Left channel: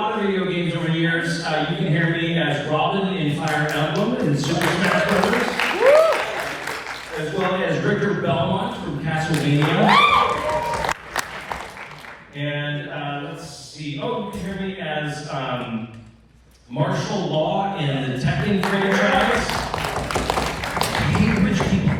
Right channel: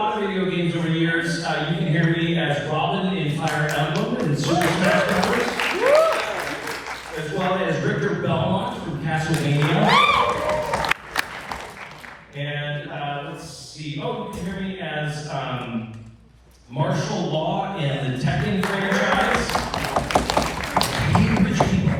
lot of video games over the years. You can hear me as Robin in Fire Emblem and Super Smash Bros. As well as Richter Belmont from Castlevania. And let's see, oh, you can hear me as Martial Law in the Tekken franchise. Rich people.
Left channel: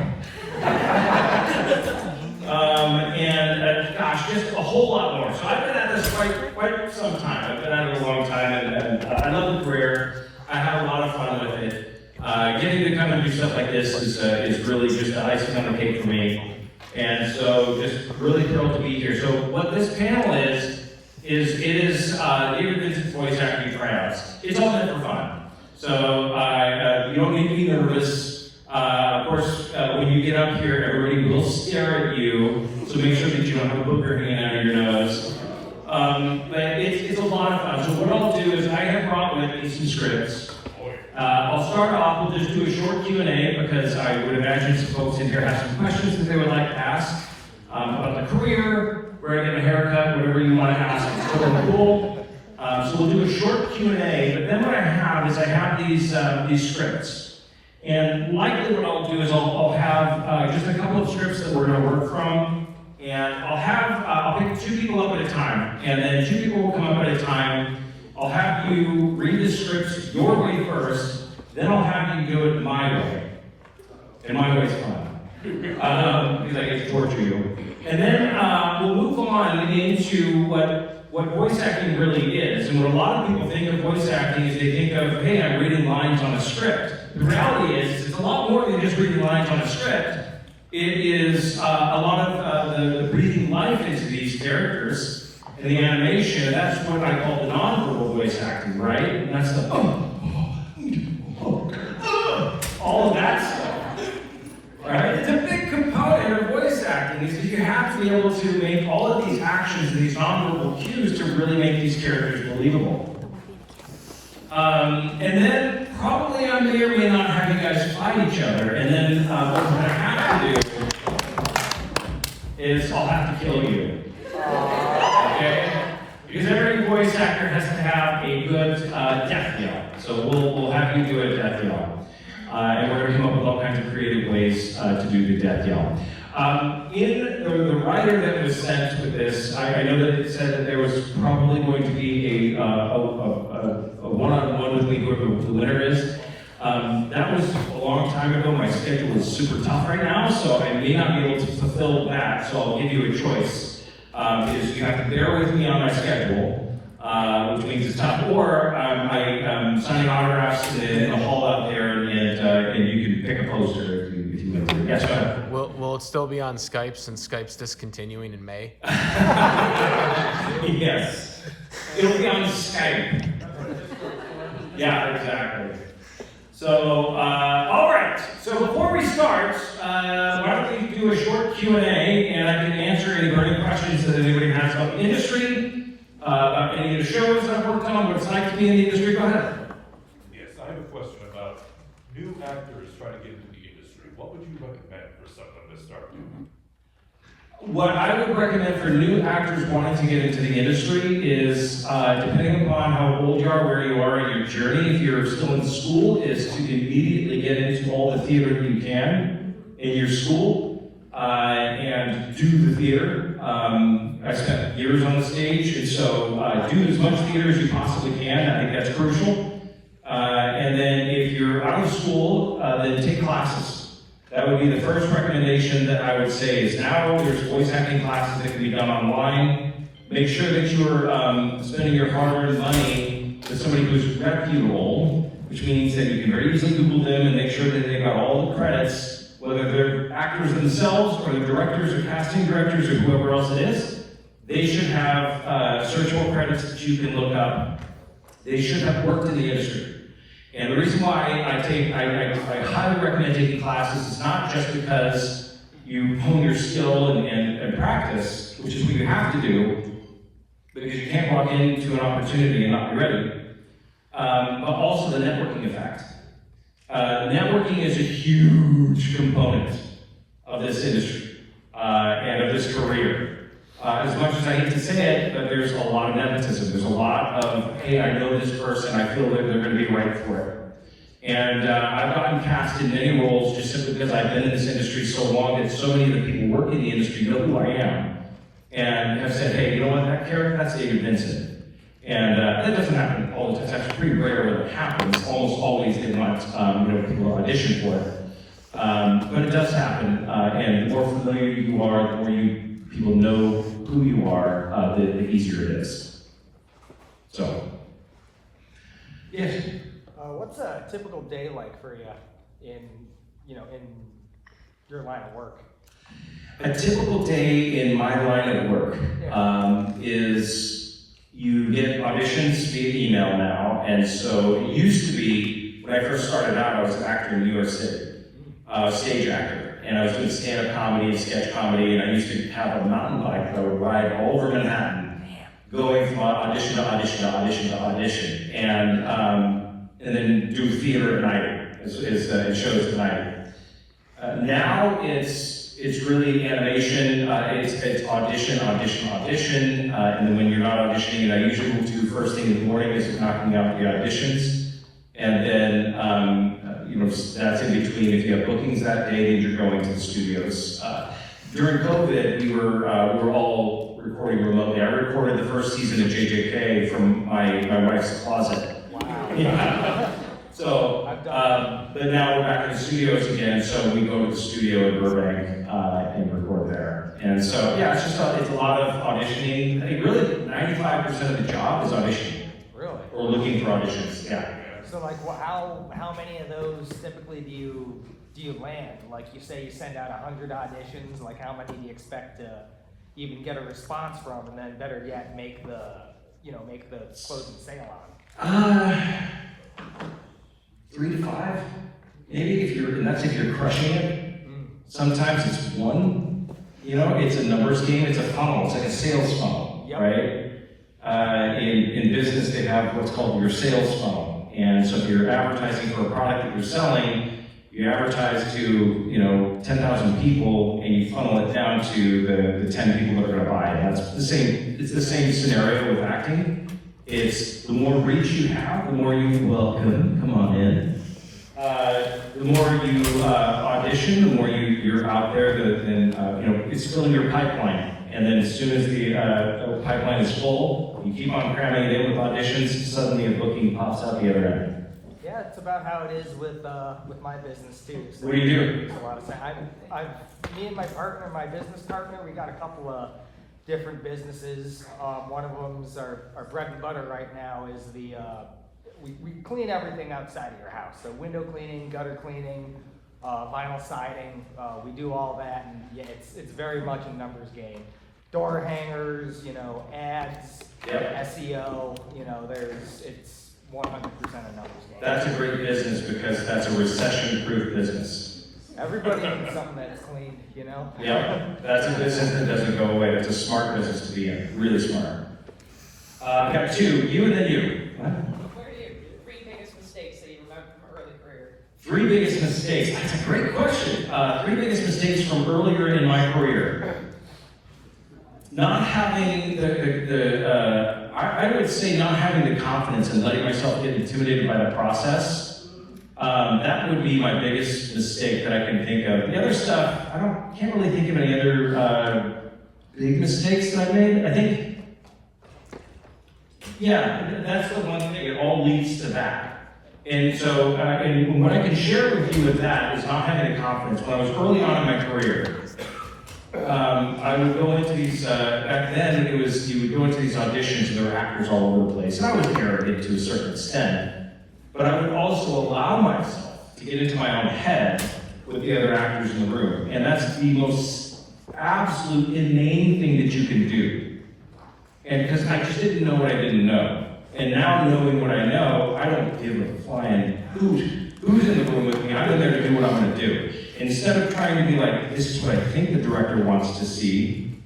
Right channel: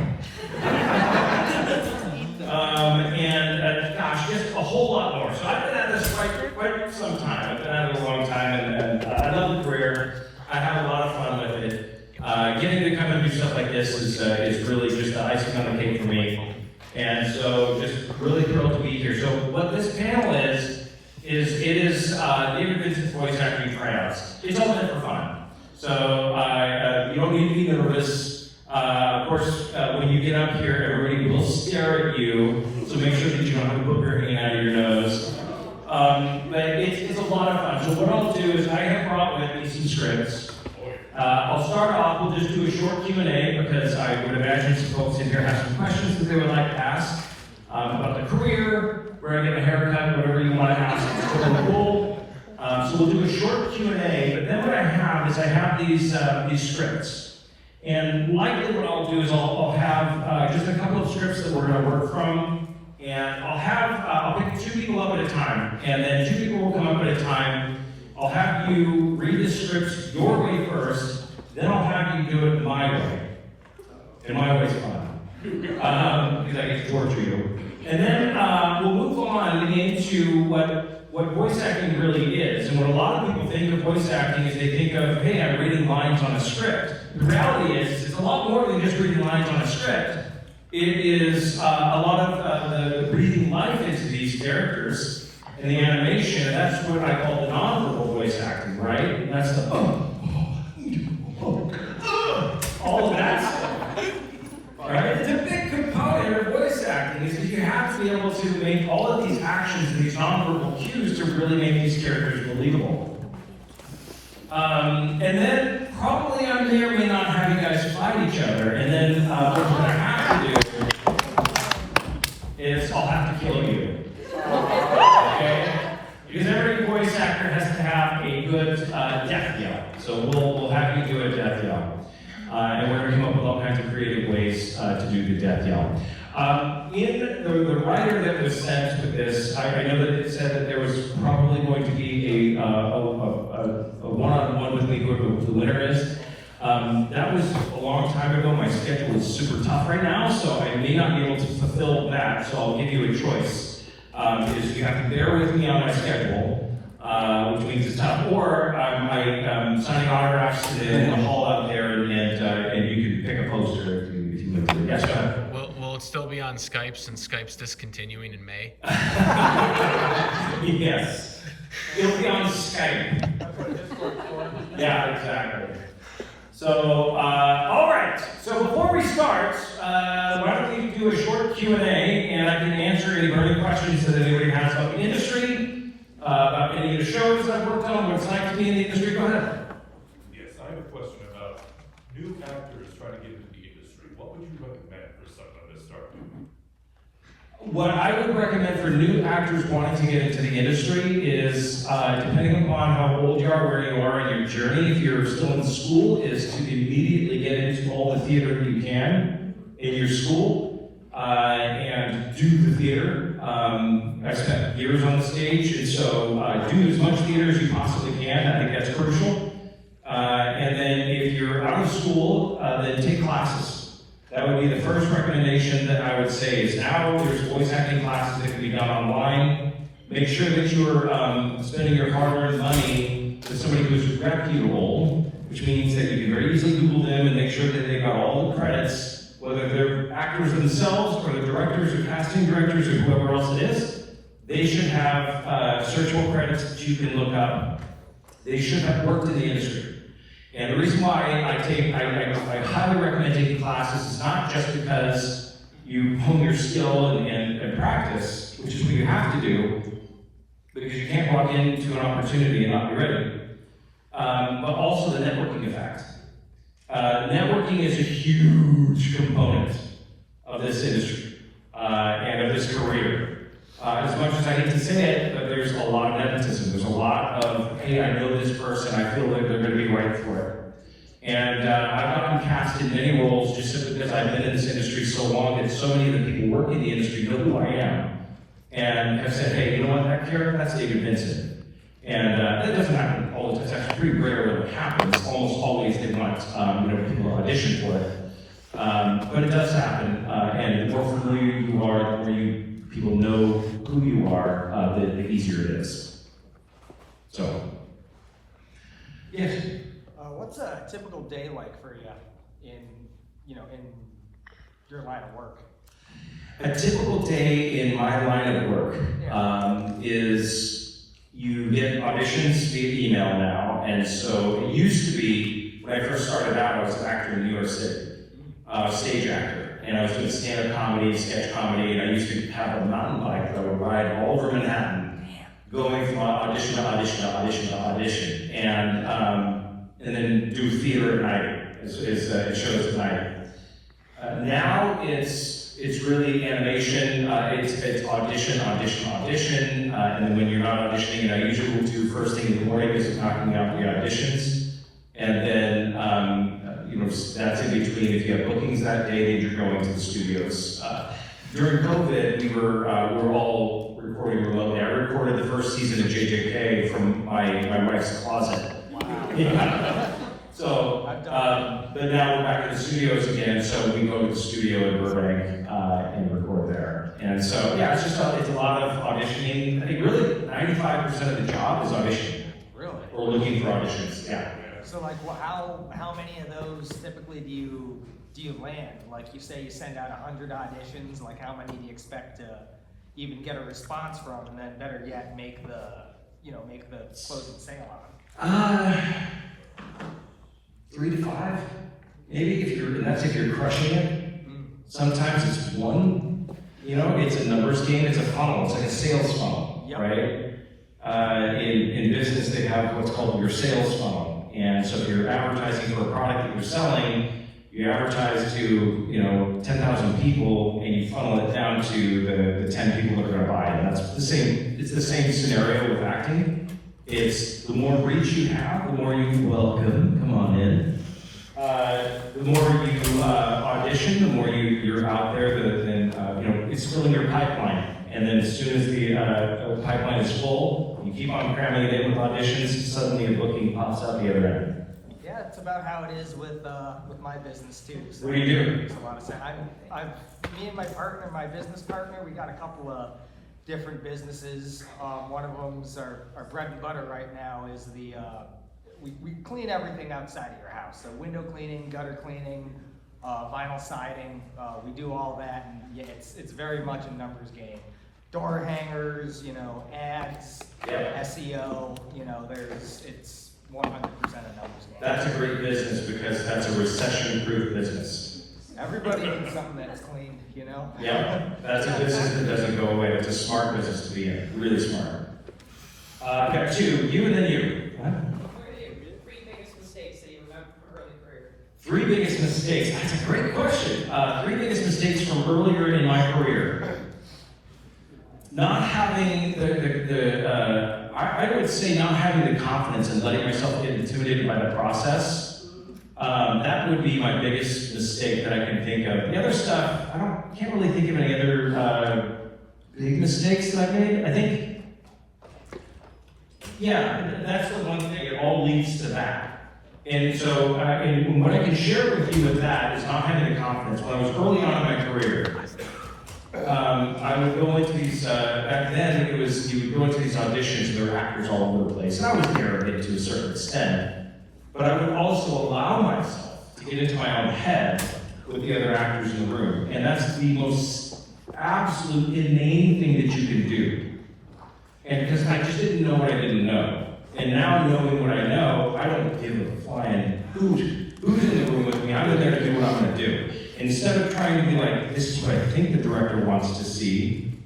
And gosh, just a whole lot more. So I've been at this quite some time. I've been at it a long time, and I love the career. I have a lot of fun with it. Getting to come and do stuff like this is really just the icing on the cake for me. And so just really thrilled to be here. So what this panel is David Vincent's voice acting tryouts. It's all meant for fun. So you don't need to be nervous. Of course, when you get up here, everybody will stare at you. So make sure that you don't have a booger hanging out of your nose. But it's a lot of fun. So what I'll do is I have brought with me some scripts. I'll start off, we'll just do a short Q&A because I would imagine some folks in here have some questions that they would like to ask about the career, where I get a haircut, whatever you might ask. It's cool. So we'll do a short Q&A, but then what I have is I have these scripts. And likely what I'll do is I'll have just a couple of scripts that we're going to work from, and I'll pick 2 people up at a time, and then 2 people will come up at a time. I'll have you read the scripts your way first, then I'll have you do it my way. And my way is fun. Because I get to torture you. And then we'll move on into what voice acting really is. And what a lot of people think of voice acting is they think of, hey, I'm reading lines on a script. The reality is, it's a lot more than just reading lines on a script. It is a lot of the breathing life into these characters. And the animation, that's what I call nonverbal voice acting, right? And that's the all of that stuff, right? It's a big component of voice acting, is that you have to be able to make all of these actions and these nonverbal cues to really make these characters believable. And then probably I may or may not have you guys fight each other, and then what we're going to have to do is I'll have to kill you. Okay? Because every voice actor has to have a good death yell. So we'll have you do a death yell. And we're going to come up with all kinds of creative ways to do the death yell. In the writer that was sent with this, I know that it said that there was probably going to be a one-on-one with me who the winner is. That was a long time ago. My schedule is super tough right now, so I may not be able to fulfill that. So I'll give you a choice. Is you have to bear with me on my schedule, which means it's tough, or I'm signing autographs in the hall out there, and you can pick a poster if you want to. Yes, sir. Will it still be on Skype since Skype's discontinuing in May? Yes. It'll be on Skype. Yeah, exactly. So, all right. So before we start, why don't we do a short Q&A, and I can answer any burning questions that anybody has about the industry, about any of the shows I've worked on, what it's like to be in the industry. Go ahead. Yes, I have a question about new actors trying to get into the industry. What would you recommend for someone to start? What I would recommend for new actors wanting to get into the industry is, depending upon how old you are, where you are in your journey, if you're still in school, is to immediately get into all the theater you can in your school and do the theater. I spent years on the stage, and so do as much theater as you possibly can. I think that's crucial. And then if you're out of school, then take classes. That would be the first recommendation that I would say is now there's voice acting classes that can be done online. Make sure that you're spending your hard-earned money with somebody who's reputable, which means that you can very easily Google them and make sure that they got all the credits, whether they're actors themselves or the directors or casting directors or whoever else it is. They should have searchable credits that you can look up. They should have worked in the industry. And the reason why I highly recommend taking classes is not just because you hone your skill and practice, which is what you have to do, because you can't walk into an opportunity and not be ready, but also the networking effect. Networking is a huge component of this industry and of this career. As much as I hate to say it, but there's a lot of nepotism. There's a lot of, hey, I know this person, I feel like they're going to be right for it. And I've gotten cast in many roles just simply because I've been in this industry so long that so many of the people working in the industry know who I am. And have said, hey, you know what, that character, that's David Vincent. And that doesn't happen all the time. It's actually pretty rare that it happens. Almost always they want people audition for it. But it does happen. And the more familiar you are, the more people know who you are, the easier it is. So, yes. What's a typical day like for you in your line of work? A typical day in my line of work is you get auditions via email now, and so it used to be, when I first started out, I was an actor in New York City, stage actor, and I was doing stand-up comedy, sketch comedy, and I used to have a mountain bike that would ride all over Manhattan, going from audition to audition to audition to audition, and then do theater at night, it shows at night. Now it's really animation, it's audition, and then when you're not auditioning, I usually will do first thing in the morning is knocking out the auditions, and then, that's in between. If you have bookings that day, then you're going to the studios. During COVID, we were all recording remotely. I recorded the first season of JJK from my wife's closet. Yeah. So, but now we're back in the studios again, so we go to the studio in Burbank and record there. And so, yeah, it's a lot of auditioning. I mean, really, 95% of the job is auditioning. Really? Or looking for auditions, yeah. So how many of those typically do you land? Like you say you send out 100 auditions, like how many do you expect to even get a response from, and then better yet, make the closing sale on them? 3 to 5, maybe, if you're crushing it. Sometimes it's 1, it's a numbers game, it's a funnel, it's like a sales funnel, right? In business, they have what's called your sales funnel. And so if you're advertising for a product that you're selling, you advertise to, 10,000 people and you funnel it down to the 10 people that are gonna buy it. And it's the same scenario with acting. It's the more reach you have, the more you welcome, come on in. The more you audition, the more you're out there, then it's filling your pipeline. And then as soon as the pipeline is full, you keep on cramming it in with auditions, suddenly a booking pops up the other end. Yeah, it's about how it is with my business too. So, What do you do? So me and my business partner, we got a couple of different businesses. One of them's our bread and butter right now is we clean everything outside of your house. So window cleaning, gutter cleaning, vinyl siding, we do all that, and yeah, it's very much a numbers game. Door hangers, ads, SEO, it's 100% a numbers game. That's a great business because that's a recession-proof business. Everybody needs something that's clean, Yep, that's a business that doesn't go away. It's a smart business to be in, really smart. We got 2, you and then you. What are your 3 biggest mistakes that you remember from early career? 3 biggest mistakes. That's a great question. 3 biggest mistakes from earlier in my career. Not having I would say not having the confidence and letting myself get intimidated by the process. That would be my biggest mistake that I can think of. The other stuff, can't really think of any other big mistakes that I made. I think, yeah, that's the one thing. It all leads to that. And so, and what I can share with you with that is not having the confidence. When I was early on in my career, I would go into these, back then you would go into these auditions and there were actors all over the place. And I was arrogant to a certain extent. But I would also allow myself to get into my own head with the other actors in the room. And that's the most absolute inane thing that you can do. And because I just didn't know what I didn't know. And now knowing what I know, I don't give a flying hoot who's in the room with me. I'm there to do what I'm going to do. Instead of trying to be like, this is what I think the director wants to see,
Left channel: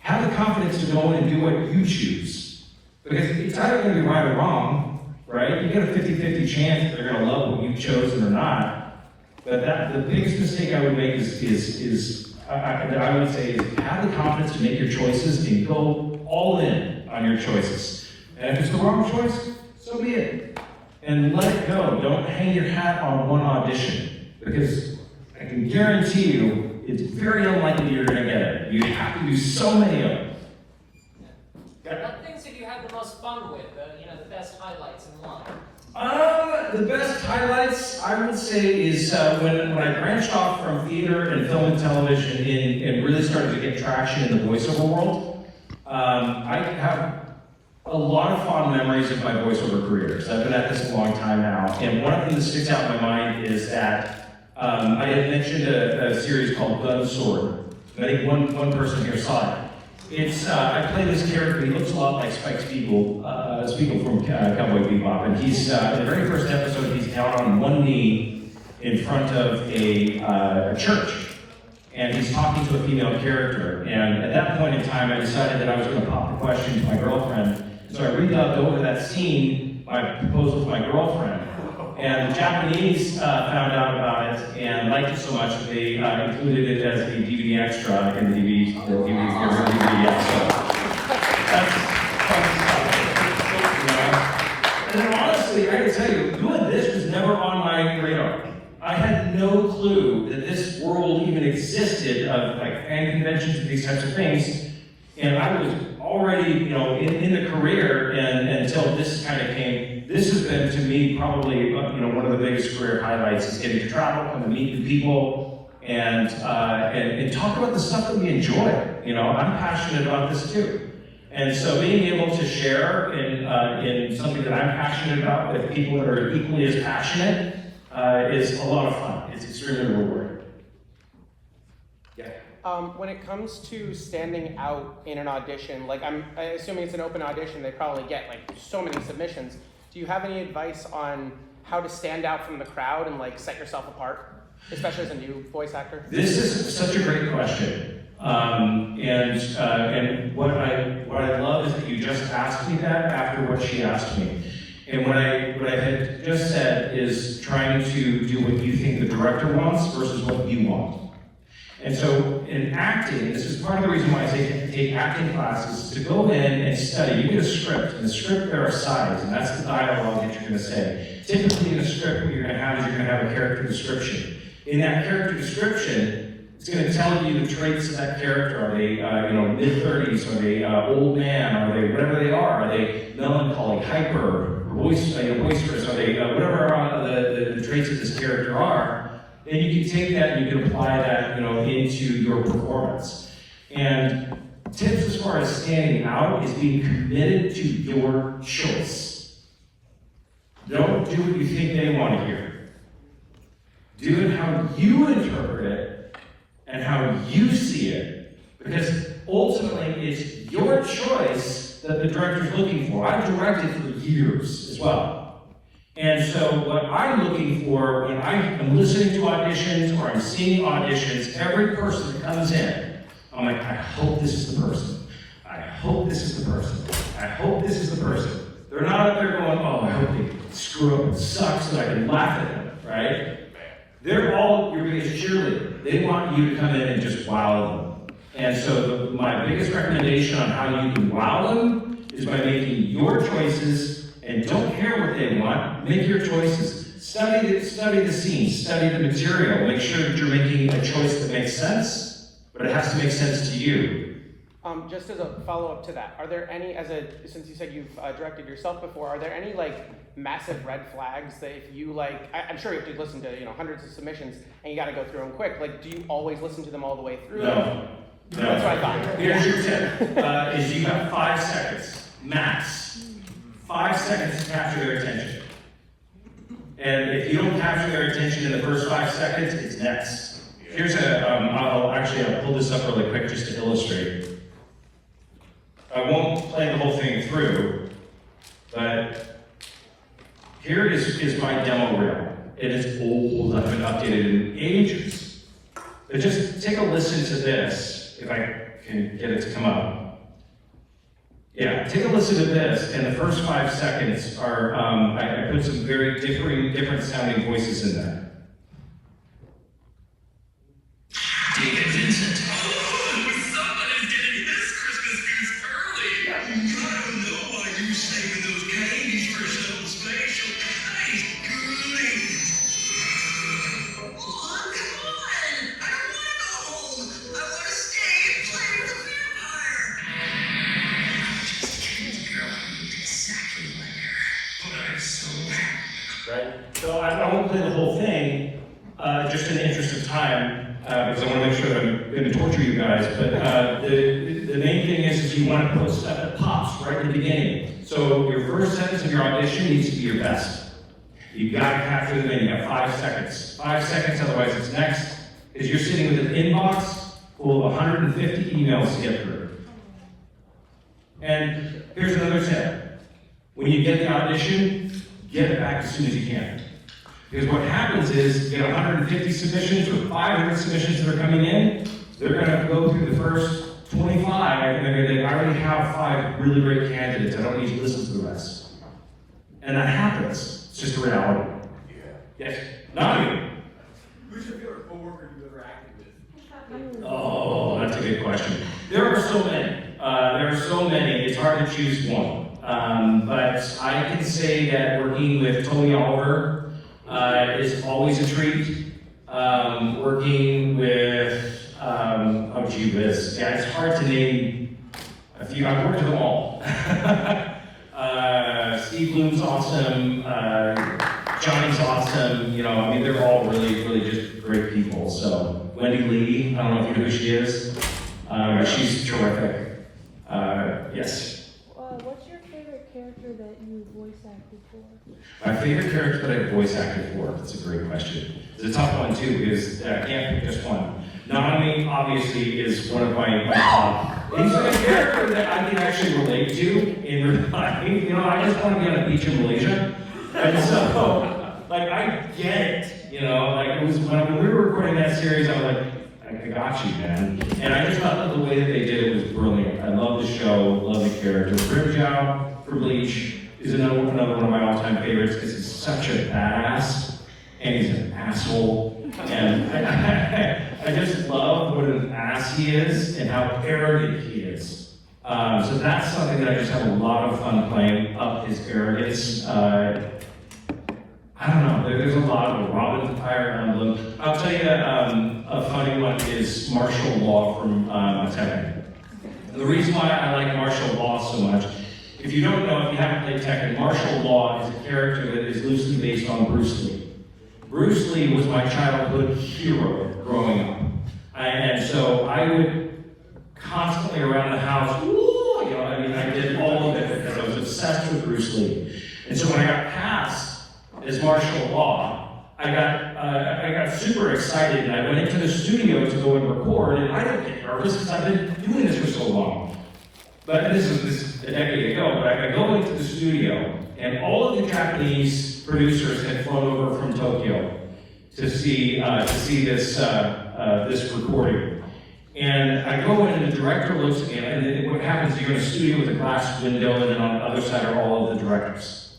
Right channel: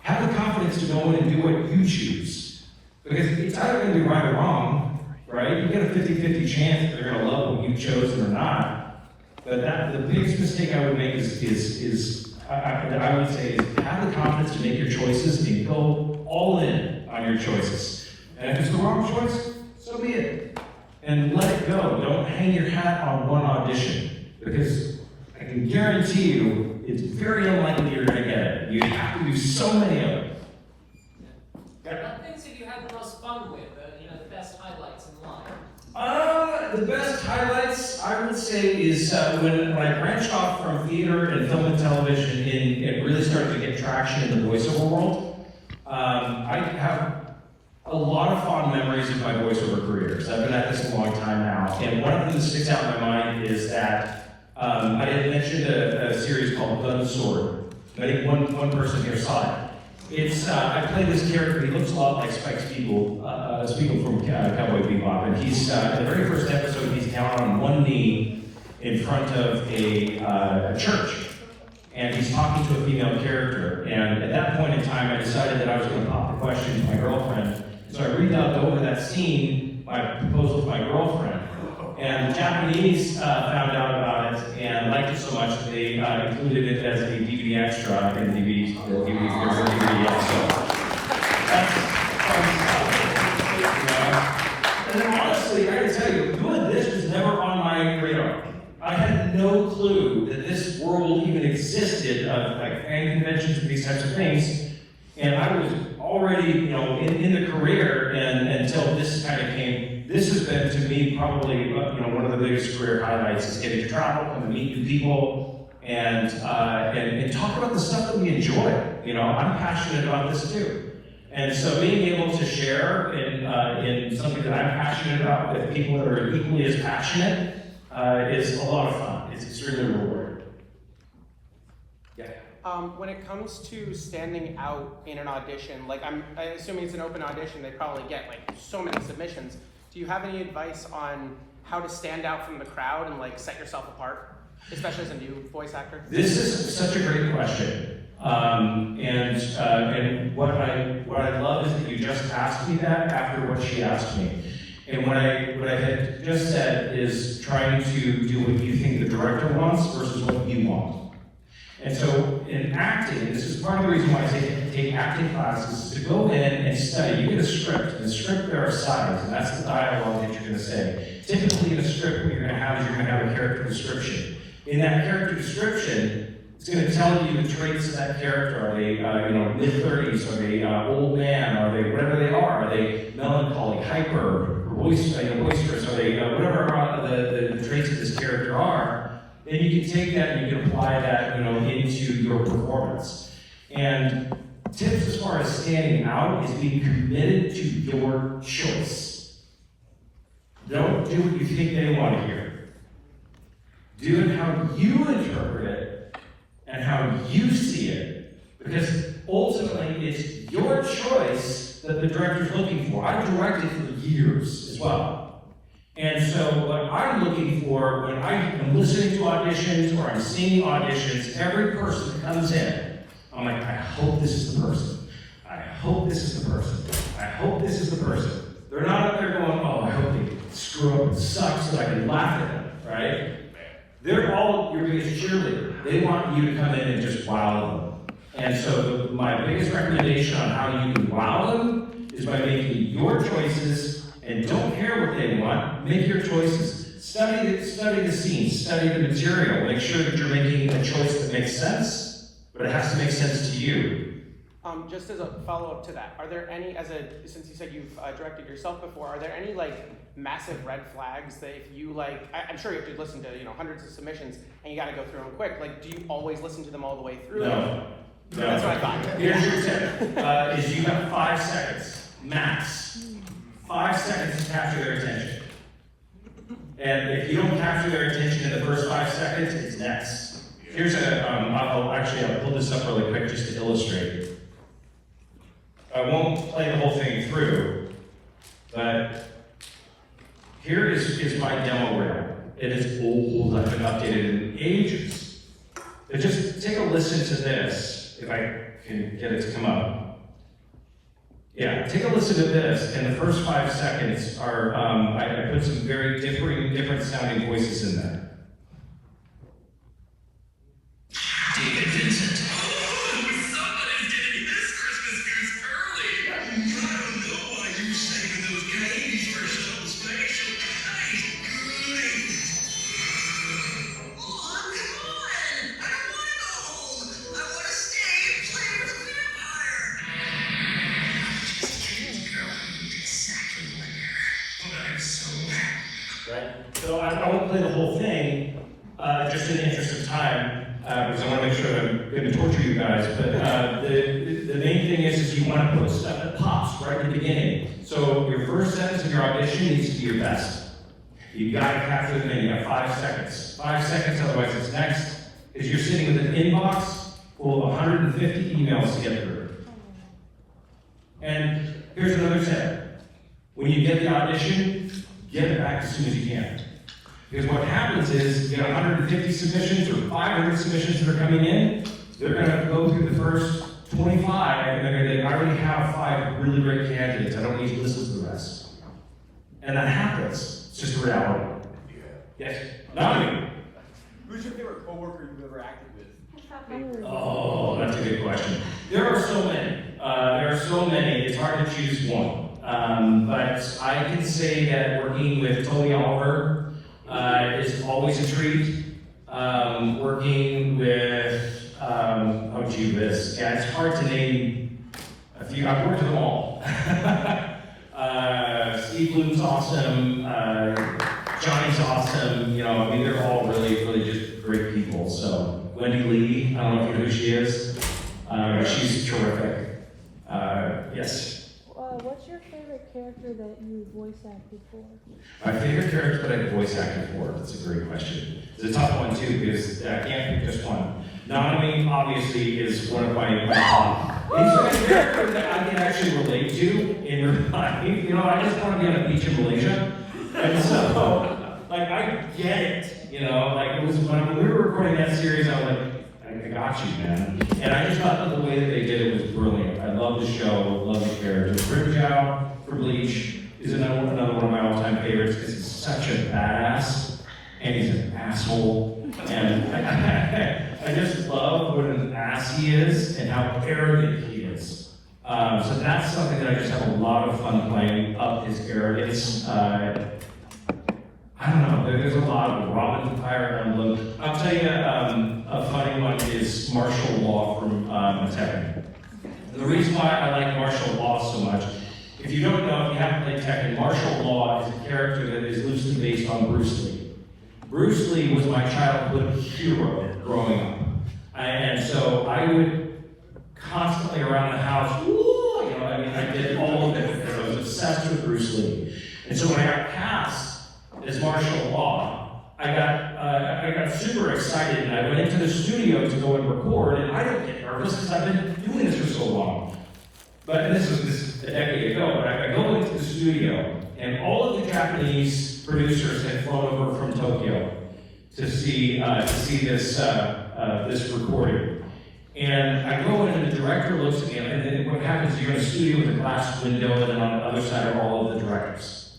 have the confidence to go in and do what you choose. Because it's either going to be right or wrong. Right? You get a 50-50 chance if they're going to love what you've chosen or not. But the biggest mistake I would make is I would say is have the confidence to make your choices and go all in on your choices. And if it's the wrong choice, so be it. And let it go. Don't hang your hat on one audition, because I can guarantee you it's very unlikely you're going to get it. You have to do so many of them. What things have you had the most fun with? The best highlights in life? The best highlights, I would say, is when I branched off from theater and film and television and really started to get traction in the voiceover world. I have a lot of fond memories of my voiceover careers. I've been at this a long time now, and one of them that sticks out in my mind is that I had mentioned a series called Gun Sword. I think one person here saw it. It's I play this character. He looks a lot like Spike Spiegel from Cowboy Bebop, and he's in the very first episode. He's down on one knee in front of a church, and he's talking to a female character. And at that point in time, I decided that I was going to pop the question to my girlfriend. So I redubbed over that scene my proposal to my girlfriend. And the Japanese found out about it and liked it so much that they included it as a DVD extra in the DVD extra. That's fun stuff. And honestly, I gotta tell you, doing this was never on my radar. I had no clue that this world even existed of like fan conventions and these types of things. And I was already, in the career, and until this kind of came. This has been, to me, probably, one of the biggest career highlights is getting to travel, come to meet new people, and talk about the stuff that we enjoy. I'm passionate about this too. And so being able to share in something that I'm passionate about with people that are equally as passionate is a lot of fun. It's extremely rewarding. Yeah. When it comes to standing out in an audition, I'm assuming it's an open audition, they probably get so many submissions. Do you have any advice on how to stand out from the crowd and set yourself apart, especially as a new voice actor? This is such a great question, and what I love is that you just asked me that after what she asked me. And what I had just said is trying to do what you think the director wants versus what you want. And so in acting, this is part of the reason why I take acting classes, to go in and study. You get a script, and the script there are sides, and that's the dialogue that you're going to say. Typically in a script, what you're going to have is you're going to have a character description. In that character description, it's going to tell you the traits of that character. Are they, mid-30s? Are they old man? Are they whatever they are? Are they melancholy, hyper, boisterous? Are they whatever the traits of this character are? Then you can take that and you can apply that, into your performance. And tips as far as standing out is being committed to your choice. Don't do what you think they want to hear. Do it how you interpret it and how you see it. Because ultimately, it's your choice that the director's looking for. I've directed for years as well. And so what I'm looking for when I am listening to auditions or I'm seeing auditions, every person that comes in, I'm like, I hope this is the person. I hope this is the person. I hope this is the person. They're not up there going, oh, I hope they screw up and suck so that I can laugh at them, right? They're all your biggest cheerleader. They want you to come in and just wow them. And so my biggest recommendation on how you can wow them is by making your choices. And don't care what they want, make your choices. Study the scene, study the material, make sure that you're making a choice that makes sense, but it has to make sense to you. Just as a follow-up to that, are there any, since you said you've directed yourself before, are there any massive red flags that if you I'm sure you listen to hundreds of submissions and you gotta go through them quick, do you always listen to them all the way through? No. That's what I thought. Here's your tip, is you have 5 seconds, max. 5 seconds to capture their attention. And if you don't capture their attention in the first 5 seconds, it's next. Here's I'll pull this up really quick just to illustrate. I won't play the whole thing through, but here is my demo reel. It is old, I've been updated in ages. But just take a listen to this, if I can get it to come up. Yeah, take a listen to this, and the first 5 seconds are, I put some very different sounding voices in there. David Vincent. play the whole thing, just in the interest of time, because I want to make sure that I'm going to torture you guys, but the main thing is you want to put stuff that pops right at the beginning. So your first sentence of your audition needs to be your best. You got to capture the thing. You got 5 seconds. 5 seconds, otherwise it's next. Because you're sitting with an inbox full of 150 emails to get through. And here's another tip. When you get the audition, get it back as soon as you can. Because what happens is, you get 150 submissions or 500 submissions that are coming in, they're going to go through the first 25, and they're going to I already have 5 really great candidates, I don't need to listen to the rest. And that happens. It's just a reality. Yes? Not me. Who's your favorite coworker you've ever acted with? Oh, that's a good question. There are so many. It's hard to choose one. But I can say that working with Tony Oliver is always a treat. Working with, it's hard to name a few. I've worked with them all. Steve Bloom's awesome. Johnny's awesome. They're all really just great people. So Wendy Lee, I don't know if you know who she is. She's terrific. Yes. What's your favorite character that you voice acted for? My favorite character that I voice acted for? That's a great question. It's a tough one too because I can't pick just one. Nami obviously is one of my top. He's a character that I can actually relate to in real life. I just want to be on a beach in Malaysia, and so I get it. It was when we were recording that series, I was like, I got you, man. And I just thought that the way that they did it was brilliant. I love the show, love the character. Grimjow for Bleach is another one of my all-time favorites because he's such a badass and he's an asshole. And I just love what an ass he is and how arrogant he is. So that's something that I just have a lot of fun playing up his arrogance. I don't know, there's a lot of Robin Fire Emblem. I'll tell you a funny one is martial law from Tekken. The reason why I like martial law so much, if you don't know, if you haven't played Tekken, martial law is a character that is loosely based on Bruce Lee. Bruce Lee was my childhood hero growing up. And so I would constantly around the house, I did all of it because I was obsessed with Bruce Lee. And so when I got past as martial law, I got super excited and I went into the studio to go and record, and I didn't get nervous because I've been doing this for so long. But this was a decade ago, but I go into the studio and all of the Japanese producers had flown over from Tokyo to see this recording. And I go in and the director looks at me, and then what happens is you're in a studio with a glass window, and then on the other side are all of the directors.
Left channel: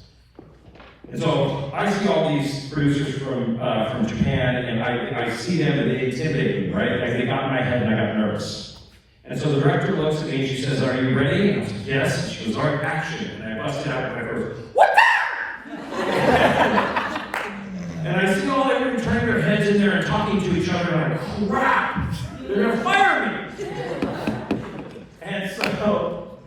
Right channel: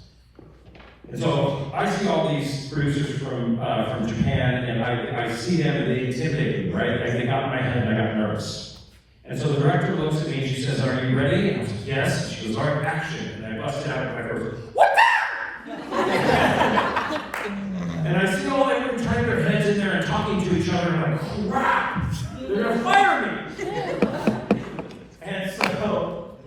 And so I see all these producers from Japan, and I see them and they intimidate me, right? And they got in my head and I got nervous. And so the director looks at me and she says, "Are you ready?" And I said, "Yes." And she goes, "All right, action." And I busted out and I go, "What the?" And I see all everyone turning their heads in there and talking to each other, and I'm like, crap! They're gonna fire me! And so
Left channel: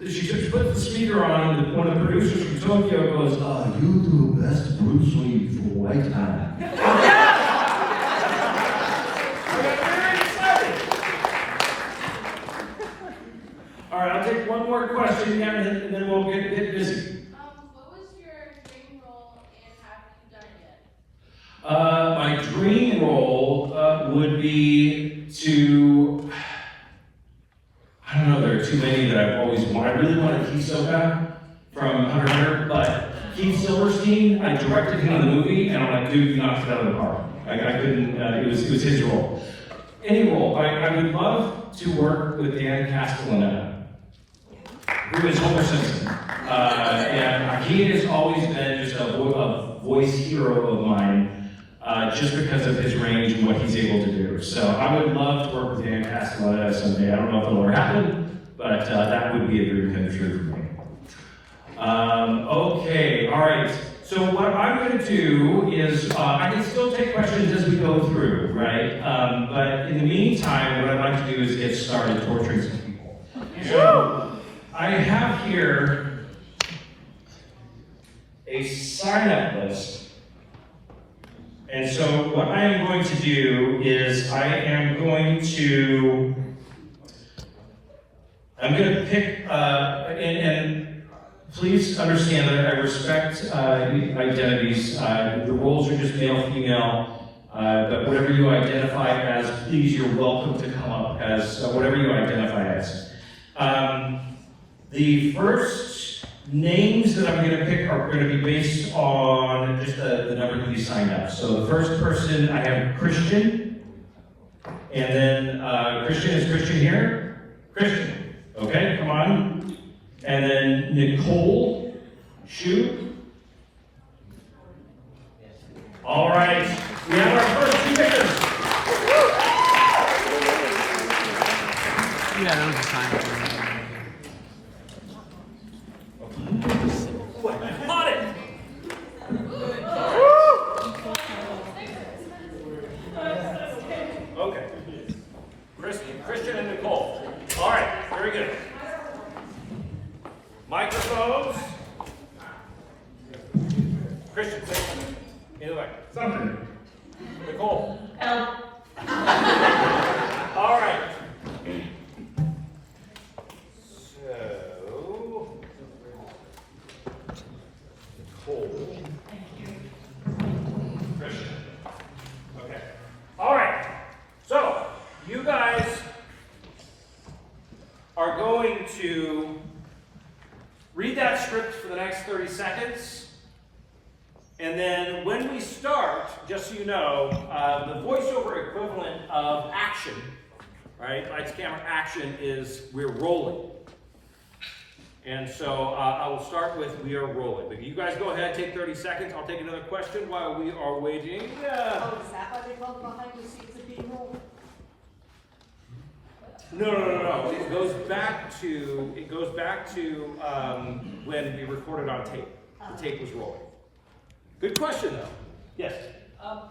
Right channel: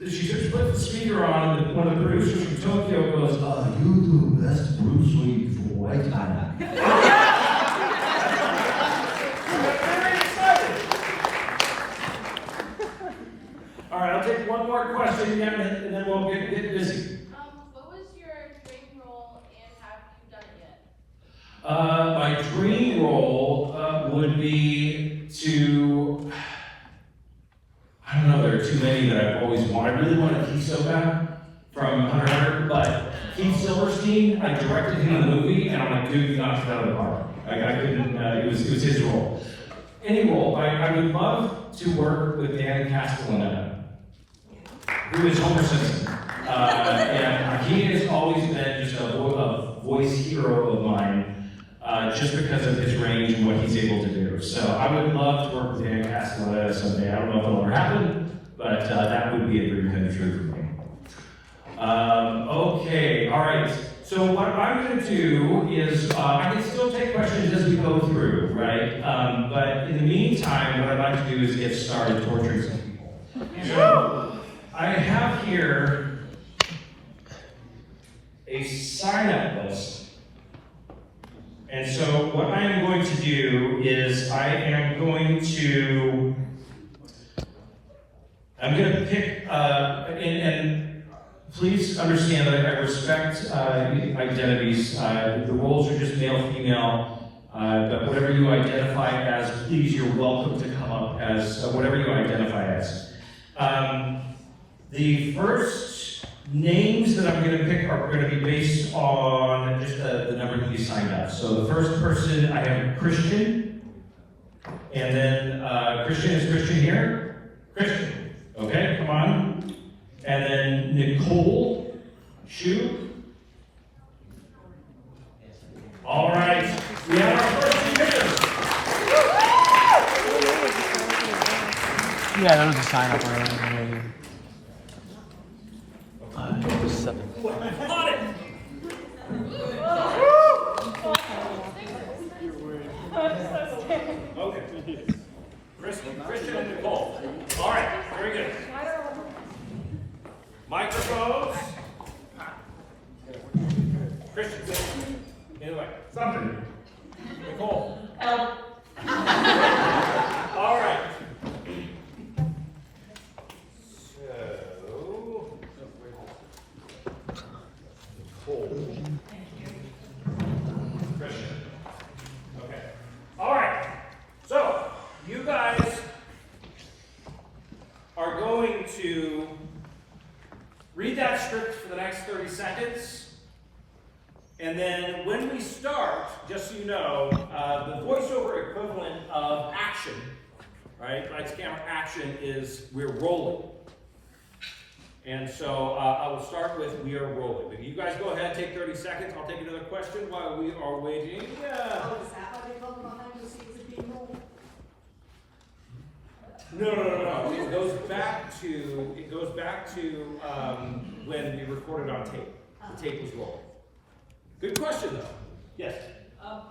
she just put the speaker on, and one of the producers from Tokyo goes, "You do the best Bruce Lee for white time." I got very excited. All right, I'll take one more question again, and then we'll get busy. What was your dream role and have you done it? My dream role would be to, I don't know, there are too many that I've always wanted. I really wanted Hisoka from Hunter x Hunter, but Keith Silverstein, I directed him in the movie, and I'm like, dude, you knocked it out of the park. I couldn't, it was his role. Any role, I would love to work with Dan Castellaneta, who is Homer Simpson. And he has always been just a voice hero of mine, just because of his range and what he's able to do. So I would love to work with Dan Castellaneta someday. I don't know if it'll ever happen, but that would be a dream come true for me. Okay, all right. So what I'm going to do is, I can still take questions as we go through, right? But in the meantime, what I'd like to do is get started torturing some people. So I have here a sign-up list And so what I am going to do is I'm going to pick, and please understand that I respect identities. The roles are just male, female, but whatever you identify as, please, you're welcome to come up as whatever you identify as. The first names that I'm going to pick are going to be based on just the number that you signed up. So the first person, I have Christian, and then Christian is Christian here. Christian, okay, come on. And then Nicole, Shu. All right, we have our first speakers. Yeah, that was a sign up already. Got it. Okay. Christian and Nicole. All right, very good. Microphones. Christian, say something. Anyway, something. Nicole. All right. So, Nicole. Christian. Okay. All right. So, you guys are going to read that script for the next 30 seconds. And then when we start, just so you know, the voiceover equivalent of action, right? By count action is we're rolling. And so I will start with we are rolling. But you guys go ahead, take 30 seconds. I'll take another question while we are waiting. Yeah. Oh, is that why they call them behind the scenes of being rolled? No. It goes back to when we recorded on tape. The tape was rolling. Good question, though. Yes.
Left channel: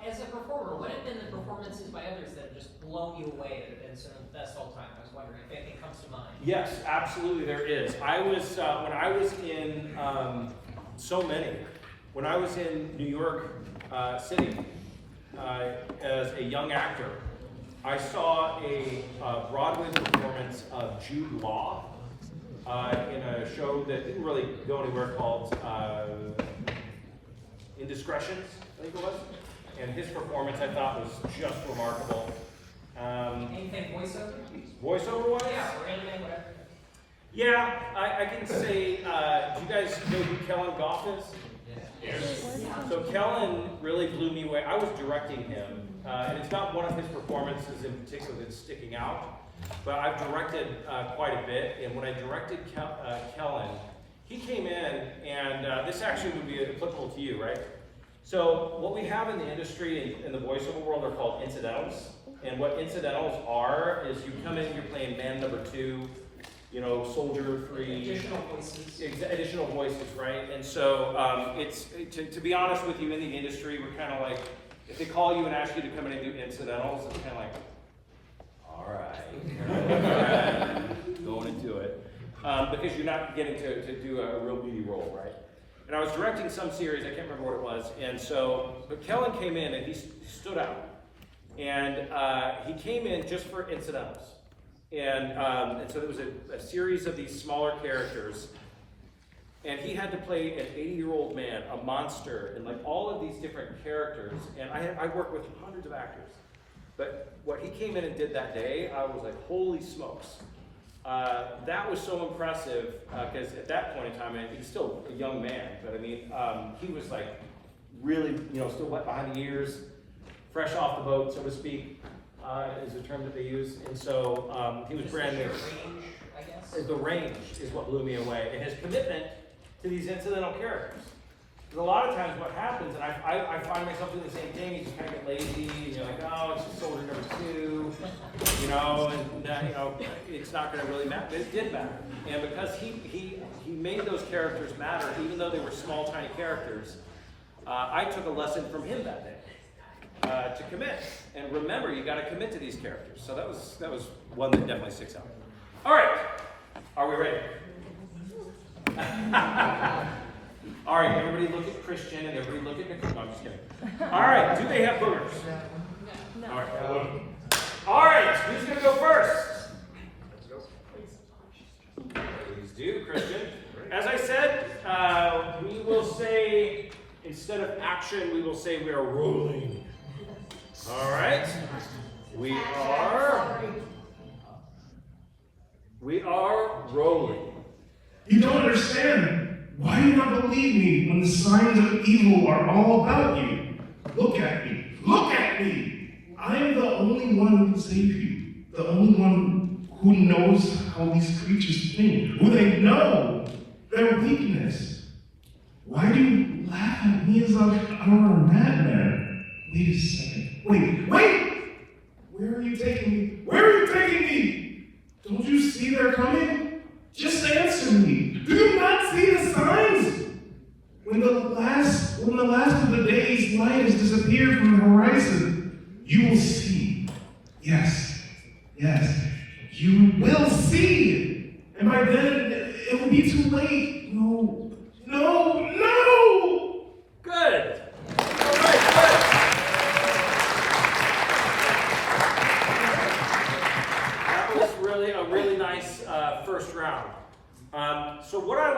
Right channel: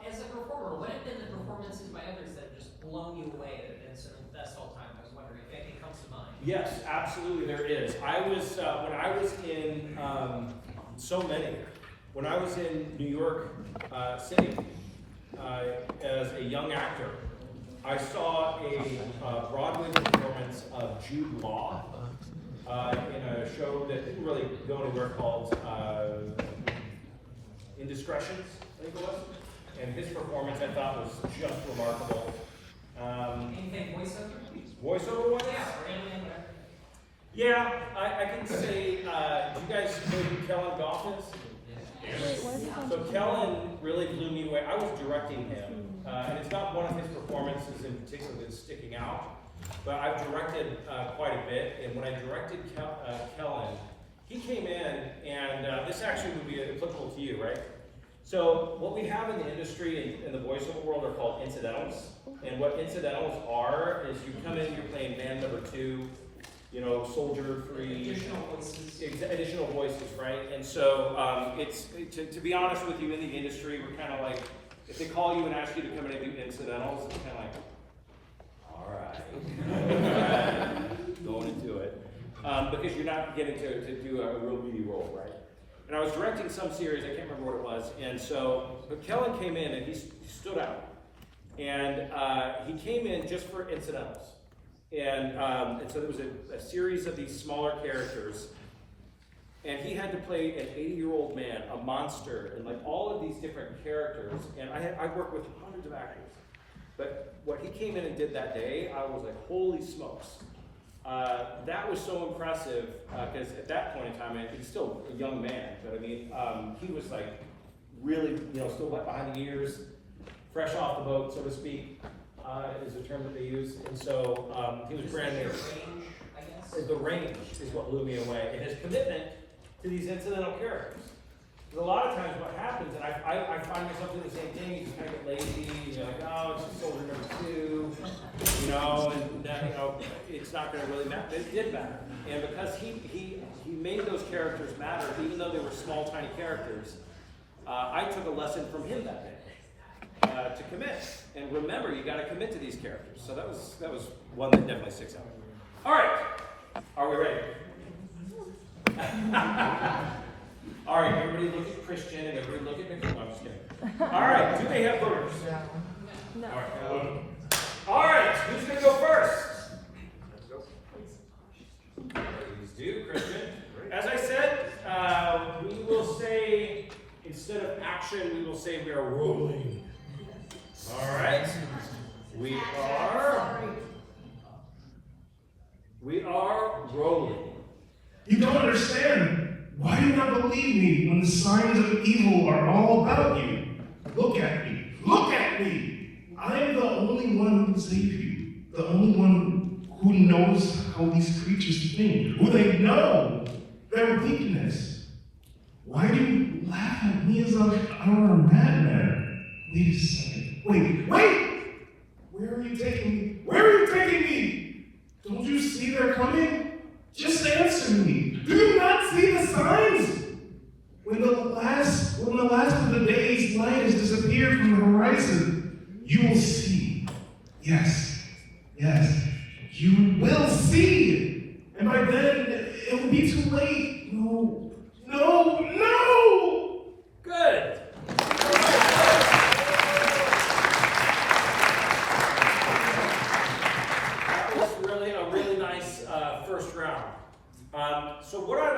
As a performer, what have been the performances by others that have just blown you away that have been sort of best all time? I was wondering if anything comes to mind. Yes, absolutely there is. I was, when I was in, so many, when I was in New York City as a young actor, I saw a Broadway performance of Jude Law in a show that didn't really go anywhere called Indiscretions, I think it was. And his performance I thought was just remarkable. Anything voiceover? Voiceover wise? Yeah, or anything, whatever. Yeah, I can say, do you guys know who Kellen Goff is? Yes. So Kellen really blew me away. I was directing him, and it's not one of his performances in particular that's sticking out, but I've directed quite a bit, and when I directed Kellen, he came in, and this actually would be applicable to you, right? So what we have in the industry in the voiceover world are called incidentals, and what incidentals are is you come in, you're playing band number 2, you know, soldier 3. Additional voices. Additional voices, right? And so it's, to be honest with you, in the industry, we're kind of like, if they call you and ask you to come in and do incidentals, it's kind of like, all right, going into it. Because you're not getting to do a real meaty role, right? And I was directing some series, I can't remember what it was, and so, but Kellen came in and he stood out. And he came in just for incidentals. And so there was a series of these smaller characters, and he had to play an 80-year-old man, a monster, and like all of these different characters. And I worked with hundreds of actors, but what he came in and did that day, I was like, holy smokes. That was so impressive, because at that point in time, and he's still a young man, but I mean, he was like really, still wet behind the ears, fresh off the boat, so to speak. Is the term that they use, and so he was brand new. Range, I guess. The range is what blew me away, and his commitment to these incidental characters. Because a lot of times what happens, and I find myself doing the same thing, you just kind of get lazy, and you're like, oh, it's just soldier number 2, and that, it's not going to really matter, but it did matter. And because he made those characters matter, even though they were small, tiny characters, I took a lesson from him that day. To commit, and remember, you got to commit to these characters. So that was one that definitely sticks out. All right, are we ready? All right, everybody look at Christian and everybody look at Nicole. I'm just kidding. All right, do they have boomers? No. All right. All right, who's gonna go first? Please do, Christian. As I said, we will say, instead of action, we will say we are rolling. All right. We are rolling. You don't understand. Why do you not believe me when the signs of evil are all about you? Look at me. Look at me. I am the only one who can save you. The only one who knows how these creatures think. Who they know. Their weakness. Why do you laugh at me as if I were a madman? Wait a second. Wait! Where are you taking me? Where are you taking me? Don't you see they're coming? Just answer me. Do you not see the signs? When the last of the day's light has disappeared from the horizon, you will see. Yes, you will see. And by then, it will be too late. No. Good. All right, that was a really nice first round. So what I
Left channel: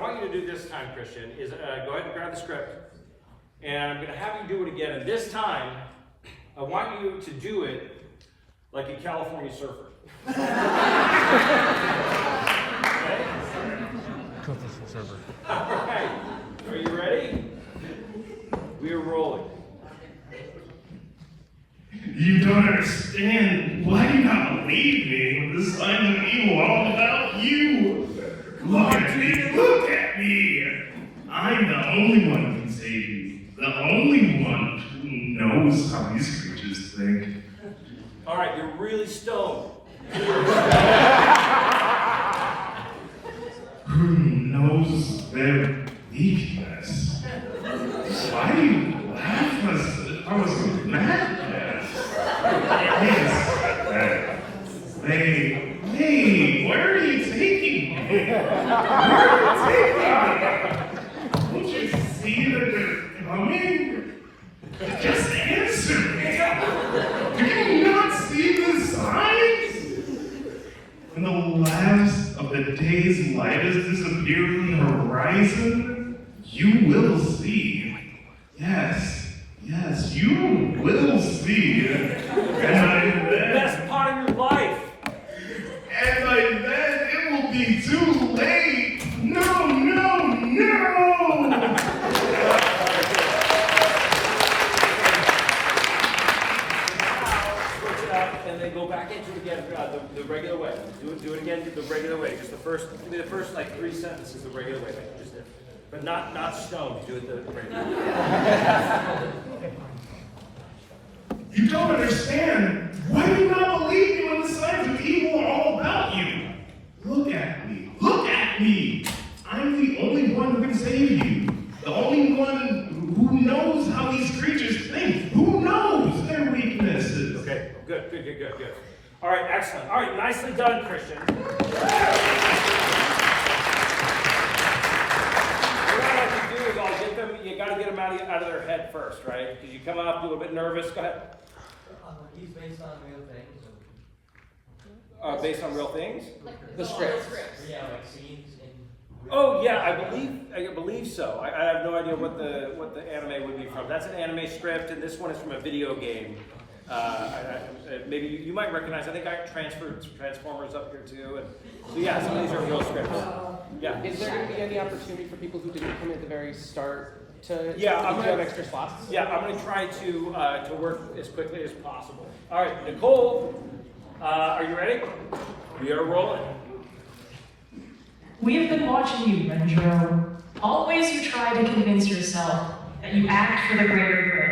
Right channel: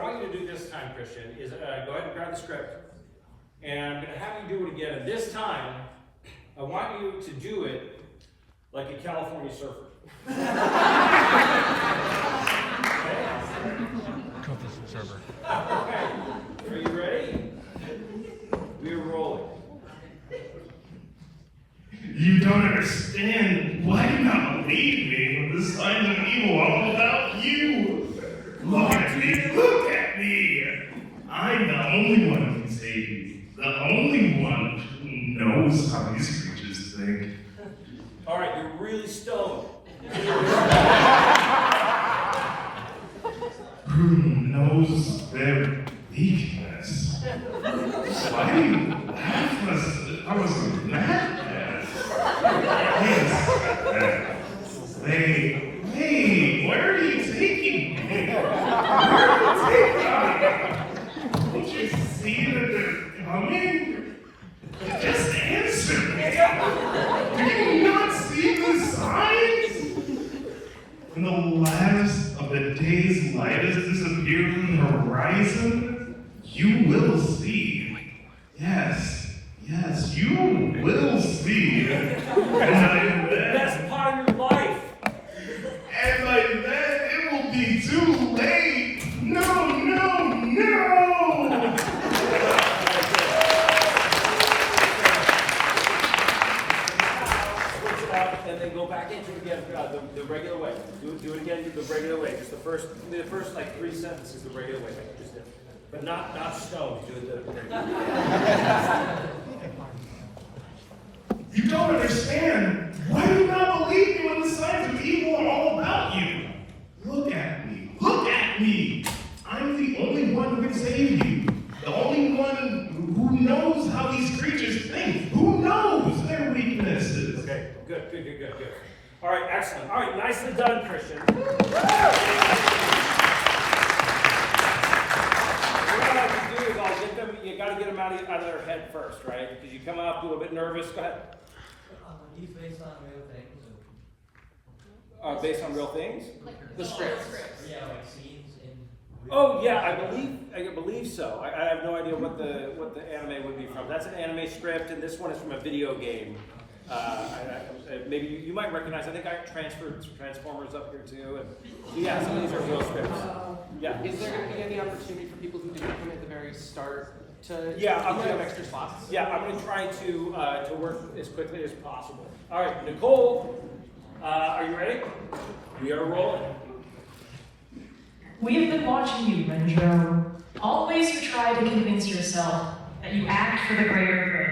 want you to do this time, Christian, is go ahead and grab the script, and I'm going to have you do it again. And this time, I want you to do it like a California surfer. Okay? Server. All right. Are you ready? We are rolling. You don't understand. Why do you not believe me when the signs of evil are all about you? Look at me. Look at me. I'm the only one who can save you. The only one who knows how these creatures think. All right, you're really stoned. Who knows their weakness? Why do you laugh at us with that? Hey, where are you taking me? Don't you see that they're coming? Just answer me. Do you not see the signs? When the last of the day's light has disappeared from the horizon, you will see. Yes, you will see. The best part of your life. And by then, it will be too late. No. Switch it up and then go back into it again the regular way. Do it again the regular way. Just the first like 3 sentences the regular way. But not stoned. Do it the regular way. You don't understand. Why do you not believe me when the signs of evil are all about you? Look at me. Look at me. I'm the only one who can save you. The only one who knows how these creatures think. Who knows their weaknesses. Okay, good. All right, excellent. All right, nicely done, Christian. What I like to do is I'll get them, you got to get them out of their head first, right? Because you come up a little bit nervous. Go ahead. He's based on real things. Based on real things? The script. Yeah, like scenes in. Oh yeah, I believe so. I have no idea what the anime would be from. That's an anime script, and this one is from a video game. Maybe you might recognize. I think I transferred Transformers up here too, and so yeah, some of these are real scripts. Yeah. Is there going to be any opportunity for people who didn't come at the very start to I'm have gonna extra slots? Yeah, I'm gonna try to work as quickly as possible. All right, Nicole, are you ready? We are rolling. We have been watching you, Benjo. Always you try to convince yourself that you act for the greater good.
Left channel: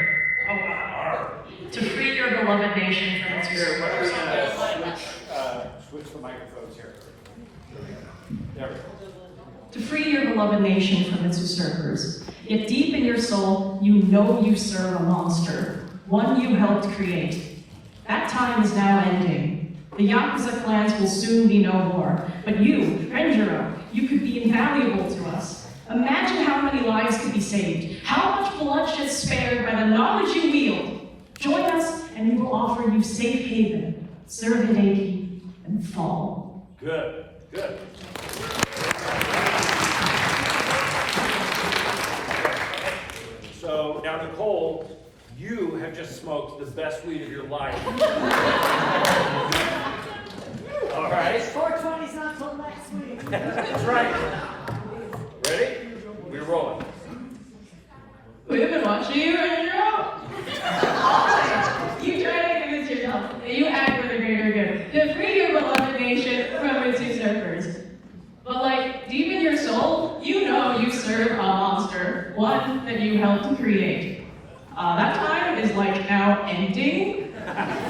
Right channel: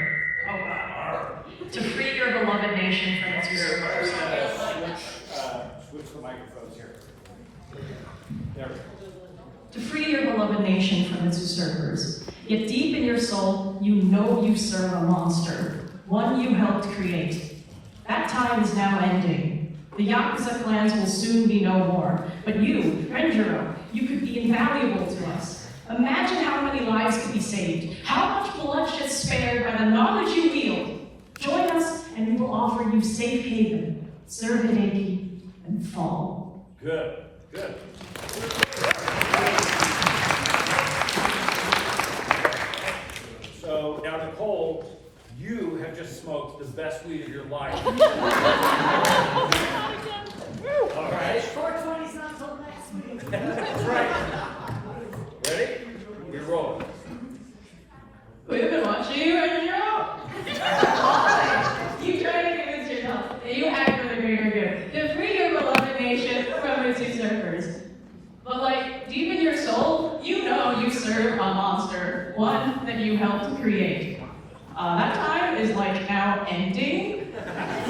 Oh, wow. To free your beloved nation from its Here, why don't usurpers. we switch the microphones here. There we go. To free your beloved nation from its usurpers. Yet deep in your soul, you know you serve a monster, one you helped create. That time is now ending. The Yakuza clans will soon be no more. But you, Renjiro, you could be invaluable to us. Imagine how many lives could be saved, how much bloodshed spared by the knowledge you wield. Join us, and we will offer you safe haven, Servideki, and fall. Good, good. So now, Nicole, you have just smoked the best weed of your life. All right. 420's not till next week. That's right. Ready? You're rolling. We've been watching you and you're out. You try to convince yourself that you act for the greater good, to free your beloved nation from its usurpers. But like, deep in your soul, you know you serve a monster, one that you helped create. That time is like now ending.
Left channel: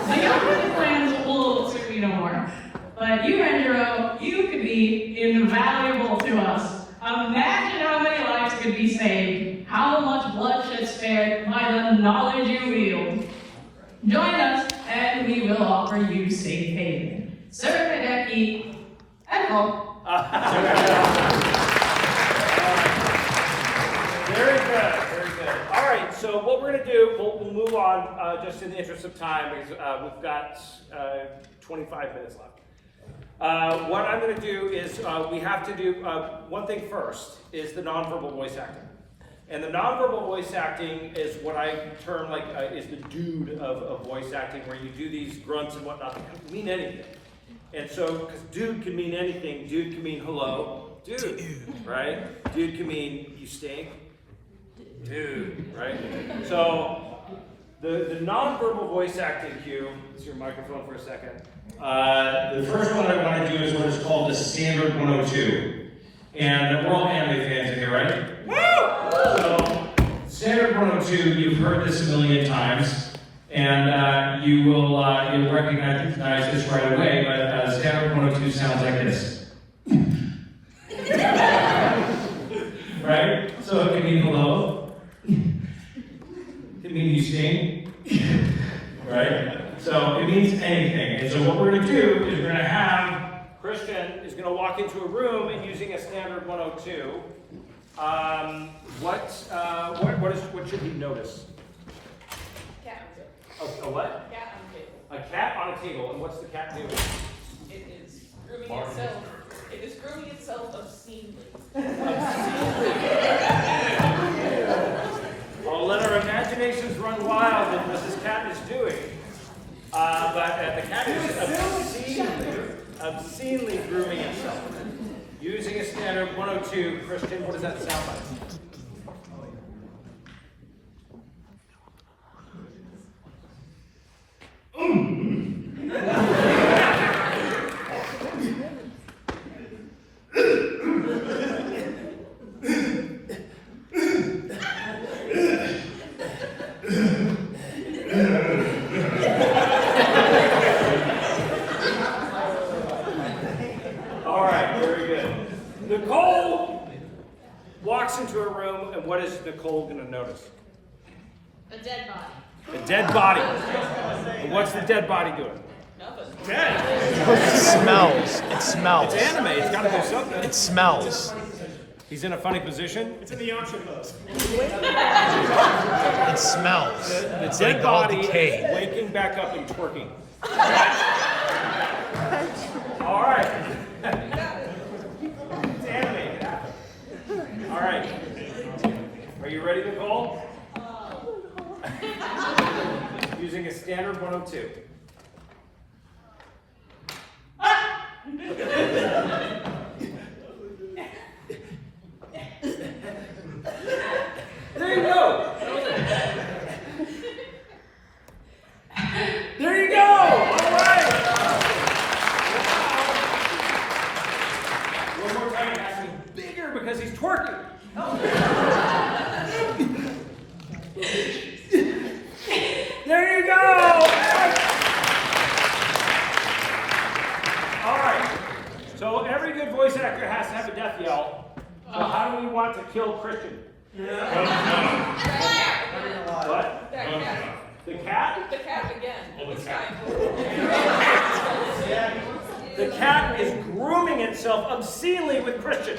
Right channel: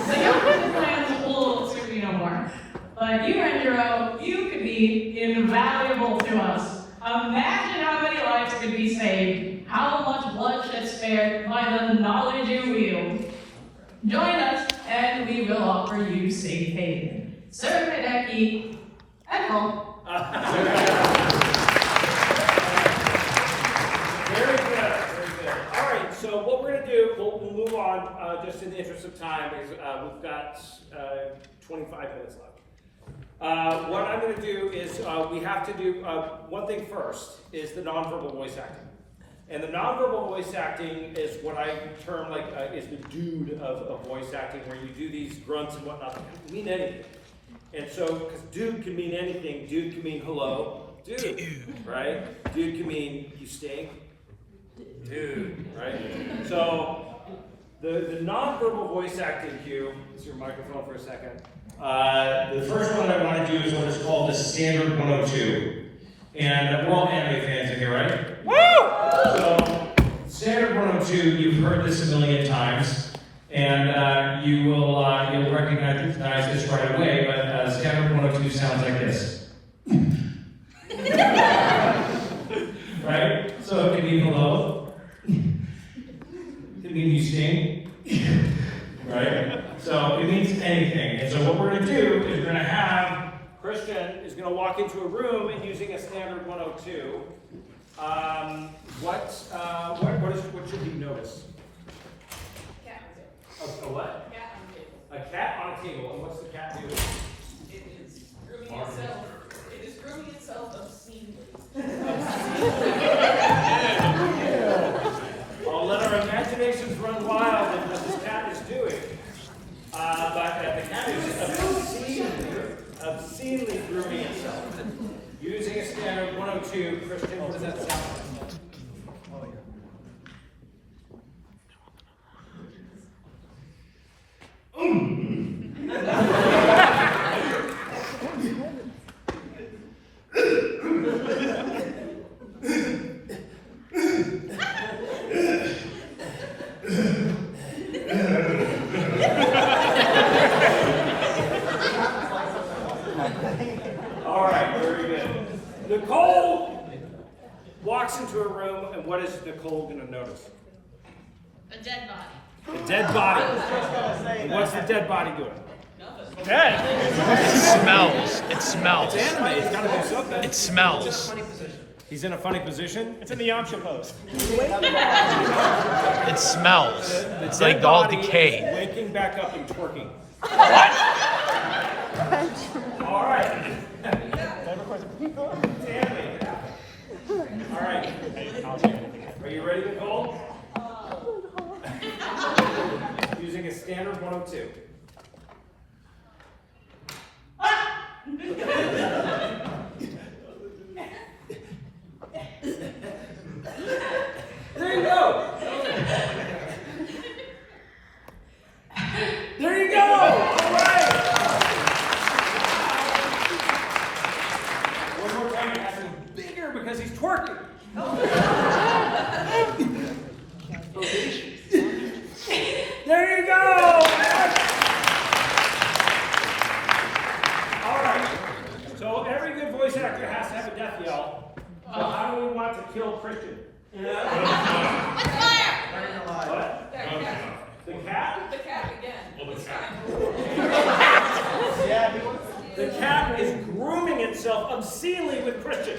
So your business plans will suit me no more. But you, Rendero, you could be invaluable to us. Imagine how many lives could be saved, how much bloodshed spared by the knowledge you wield. Join us, and we will offer you safe haven. Serve and eat, and roll. Very good, very good. All right, so what we're going to do, we'll move on just in the interest of time, because we've got 25 minutes left. What I'm going to do is we have to do one thing first, is the nonverbal voice acting. And the nonverbal voice acting is what I term like is the dude of voice acting, where you do these grunts and whatnot that can mean anything. And so, because dude can mean anything, dude can mean hello, dude, right? Dude can mean you stink, dude, right? So, the nonverbal voice acting cue, it's your microphone for a second. The first one I want to do is what is called the standard 102. And we're all anime fans here, right? Woo! So, standard 102, you've heard this a million times, and you'll recognize this right away, but standard 102 sounds like this. Right? So it can mean hello. It can mean you sting. Right? So it means anything. And so what we're going to do is we're going to have Christian is going to walk into a room and using a standard 102. What should he notice? Cat. A what? Cat on the table. A cat on a table. And what's the cat doing? It is grooming itself. It is grooming itself obscenely. I'll let our imaginations run wild with what this cat is doing. But the cat is obscenely grooming itself. Using a standard 102, Christian, what does that sound like? All right, very good. Nicole walks into a room, and what is Nicole going to notice? A dead body. A dead body. And what's the dead body doing? Dead. It smells. It smells. It's anime. It's got to do something. It smells. He's in a funny position. It's in the Yamcha pose. It smells. The It's dead like all body is decayed. waking back up and twerking. All right. It's animated. All right. Are you ready, Nicole? Using a standard 102. There you go. There you go. All right. One more time, it has to be bigger because he's twerking. There you go. All right. So every good voice actor has to have a death yell. So how do we want to kill Christian? What? The cat? The cat again. This time. The cat is grooming itself obscenely with Christian.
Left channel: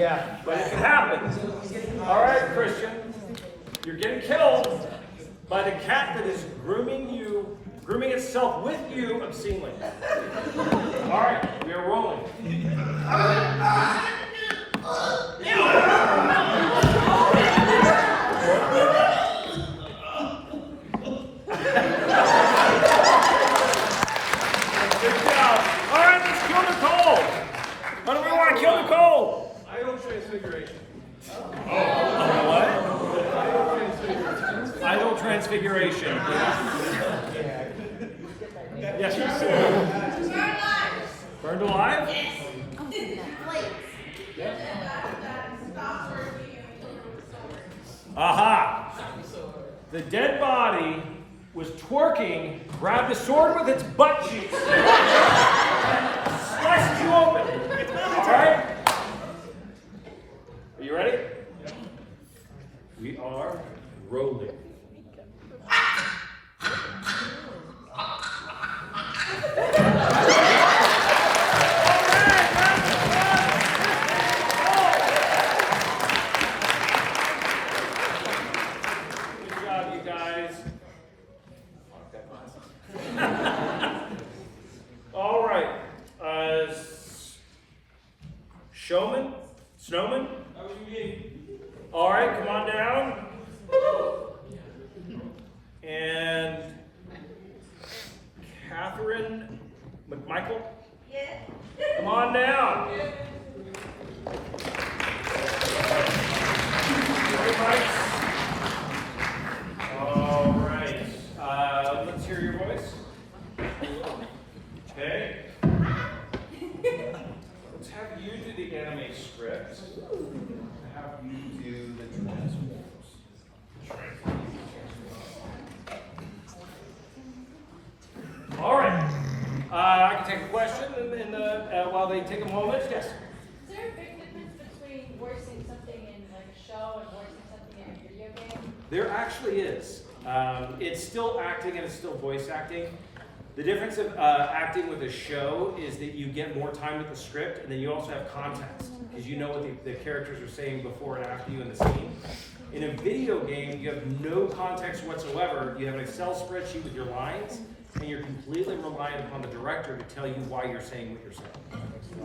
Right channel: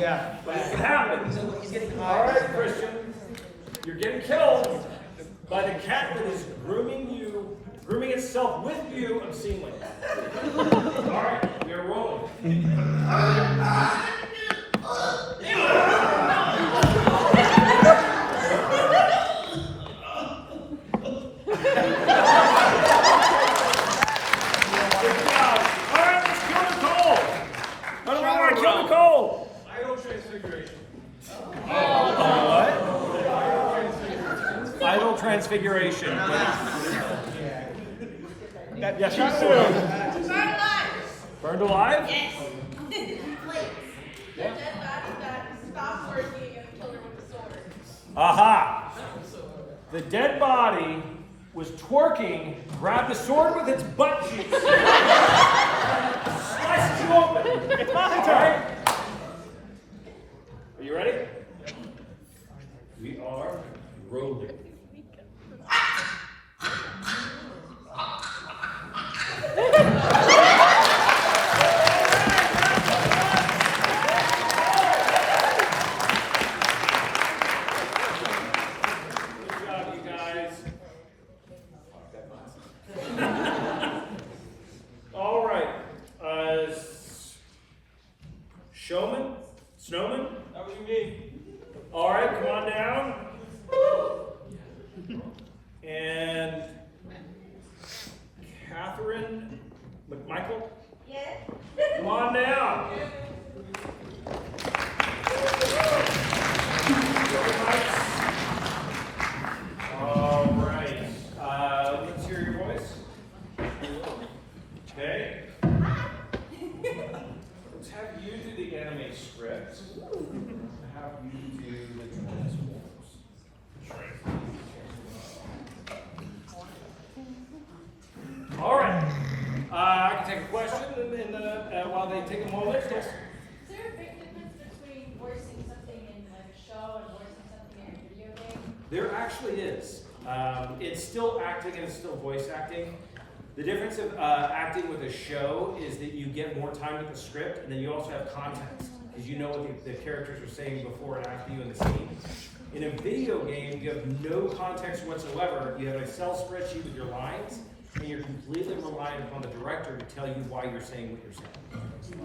Yeah. but it can happen. All right, Christian, you're getting killed by the cat that is grooming itself with you obscenely. All right, we are rolling. Good job. All right, let's kill Nicole. How do we want to kill Nicole? Idle transfiguration. Idle transfiguration. Yes, you do. Burned alive? Yes. Stop working and kill him with the sword. Aha! The dead body was twerking, grabbed a sword with its butt cheeks, sliced you open. All right? Are you ready? We are rolling. Good job, you guys. All right. Showman? Snowman? How do you need? All right, come on down. And Catherine McMichael? Yeah. Come on down. All right. Let's hear your voice. Okay. Let's have you do the anime script. Have you do the Transformers. All right. I can take a question while they take a moment. Yes. Is there a big difference between voicing something in like a show and voicing something in a video game? There actually is. It's still acting and it's still voice acting. The difference of acting with a show is that you get more time with the script, and then you also have context, because you know what the characters are saying before and after you in the scene. In a video game, you have no context whatsoever. You have an Excel spreadsheet with your lines, and you're completely reliant upon the director to tell you why you're saying what you're saying.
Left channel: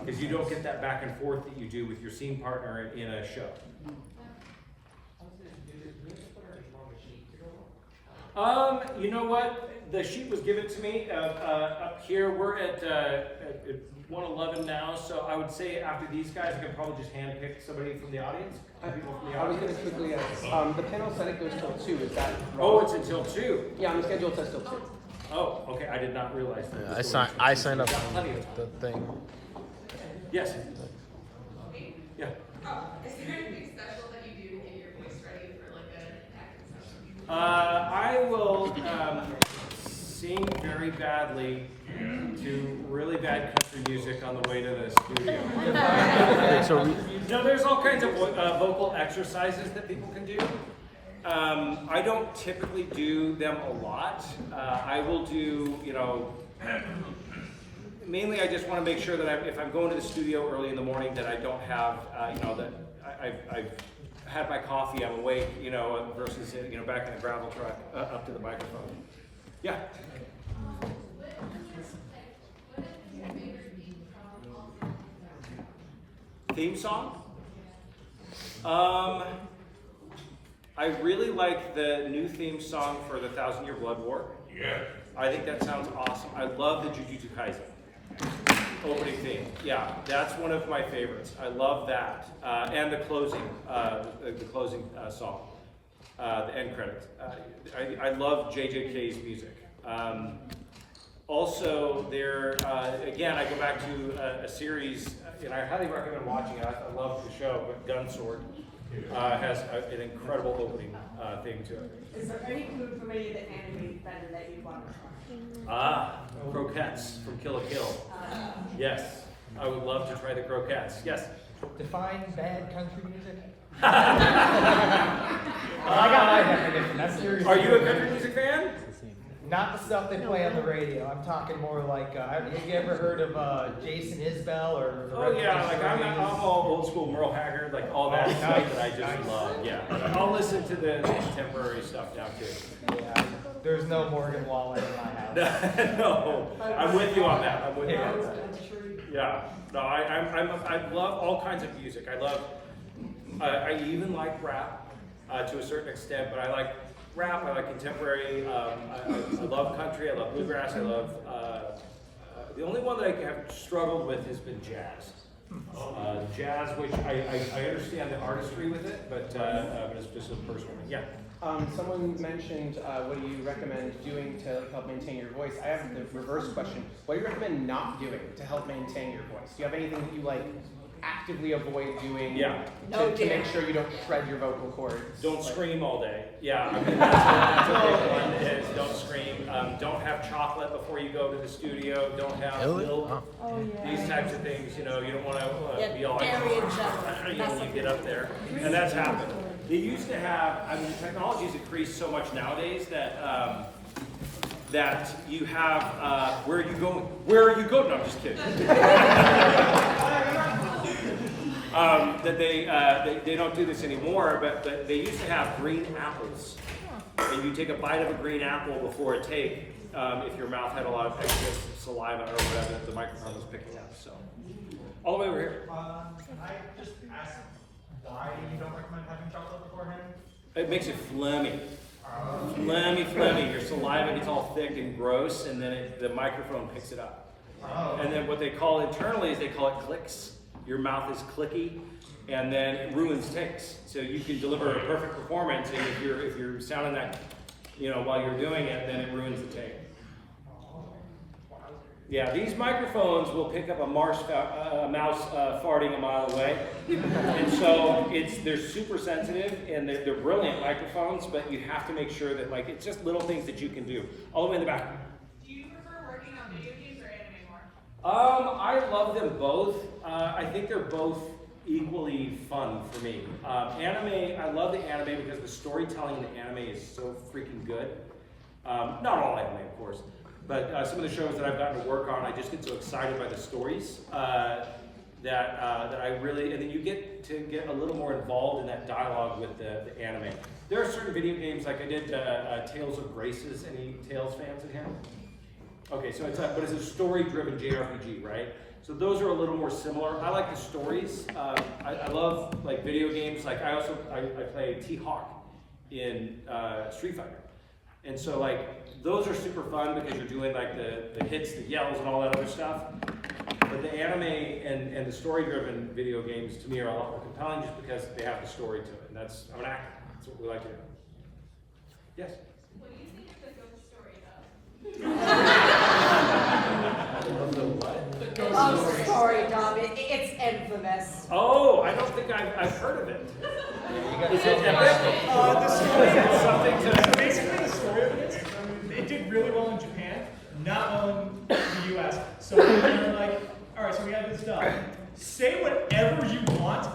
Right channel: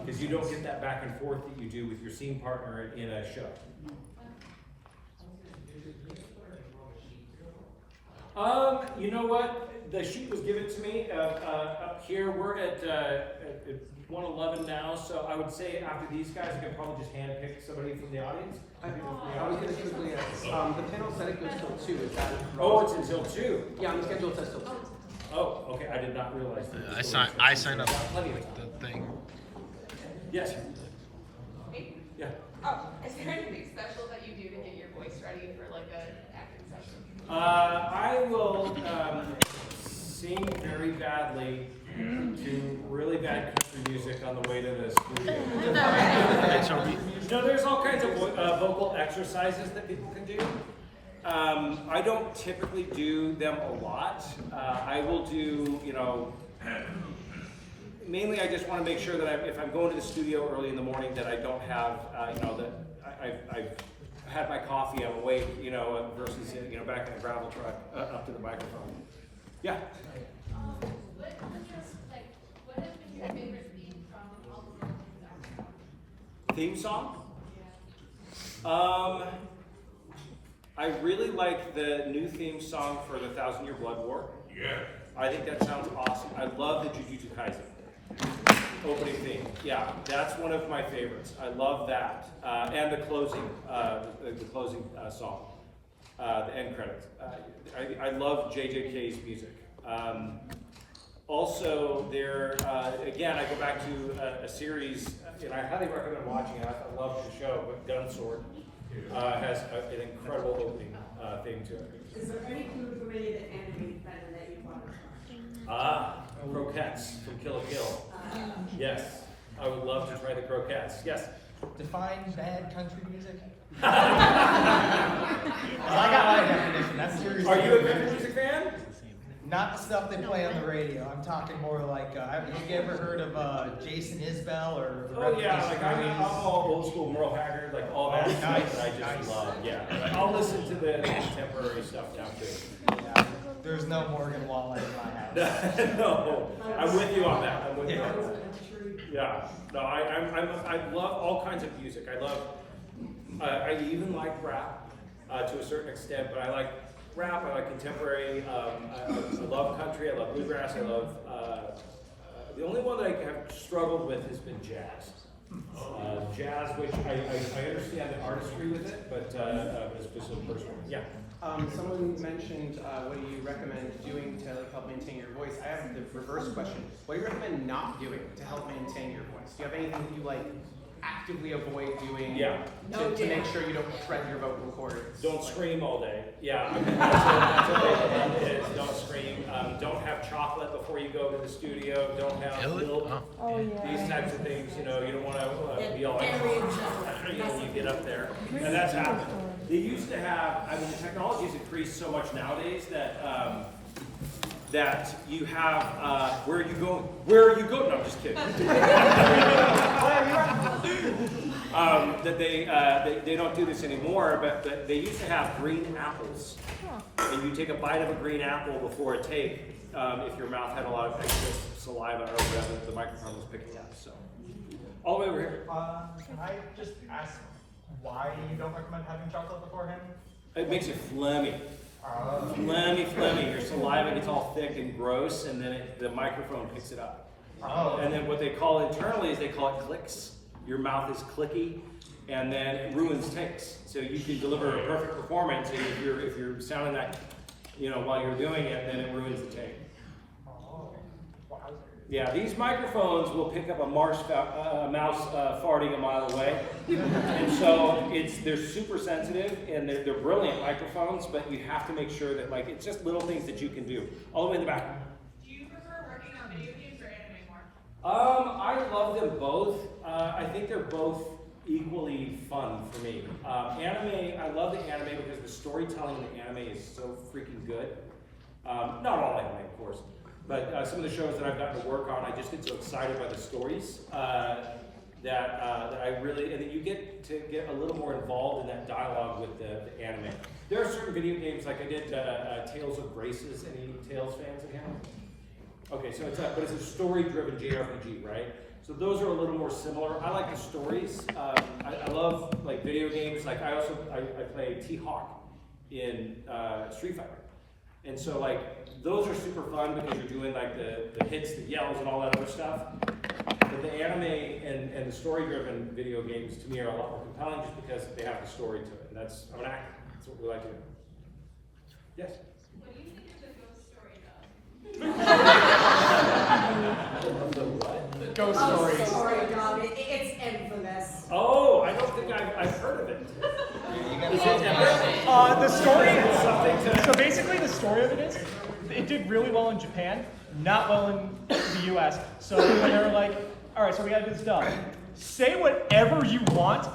Because you don't get that back and forth that you do with your scene partner in a show. You know what? The sheet was given to me up here. We're at 111 now, so I would say after these guys, I could probably just handpick somebody from the audience. I was going to quickly ask, the panel said it goes till 2, is that? Oh, it's until 2. Yeah, I'm scheduled till 2. Oh, okay, I did not realize that. I signed up Plenty of time. the thing. Yes. Yeah. Oh, is there anything special that you do to get your voice ready for like an acting session? I will sing very badly to really bad country music on the way to the studio. You know, there's all kinds of vocal exercises that people can do. I don't typically do them a lot. I will do, you know, mainly I just want to make sure that if I'm going to the studio early in the morning that I don't have, you know, that I've had my coffee, I'm awake, you know, versus, you know, back in a gravel truck up to the microphone. Yeah. Theme song? I really like the new theme song for the 1,000 Year Blood War. Yeah. I think that sounds awesome. I love the Jujutsu Kaisen opening theme. Yeah, that's one of my favorites. I love that. And the closing song, the end credits. I love JJK's music. Also, there, again, I go back to a series, and I highly recommend watching it. I love the show, but Gunsword has an incredible opening theme to it. Is there any food from any of the anime better that you'd want to try? Croquettes from Kill la Kill. Yes, I would love to try the croquettes. Yes. Define bad country music. Are you a country music fan? Not the stuff they play on the radio. I'm talking more like, have you ever heard of Jason Isbell or? Oh yeah, like I'm all old school Merle Haggard, like all that stuff that I just love. Yeah, I'll listen to the contemporary stuff now too. Yeah, there's no Morgan Wallen in my house. No, I'm with you on that. I'm with you on that. Yeah, no, I love all kinds of music. I even like rap to a certain extent, but I like rap. I like contemporary. I love country. I love bluegrass. I love. The only one that I have struggled with has been jazz. Jazz, which I understand the artistry with it, but it's just a personal. Yeah. Someone mentioned what do you recommend doing to like help maintain your voice? I have the reverse question. What do you recommend not doing to help maintain your voice? Do you have anything that you like actively avoid doing to make sure you don't shred your vocal cords? Don't scream all day. Yeah, I mean, that's a big one is don't scream. Don't have chocolate before you go to the studio. Don't have milk. These types of things, you know, you don't want to be all like, you know, when you get up there. And that's happened. They used to have, I mean, the technology has increased so much nowadays that that you have, where are you going? Where are you going? No, I'm just kidding. That they don't do this anymore, but they used to have green apples. And you take a bite of a green apple before a take if your mouth had a lot of excess saliva or whatever that the microphone was picking up. So, all the way over here. Can I just ask why you don't recommend having chocolate beforehand? It makes it phlegmy. Phlegmy. Your saliva gets all thick and gross, and then the microphone picks it up. And then what they call internally is they call it clicks. Your mouth is clicky, and then it ruins takes. So you can deliver a perfect performance, and if you're sounding that, you know, while you're doing it, then it ruins the take. Yeah, these microphones will pick up a mouse farting a mile away, and so they're super sensitive and they're brilliant microphones. But you have to make sure that it's just little things that you can do. All the way in the back. Do you prefer working on video games or anime more? I love them both. I think they're both equally fun for me. Anime, I love the anime because the storytelling in the anime is so freaking good. Not all anime, of course. But some of the shows that I've gotten to work on, I just get so excited by the stories that I really, and then you get to get a little more involved in that dialogue with the anime. There are certain video games, like I did Tales of Graces. Any Tales fans in here? Okay, so but it's a story-driven JRPG, right? So those are a little more similar. I like the stories. I love video games. Like I play T-Hawk in Street Fighter, and so those are super fun because you're doing the hits, the yells, and all that other stuff. But the anime and the story-driven video games to me are a lot more compelling just because they have the story to it. And I'm an actor. That's what we like to do. Yes? What do you think the ghost story does? The what? Ghost Story, Dom. It's infamous. Oh, I don't think I've heard of it. Is it epic? The story It's something to... So basically the story of it is, it did really well in Japan, not well in the US. So they're like, all right, so we got this stuff. Say whatever you want,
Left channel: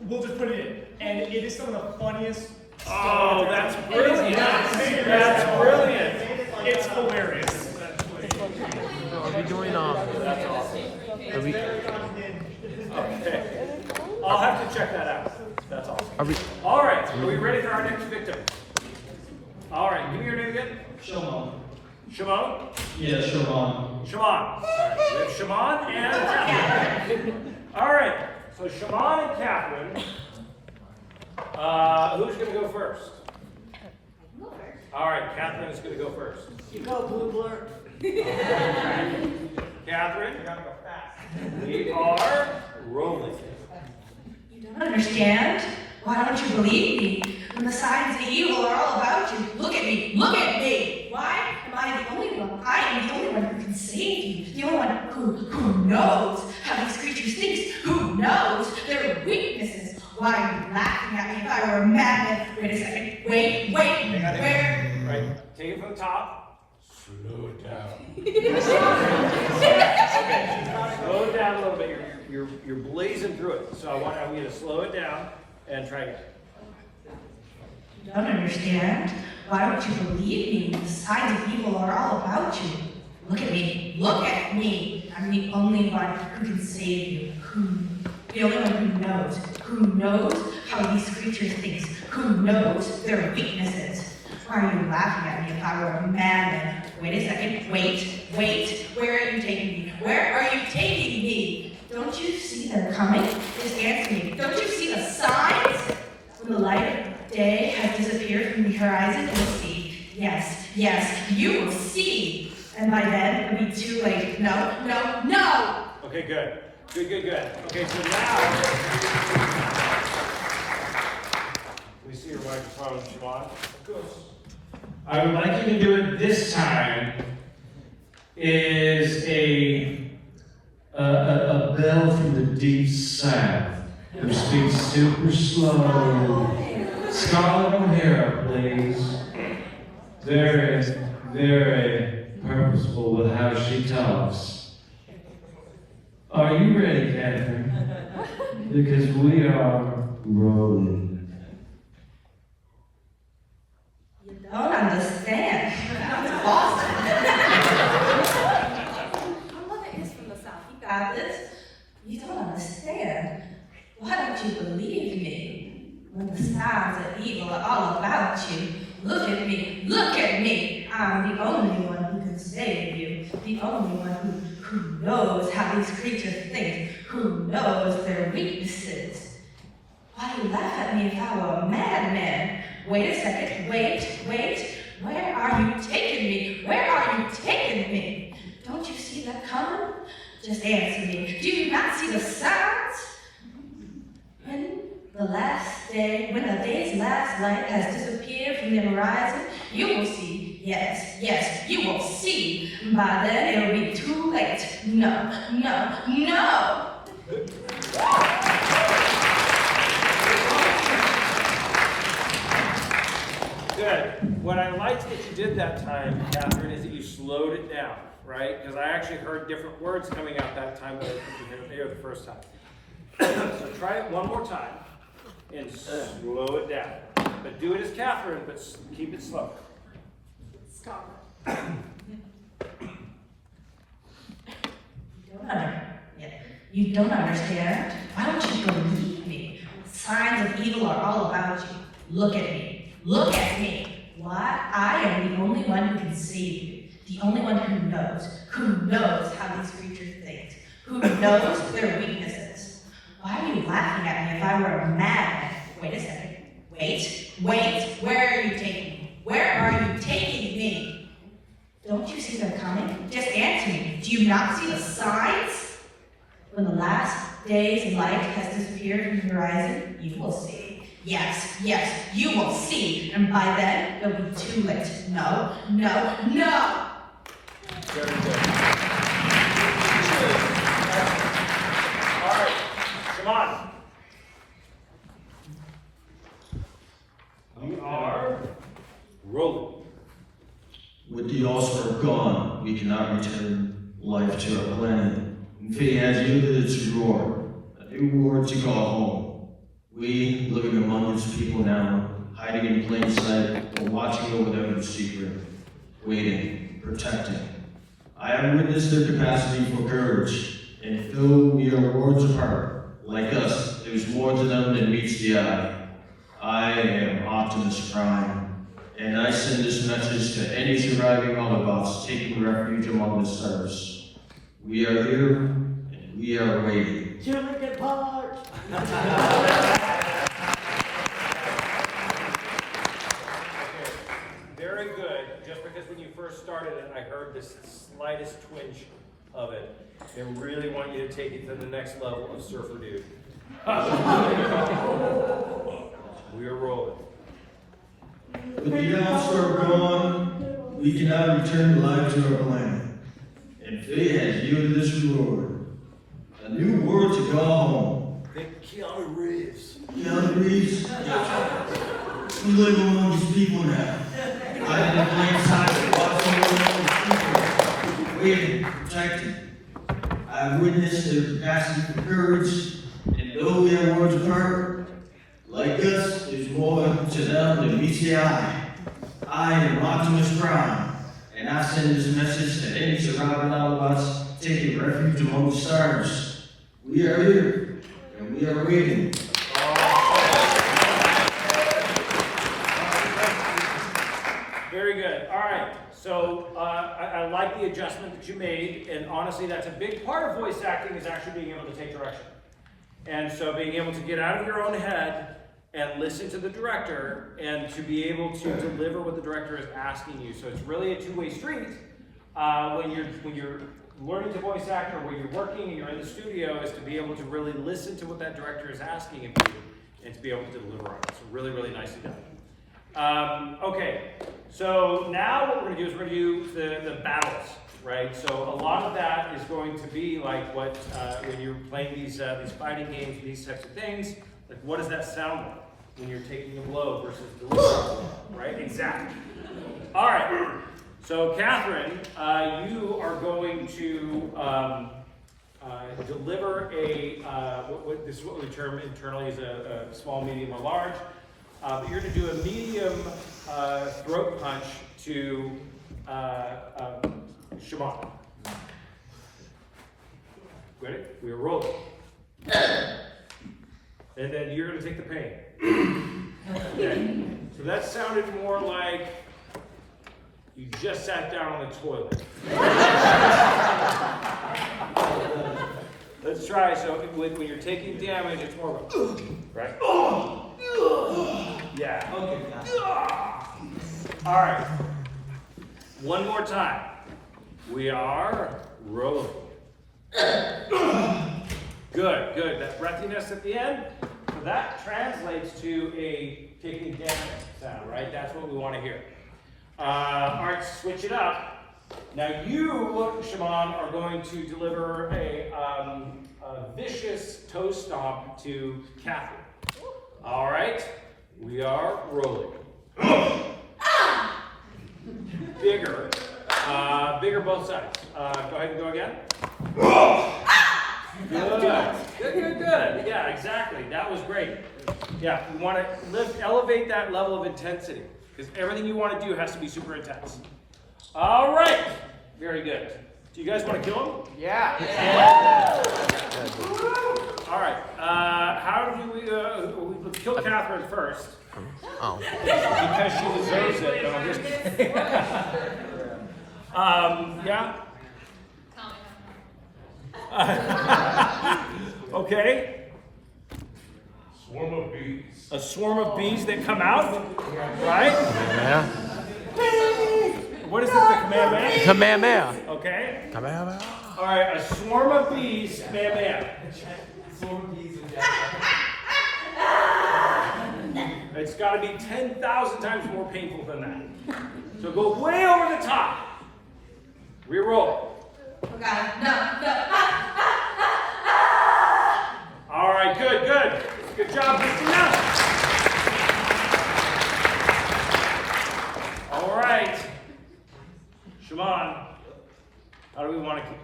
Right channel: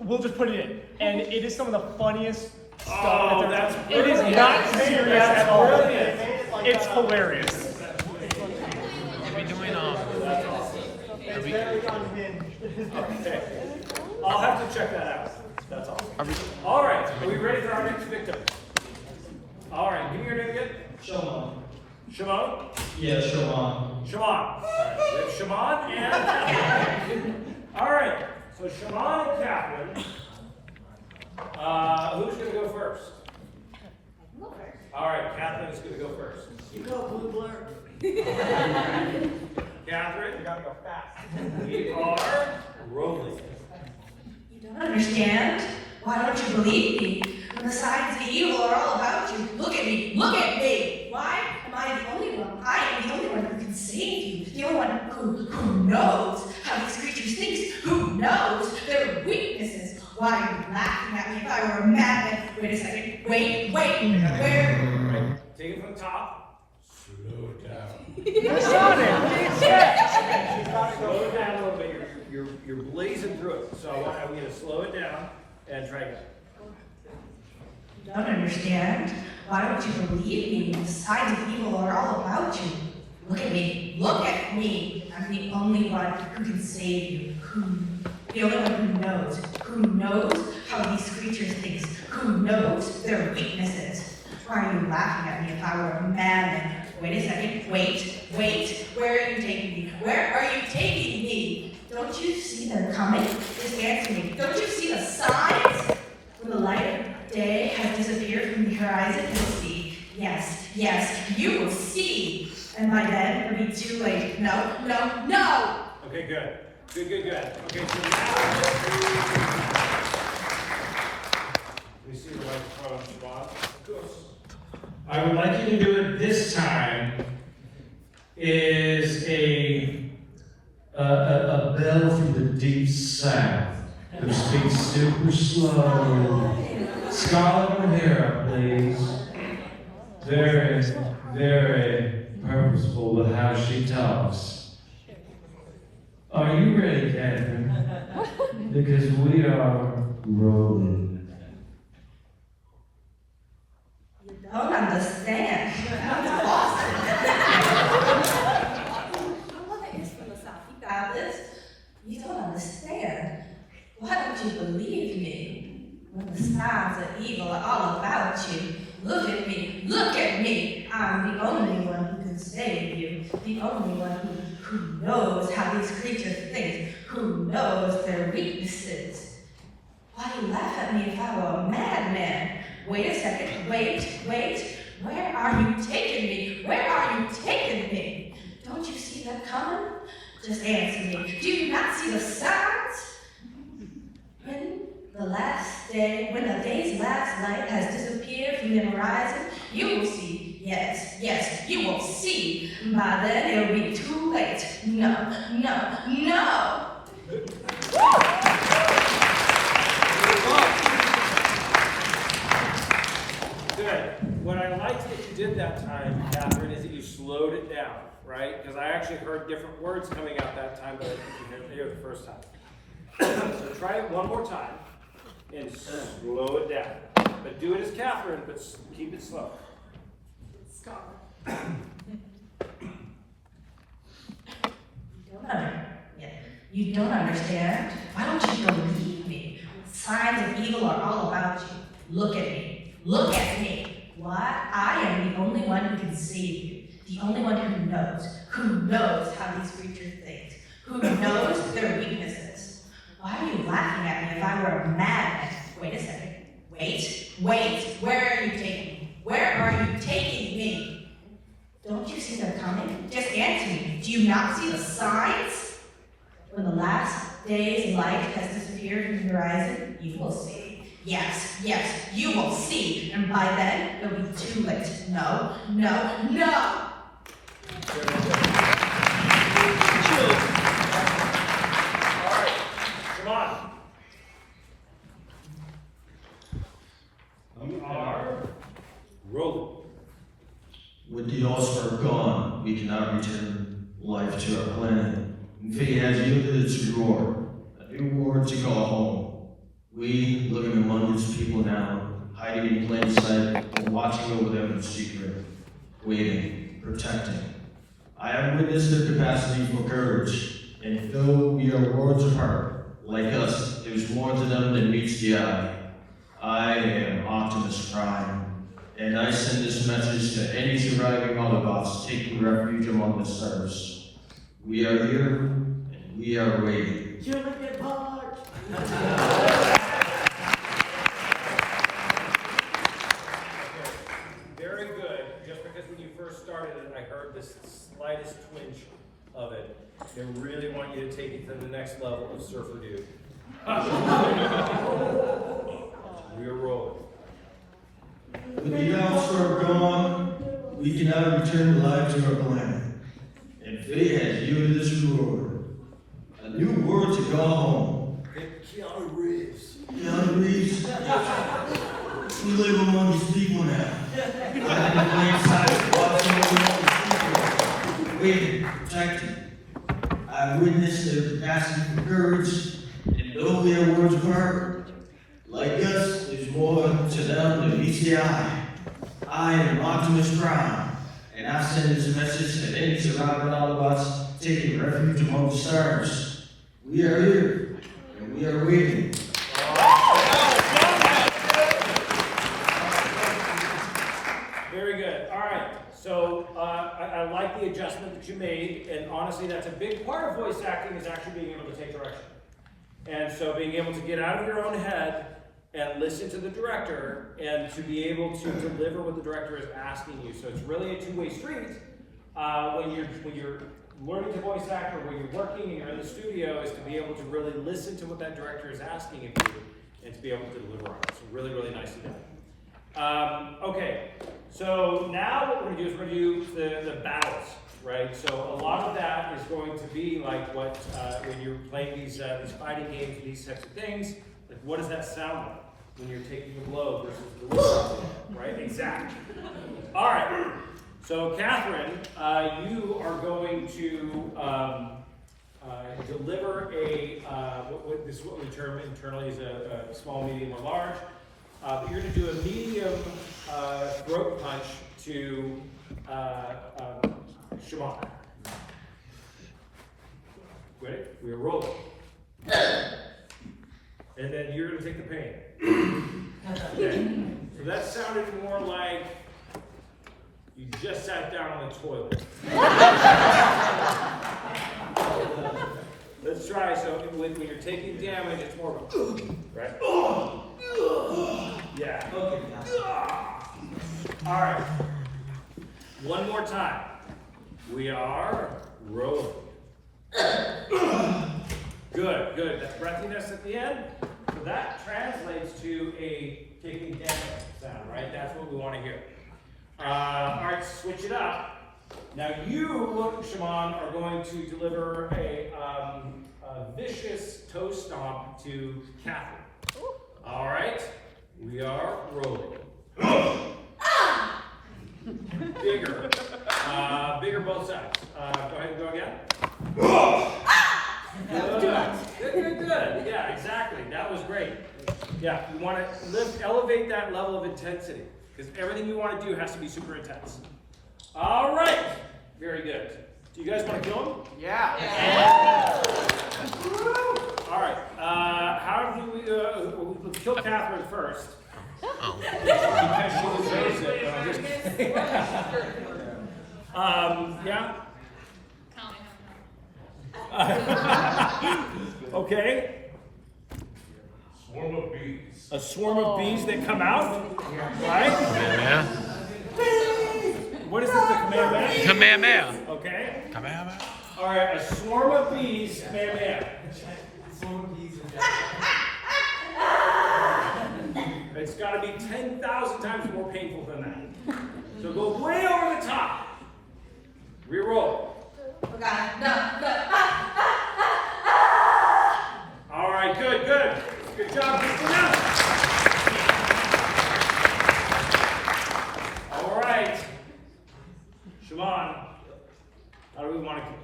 we'll just put it in. And it is some of the funniest Oh, stuff. that's It brilliant. is not serious. That's brilliant. It's hilarious. Are we doing That's awesome. Okay. I'll have to check that out. That's awesome. All right, are we ready for our next victim? All right, give me your name again. Shimon. Shimon? Yeah, Shimon. Shimon. All right, we have Shimon and Catherine. All right, so Shimon and Catherine. Who's going to go first? All right, Catherine is going to go first. You go, Blue Blur. Catherine, we are rolling. You don't understand? Why don't you believe me? When the signs of evil are all about you, look at me, look at me! Why am I the only one? I am the only one who can save you. The only one who knows how these creatures think, who knows their weaknesses. Why are you laughing at me if I were a madman? Wait a second. Wait, where? Take it from the top. Slow it down. Slow it down a little bit. You're blazing through it. So I want you to slow it down and try it. You don't understand? Why don't you believe me when the signs of evil are all about you? Look at me. Look at me. I'm the only one who can save you. The only one who knows how these creatures think, who knows their weaknesses. Why are you laughing at me if I were a madman? Wait a second. Wait. Where are you taking me? Where are you taking me? Don't you see them coming? Just answer me. Don't you see the signs? When the light of day has disappeared from the horizon, you'll see. Yes, you will see. And by then, it'll be too late. No. Okay, good. Okay, so now, we see your microphone, Siobhan. Of course. I would like you to do it this time is a bell from the deep south who speaks super slow. Scarlet O'Hara, please. Very, very purposeful with how she talks. Are you ready, Catherine? Because we are rolling. You don't understand. That's awesome. My mother is from the south. You got this. You don't understand. Why don't you believe me? When the signs of evil are all about you, look at me. I'm the only one who can save you. The only one who knows how these creatures think, who knows their weaknesses. Why do you laugh at me if I were a madman? Wait a second. Wait. Where are you taking me? Don't you see that coming? Just answer me. Do you not see the signs? When the day's last light has disappeared from the horizon, you will see. Yes, you will see. By then, it'll be too late. No. Good. What I liked that you did that time, Catherine, is that you slowed it down, right? Because I actually heard different words coming out that time that I didn't hear the first time. So try it one more time and slow it down. But do it as Catherine, but keep it slow. You don't understand? Why don't you believe me? Signs of evil are all about you. Look at me. Why? I am the only one who can save you. The only one who knows how these creatures think, who knows their weaknesses. Why are you laughing at me if I were a madman? Wait a second. Wait. Where are you taking me? Don't you see them coming? Just answer me. Do you not see the signs? When the last day's light has disappeared from the horizon, you will see. Yes, you will see. And by then, it'll be too late. No. Very good. All right, come on. We are rolling. With the All-Star gone, we cannot return life to our planet. And fate has yielded its reward, a new world to call home. We, living among its people now, hiding in plain sight, and watching over them in secret, waiting, protecting. I have witnessed their capacity for courage, and though we are worlds apart, like us, there's more to them than meets the eye. I am Optimus Prime, and I send this message to any surviving Autobots taking refuge among the stars. We are here, and we are waiting. Jurassic Park! Very good. Just because when you first started it, I heard this slightest twinge of it. They really want you to take it to the next level of Surfer Dude. We are rolling. With the All-Star gone, we cannot return life to our planet. And fate has yielded this reward, a new world to call home. Keanu Reeves. Keanu Reeves? We live among these people now. Hiding in plain sight, watching over these people, waiting, protecting. I witnessed their capacity for courage, and though we are worlds apart, like us, there's is more to them than meets the eye. I am Optimus Prime, and I send this message to any surviving Autobots taking refuge among the stars. We are here, and we are waiting. Very good. All right. So I like the adjustment that you made, and honestly, that's a big part of voice acting is actually being able to take direction. And so being able to get out of your own head and listen to the director, and to be able to deliver what the director is asking you. So it's really a two-way street when you're learning to voice act, or when you're working and you're in the studio, is to be able to really listen to what that director is asking of you and to be able to deliver on it. So really, really nicely done. Okay, so now what we're going to do is we're going to do the battles, right? So a lot of that is going to be like what when you're playing these fighting games, these types of things. Like, what does that sound like when you're taking a blow versus delivering, right? Exactly. All right. So Catherine, you are going to deliver a this is what we term internally as a small, medium, or large. But you're going to do a medium throat punch to Shimon. Ready? We are rolling. And then you're going to take the pain. Okay. So that sounded more like you just sat down on the toilet. Let's try. So when you're taking damage, it's more of a, right? Yeah. Okay. All right. One more time. We are rolling. Good, good. That breathiness at the end. So that translates to a taking damage sound, right? That's what we want to hear. All right, switch it up. Now you, Shimon, are going to deliver a vicious toe stomp to Catherine. All right, we are rolling. Bigger. Bigger both sides. Go ahead and go again. Good. Good. Yeah, exactly. That was great. Yeah, you want to elevate that level of intensity, because everything you want to do has to be super intense. All right. Very good. Do you guys want to kill him? Yeah. All right. How do we let's kill Catherine first. Oh. Because she deserves it. No, I'm just kidding. Yeah. Okay. Swarm of bees. A swarm of bees that come out, right? Yeah. What is it, the Kamehameha? Kamehameha. Okay. Kamehameha. All right, a swarm of bees, Kamehameha. It's got to be 10,000 times more painful than that. So go way over the top. Reroll. Okay. No. All right, good, good. Good job, Mr. Mann. All right. Shimon, how do we want to kill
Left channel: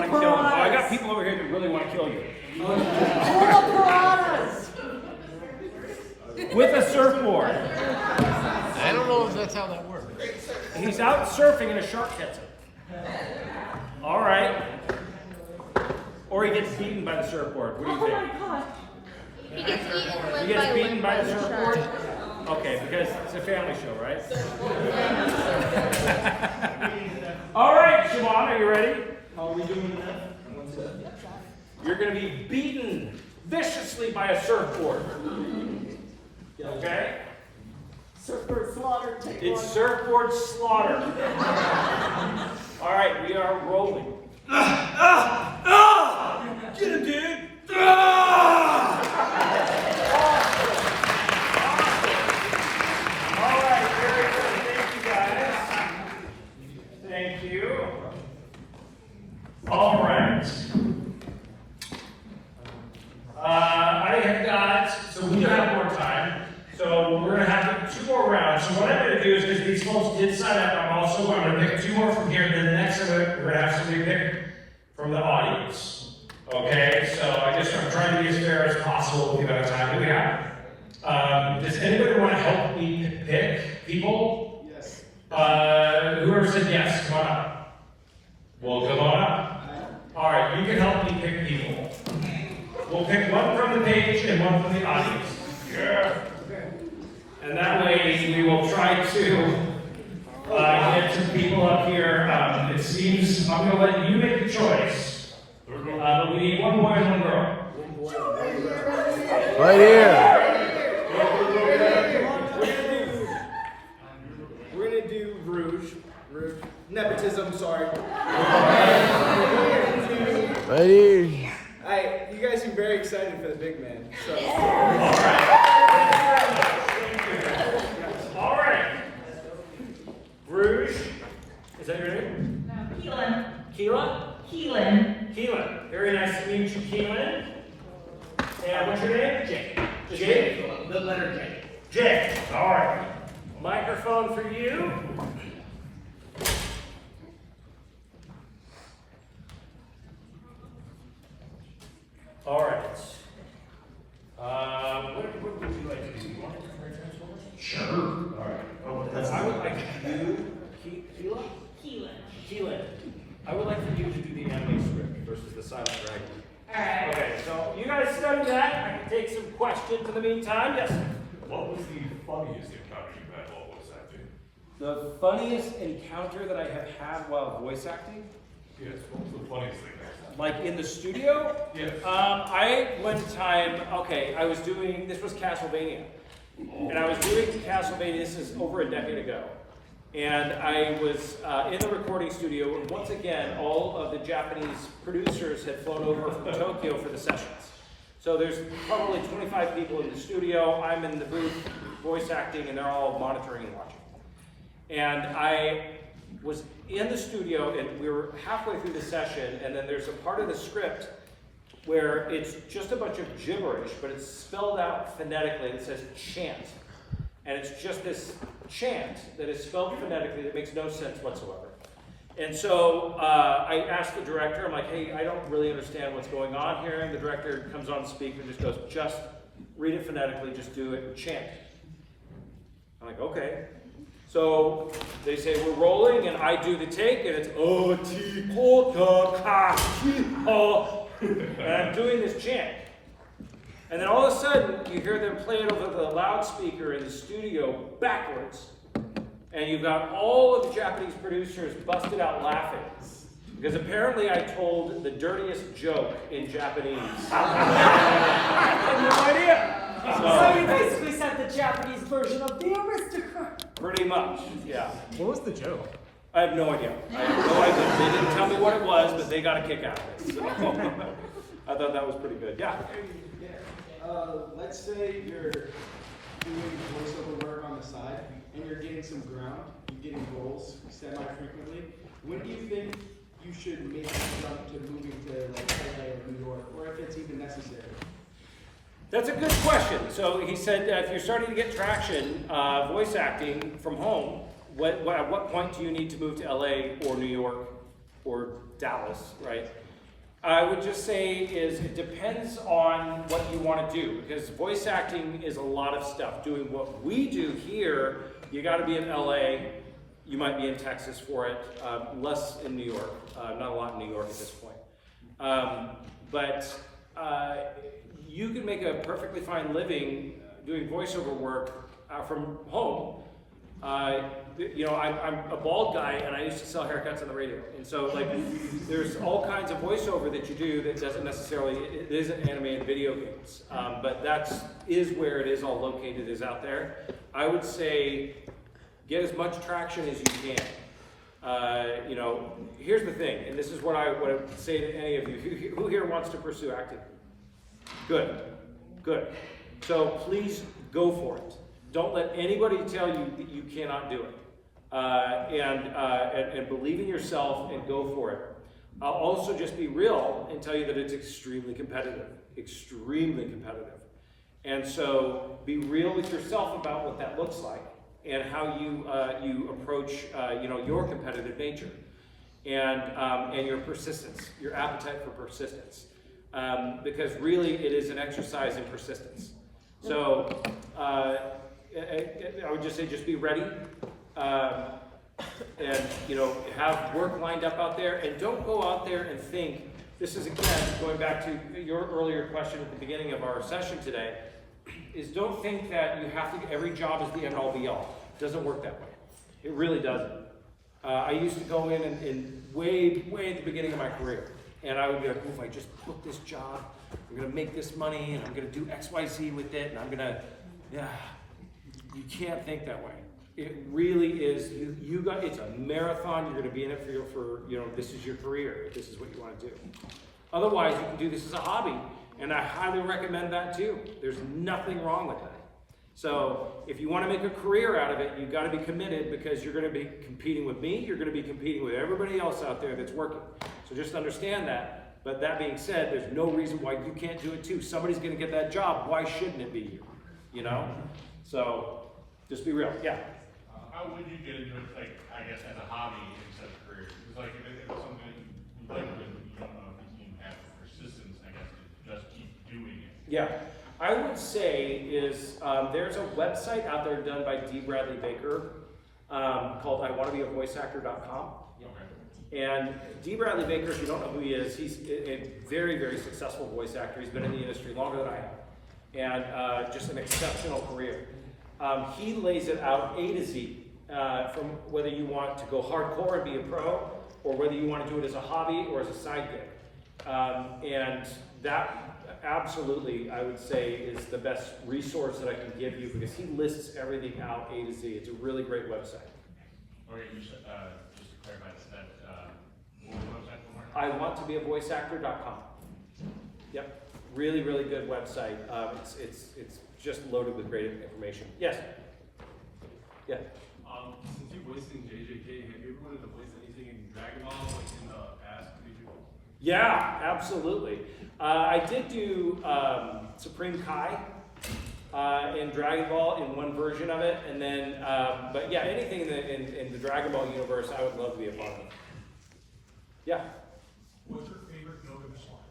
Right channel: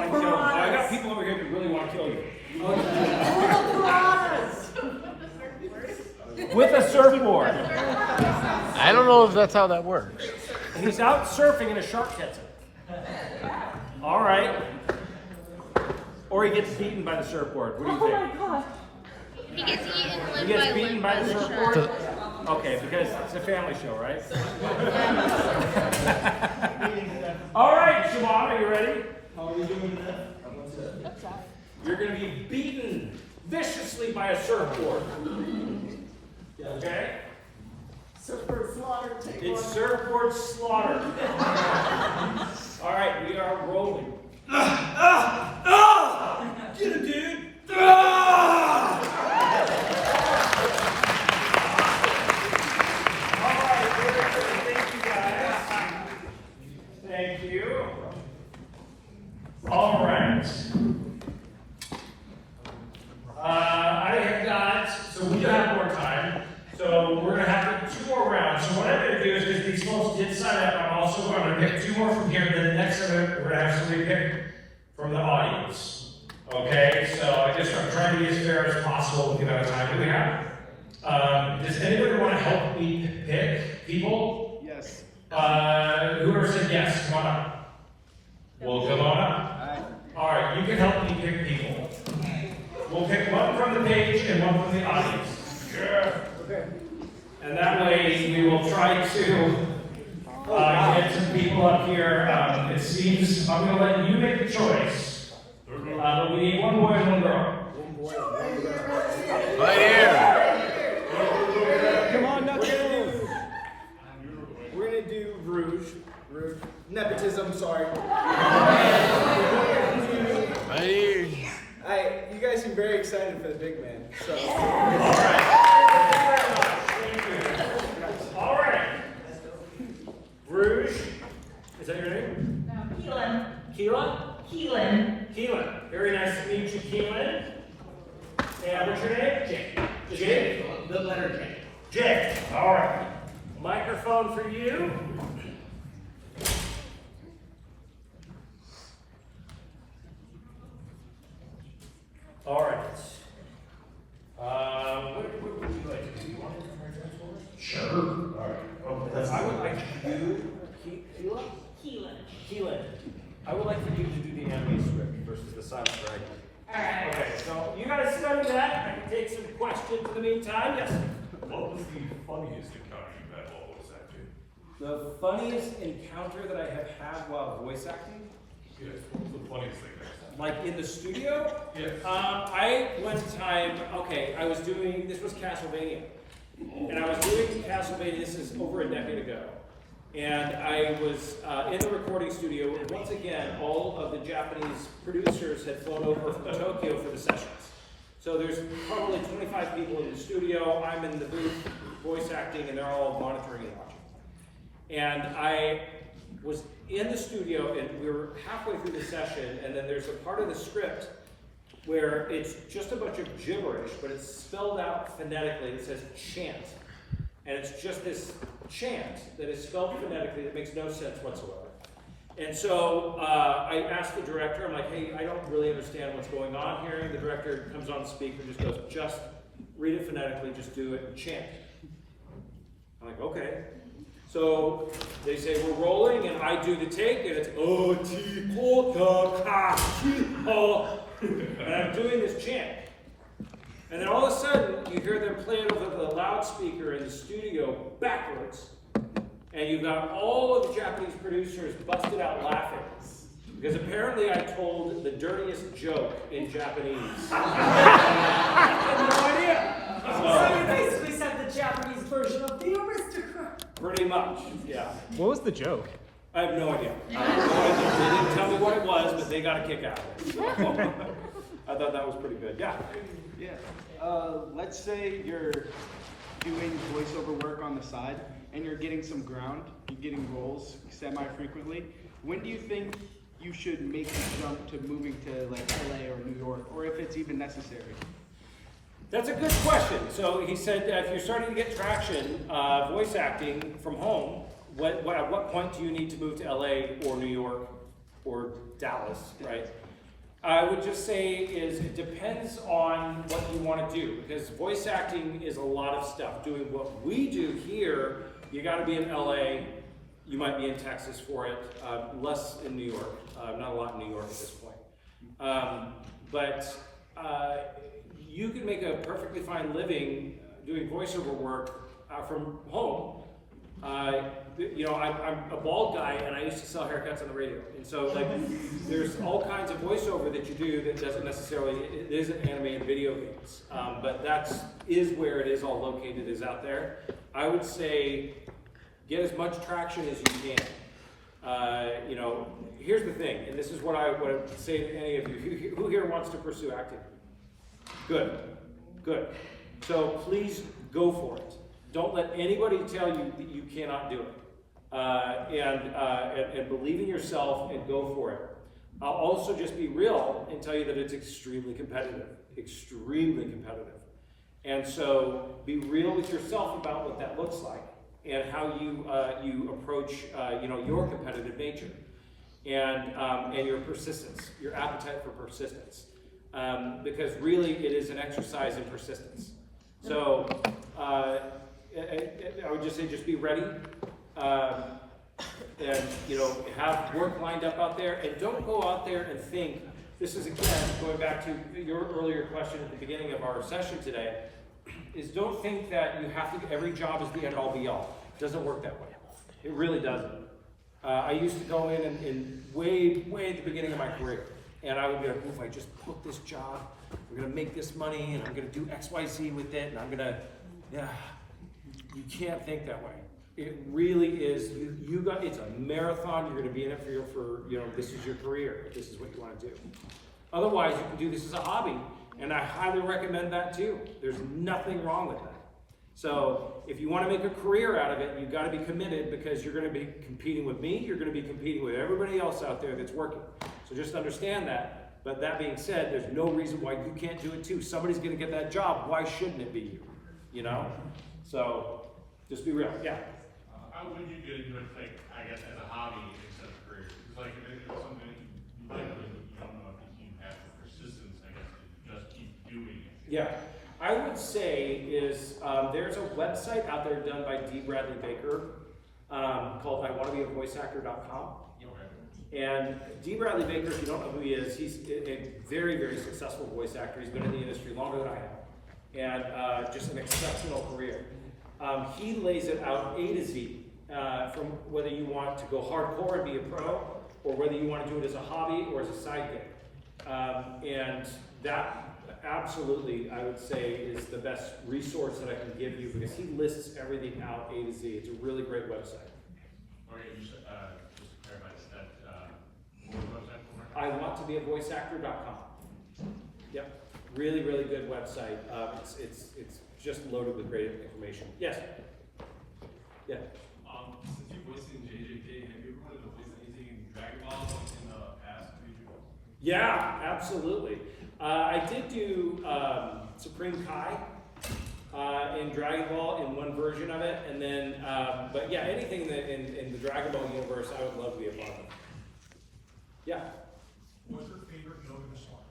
him? Oh, I got people over here that really want to kill you. With a surfboard. I don't know if that's how that works. And he's out surfing and a shark gets him. All right. Or he gets beaten by the surfboard. What do you think? Oh my god. He gets beaten by the surfboard? Okay, because it's a family show, right? All right, Shimon, are you ready? How are we doing now? You're going to be beaten viciously by a surfboard. Okay? Surfboard slaughter. It's surfboard slaughter. All right, we are rolling. Get him, dude. All right, very good. Thank you, guys. Thank you. All right. I have got, so we do have more time. So we're going to have 2 more rounds. So what I'm going to do is, because these folks did sign up, I'm going to pick 2 more from here. Then the next of it, we're going to have somebody pick from the audience. Okay? So I'm trying to be as fair as possible with the amount of time that we have. Does anybody want to help me pick people? Yes. Whoever said yes, come on up. Well, come on up. All right, you can help me pick people. We'll pick one from the page and one from the audience. Yeah. And that way we will try to get some people up here. It seems I'm going to let you make the choice. But we need one boy and one girl. One boy and one girl. Right here. We're gonna do Rouge. Nepotism, sorry. Right here. You guys seem very excited for the big man. So. All right. Rouge. Is that your name? No, Keelan. Keelan? Keelan. Keelan. Very nice to meet you, Keelan. And what's your name? Jay. Jay? The letter J. Jay. All right. Microphone for you. All right. What would you like to do? You want to transform? Sure. All right. I would like you, Keelan? Keelan. I would like for you to do the anime script versus the silent dragon. Alright. Okay, so you guys study that. I can take some questions in the meantime. Yes? What was the funniest encounter you had while voice acting? The funniest encounter that I have had while voice acting? Yes, what was the funniest thing that Like in the studio? Yes. I one time, I was doing, this was Castlevania. And I was doing Castlevania, this is over a decade ago. And I was in the recording studio, and once again, all of the Japanese producers had flown over from Tokyo for the sessions. So there's probably 25 people in the studio, I'm in the booth voice acting, and they're all monitoring and watching. And I was in the studio, and we were halfway through the session, and then there's a part of the script where it's just a bunch of gibberish, but it's spelled out phonetically. It says chant. And it's just this chant that is spelled phonetically that makes no sense whatsoever. And so I asked the director, I'm like, hey, I don't really understand what's going on here. And the director comes on speaker and just goes, just read it phonetically, just do it and chant. I'm like, okay. So they say we're rolling, and I do the take, and it's and I'm doing this chant. And then all of a sudden, you hear them play it over the loudspeaker in the studio backwards, and you've got all of the Japanese producers busted out laughing. Because apparently I told the dirtiest joke in Japanese. I have no idea. So you basically said the Japanese version of the aristocrat. Pretty much, yeah. What was the joke? I have no idea. I have no idea. They didn't tell me what it was, but they got a kick out of it. So I thought that was pretty good. Yeah. Let's say you're doing voiceover work on the side, and you're getting some ground, you're getting roles semi-frequently. When do you think you should make the jump to moving to like LA or New York, or if it's even necessary? That's a good question. So he said if you're starting to get traction voice acting from home, at what point do you need to move to LA or New York or Dallas, right? I would just say it depends on what you want to do, because voice acting is a lot of stuff. Doing what we do here, you got to be in LA, you might be in Texas for it, less in New York, not a lot in New York at this point. But you can make a perfectly fine living doing voiceover work from home. You know, I'm a bald guy, and I used to sell haircuts on the radio. And so, like, there's all kinds of voiceover that you do that doesn't necessarily, it isn't animated video games. But that is where it is all located, is out there. I would say get as much traction as you can. You know, here's the thing, and this is what I would say to any of you. Who here wants to pursue acting? Good, good. So please go for it. Don't let anybody tell you that you cannot do it. And believe in yourself and go for it. I'll also just be real and tell you that it's extremely competitive. Extremely competitive. And so be real with yourself about what that looks like and how you approach you know, your competitive nature and your persistence, your appetite for persistence. Because really it is an exercise in persistence. So I would just say, just be ready. And, you know, have work lined up out there, and don't go out there and think, this is again, going back to your earlier question at the beginning of our session today, is don't think that you have to, every job is the end all be all. It doesn't work that way. It really doesn't. I used to go in way at the beginning of my career, and I would be like, if I just book this job, I'm gonna make this money, and I'm gonna do X, Y, Z with it, and I'm gonna, yeah. You can't think that way. It really is, it's a marathon. You're gonna be in it for you know, this is your career, if this is what you wanna do. Otherwise, you can do this as a hobby, and I highly recommend that too. There's nothing wrong with that. So, if you wanna make a career out of it, you've gotta be committed, because you're gonna be competing with me, you're gonna be competing with everybody else out there that's working. So just understand that. But that being said, there's no reason why you can't do it too. Somebody's gonna get that job, why shouldn't it be you? You know? So, just be real, yeah. How would you get into it, like, I guess, as a hobby instead of a career? Because, like, if it's something that you like, but you don't know if you can have persistence, I guess, to just keep doing it. Yeah, I would say is, there's a website out there done by D. Bradley Baker called iwannabeavoiceactor.com. And D. Bradley Baker, if you don't know who he is, he's a very, very successful voice actor. He's been in the industry longer than I have. And just an exceptional career. He lays it out A to Z, from whether you want to go hardcore and be a pro, or whether you want to do it as a hobby or as a side gig. And that absolutely, I would say, is the best resource that I can give you, because he lists everything out A to Z. It's a really great website. Okay, you said, just to clarify, that website? I want to be a voiceactor.com. Yep, really, really good website. It's just loaded with great information. Yes? Yeah. Since you voiced in JJK, have you ever wanted to voice anything in Dragon Ball, like in the past? Yeah, absolutely. I did do Supreme Kai in Dragon Ball in one version of it, and then, but yeah, anything in the Dragon Ball universe, I would love to be a part of. Yeah. What's your favorite Gilgamesh song?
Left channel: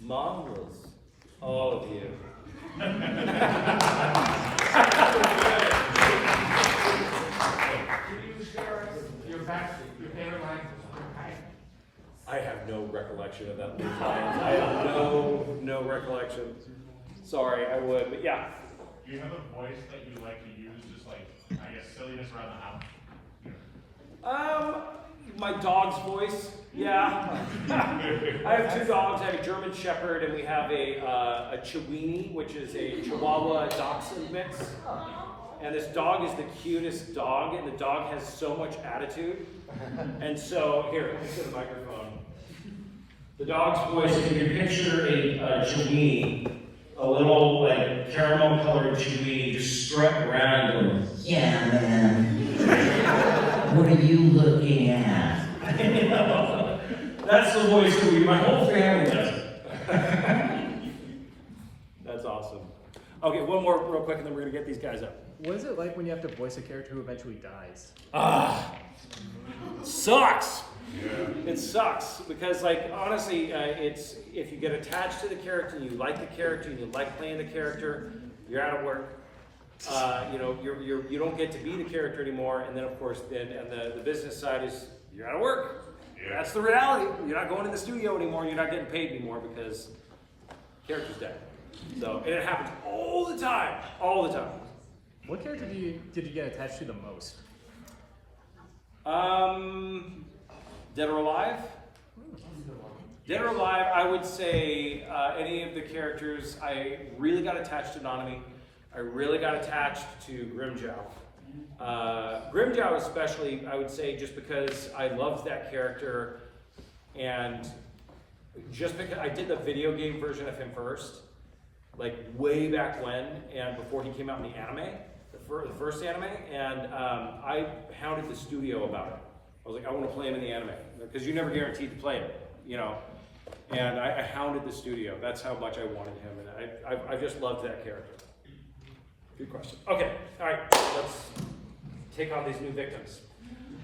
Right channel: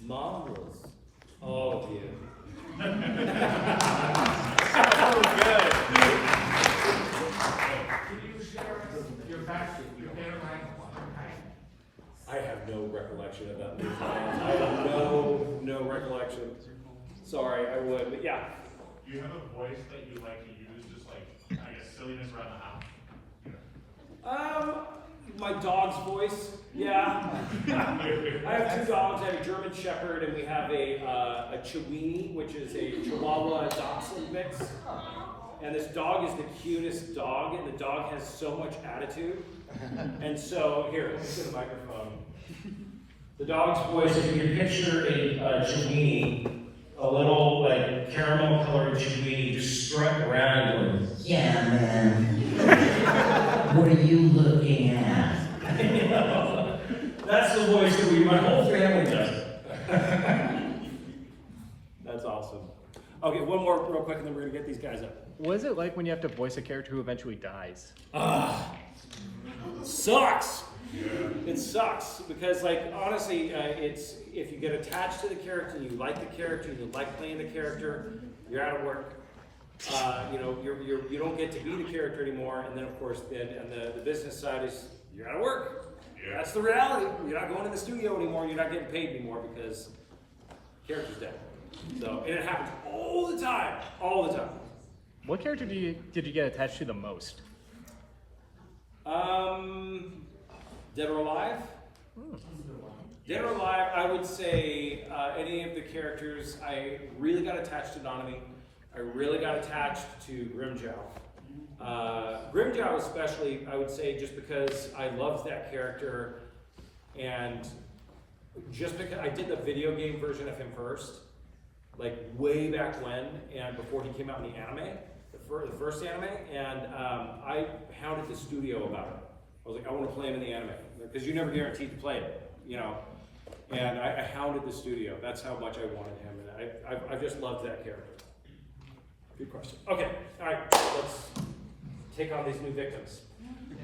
Mongrels. All of you. I have no recollection of that movie. I have no recollection. Sorry, I would, but yeah. Do you have a voice that you like to use, just like, I guess, silliness around the house? My dog's voice, yeah. I have two dogs. I have a German Shepherd, and we have a Chiweenie, which is a Chihuahua Dachshund mix. And this dog is the cutest dog, and the dog has so much attitude. And so, here, let me get the microphone. The dog's voice, if you can picture a Chiweenie, a little like caramel colored Chiweenie, just strutting around and going, yeah, man. What are you looking at? You know, that's the voice that my whole family does it. That's awesome. Okay, one more real quick, and then we're gonna get these guys up. What is it like when you have to voice a character who eventually dies? Sucks. Yeah. It sucks because, like, honestly, it's if you get attached to the character and you like the character and you like playing the character, you're out of work. You know, you don't get to be the character anymore, and then of course, and the business side is you're out of work. Yeah. That's the reality. You're not going to the studio anymore. You're not getting paid anymore because the character's dead. So, and it happens all the time. All the time. What character did you get attached to the most? Dead or Alive? Dead or Alive, I would say any of the characters. I really got attached to Nanami. I really got attached to Grimjow. Grimjow especially, I would say, just because I loved that character, and just because I did the video game version of him first, like way back when, and before he came out in the anime, the first anime, and I hounded the studio about it. I was like, I want to play him in the anime, because you're never guaranteed to play it, you know. And I hounded the studio. That's how much I wanted him, and I just loved that character. Good question. Okay, all right, let's take on these new victims.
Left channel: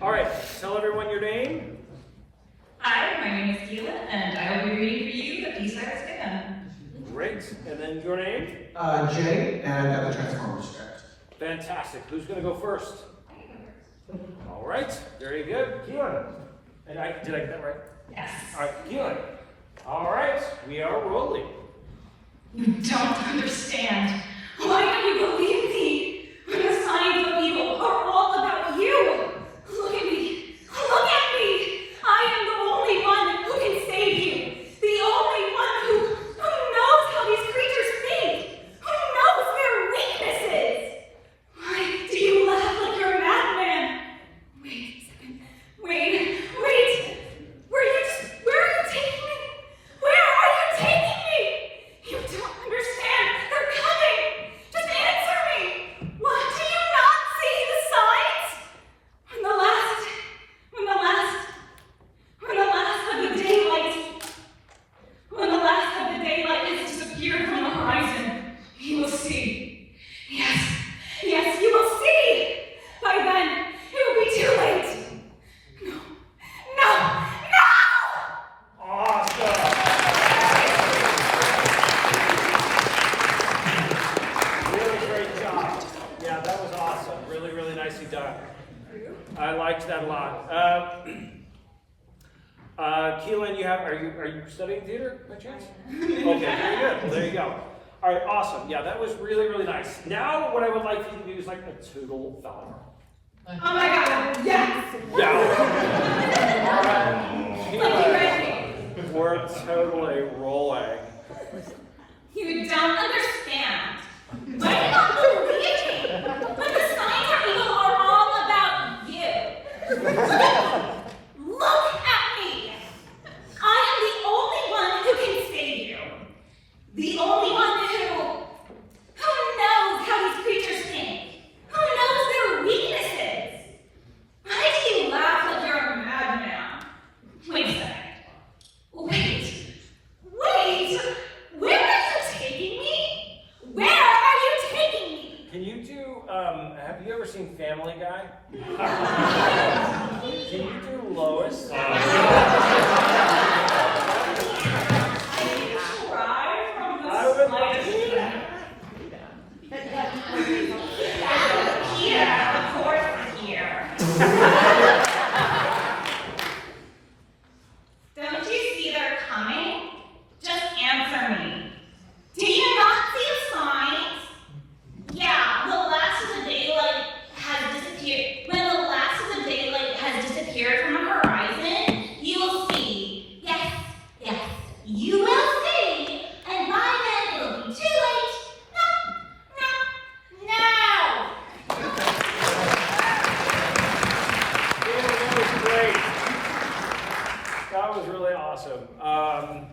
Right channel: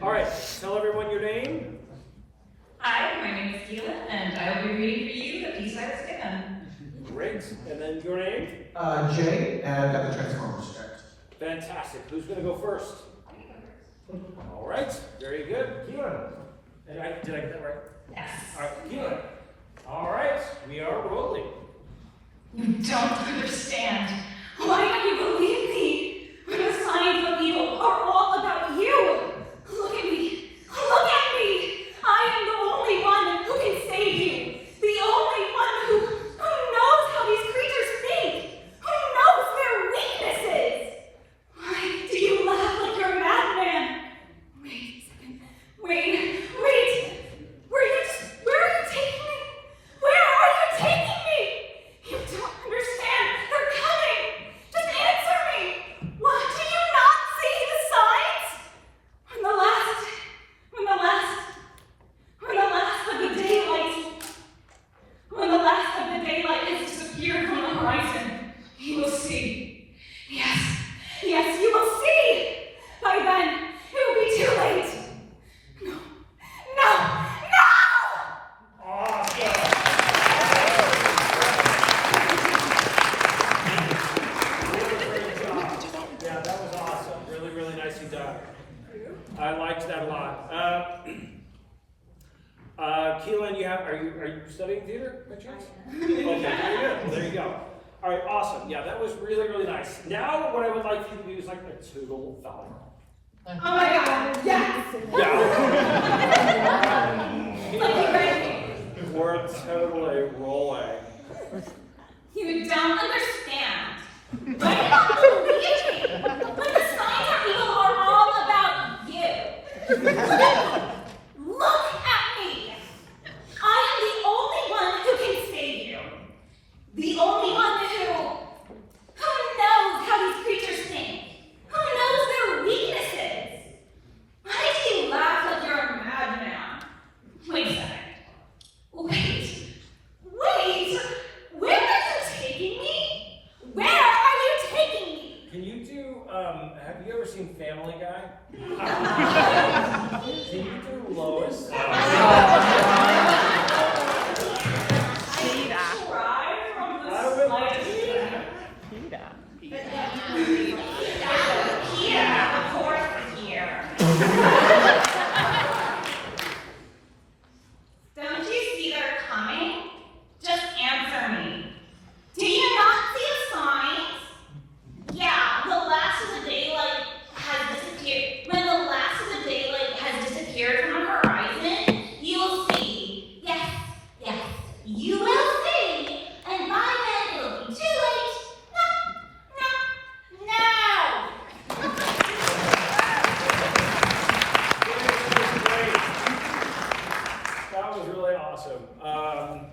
All right, tell everyone your name. Hi, my name is Keela, and I will be reading for you A Peace I Stand. Great. And then your name? Jay, and I got the Transformers script. Fantastic. Who's going to go first? All right. Very good. Keelan. And did I get that right? Yes. All right, Keelan. All right. We are rolling. You don't understand. Why don't you believe me? The signs of evil are all about you. Look at me. Look at me. I am the only one who can save you. The only one who knows how these creatures think. Who knows their weaknesses. Why do you laugh like you're a madman? Wait a second. Wait. Where are you taking me? Where are you taking me? You don't understand. They're coming. Just answer me. What? Do you not see the signs? When the last of the daylight has disappeared from the horizon, you will see. Yes, you will see. By then, it will be too late. No. Really great job. Yeah, that was awesome. Really, really nicely done. I liked that a lot. Keelan, are you studying theater by chance? Okay, very good. Well, there you go. All right, awesome. Yeah, that was really, really nice. Now, what I would like you to do is like a total dollar. Oh my God, yes! Yeah. All right. We're totally rolling. You don't understand. Why do you not believe me? When the signs of evil are all about you. Look at me. Look at me. I am the only one who can save you. The only one who knows how these creatures think. Who knows their weaknesses. Why do you laugh like you're a madman? Wait a second. Wait. Where are you taking me? Where are you taking me? Can you do, have you ever seen Family Guy? Can you do Lois? Don't you see they're coming? Just answer me. Do you not see the signs? Yeah, the last of the daylight has disappeared. When the last of the daylight has disappeared from the horizon, you will see. Yes, you will see. And by then it will be too late. No. That was really awesome. I'm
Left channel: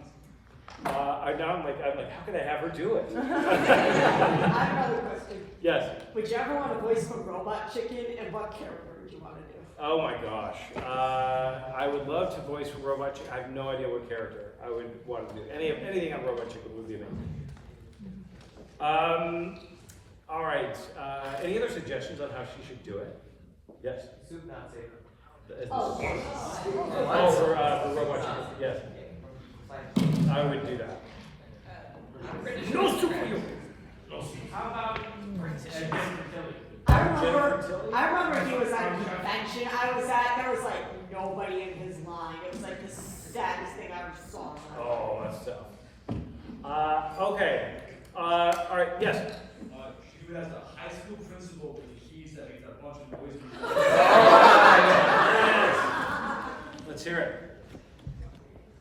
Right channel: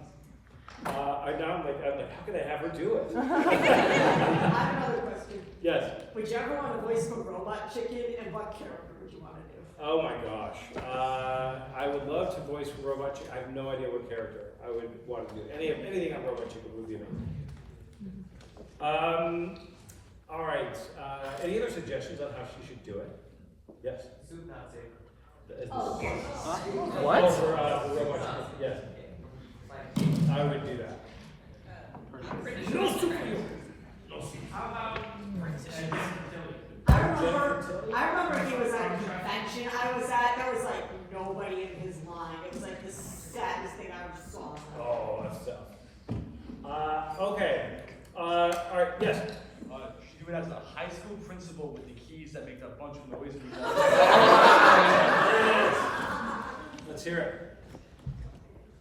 like, how can I have her do it? I have another question. Yes. Would you ever want to voice a robot chicken, and what character would you want to do? Oh my gosh. I would love to voice Robot Chicken. I have no idea what character I would want to do. Anything on Robot Chicken would be amazing. All right. Any other suggestions on how she should do it? Yes? Soup, not safe. For Robot Chicken. Yes. I would do that. No soup for you. How about I remember he was at a convention I was at. There was like nobody in his line. It was like the saddest thing I ever saw. Oh, that's tough. Okay. All right. Yes. She has a high school principal with the keys that makes a bunch of noise. Let's hear it.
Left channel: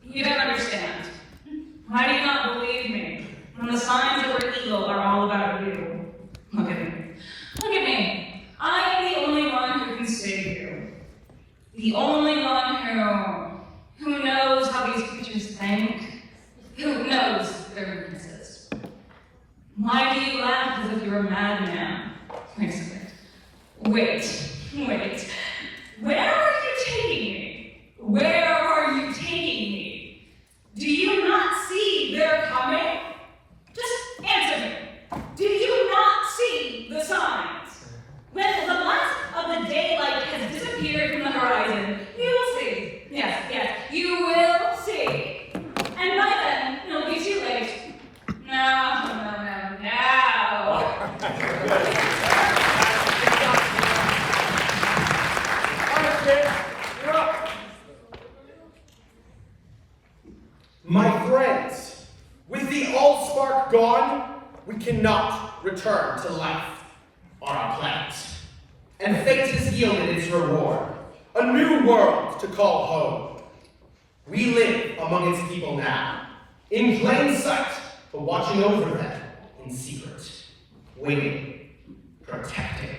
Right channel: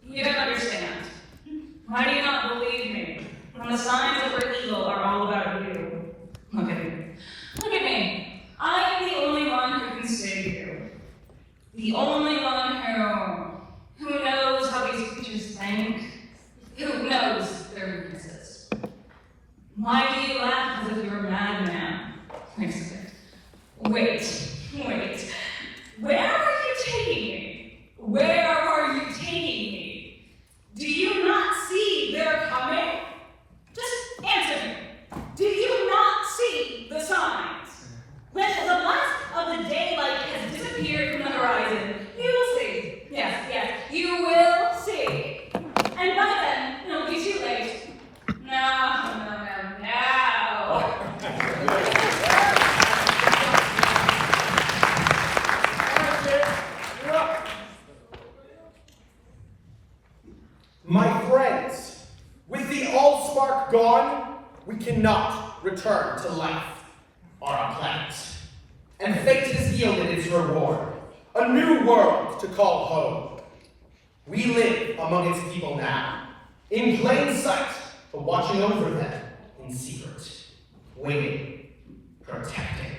You don't understand. Why do you not believe me? When the signs of your evil are all about you. Look at me. Look at me. I am the only one who can save you. The only one who knows how these creatures think. Who knows their weaknesses. Why do you laugh as if you're a madman? Wait. Where are you taking me? Where are you taking me? Do you not see they're coming? Just answer me. Do you not see the signs? When the last of the daylight has disappeared from the horizon, you will see. Yes, you will see. And by then, it'll be too late. No. and fate has yielded its reward. A new world to call home. We live among its people now, in plain sight, but watching over them in secret, waiting, protecting.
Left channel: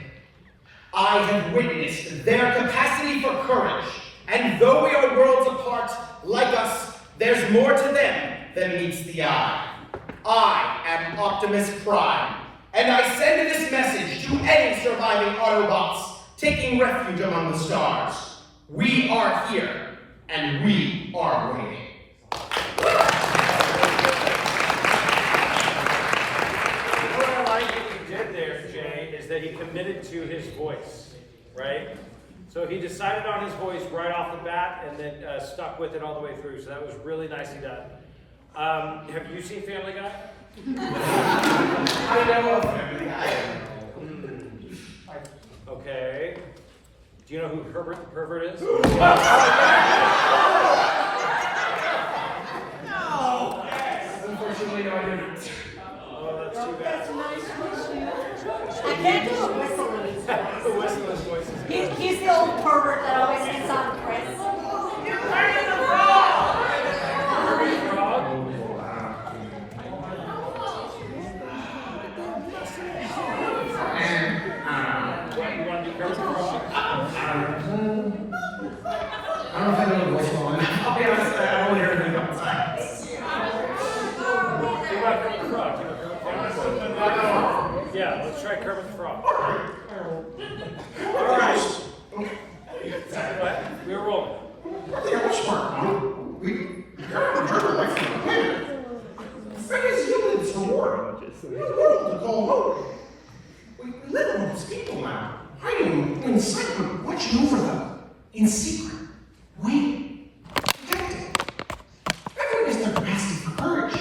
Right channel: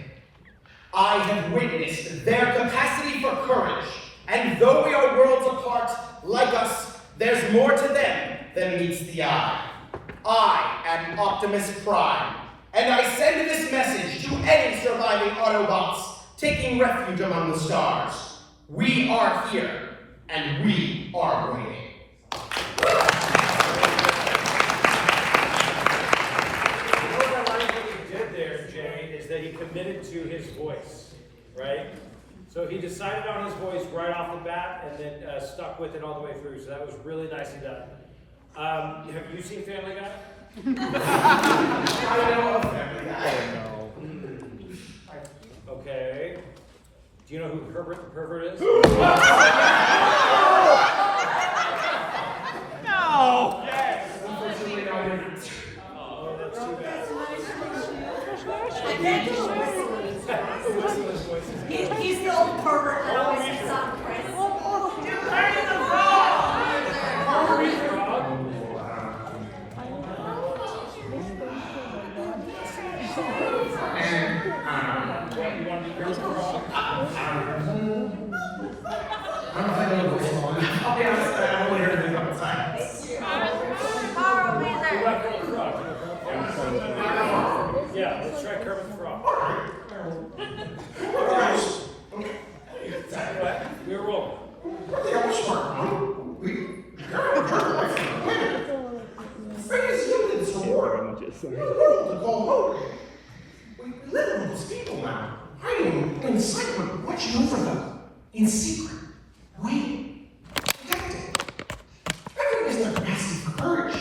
I have witnessed their capacity for courage, and though we are worlds apart, like us, there's more to them than meets the eye. I am Optimus Prime, and I send this message to any surviving Autobots taking refuge among the stars. We are here, and we are waiting. What I like that he did there, Jay, is that he committed to his voice, right? So he decided on his voice right off the bat and then stuck with it all the way through. So that was really nicely done. Have you seen Family Guy? I know of Family Guy. Okay. Do you know who Herbert the Pervert is? No! Unfortunately, no, I didn't. Oh, that's too bad. I can't do a whistle in his voice. The whistle in his voice is good. He's the old pervert that always gets on Chris. Carry the frog! Carry the frog? You want to be Carry the frog? I don't know if I know the voice one. I'll be honest, I only heard it one time. What about Kermit the Frog? Do you know Kermit the Frog? Yeah, let's try Kermit the Frog. All right. What? We're rolling. Yeah, we're smart, huh? Fate has yielded its reward. We're world to call home. We live among those people now, hiding in secret, watching over them, in secret, waiting, protecting. Everyone has their capacity for courage.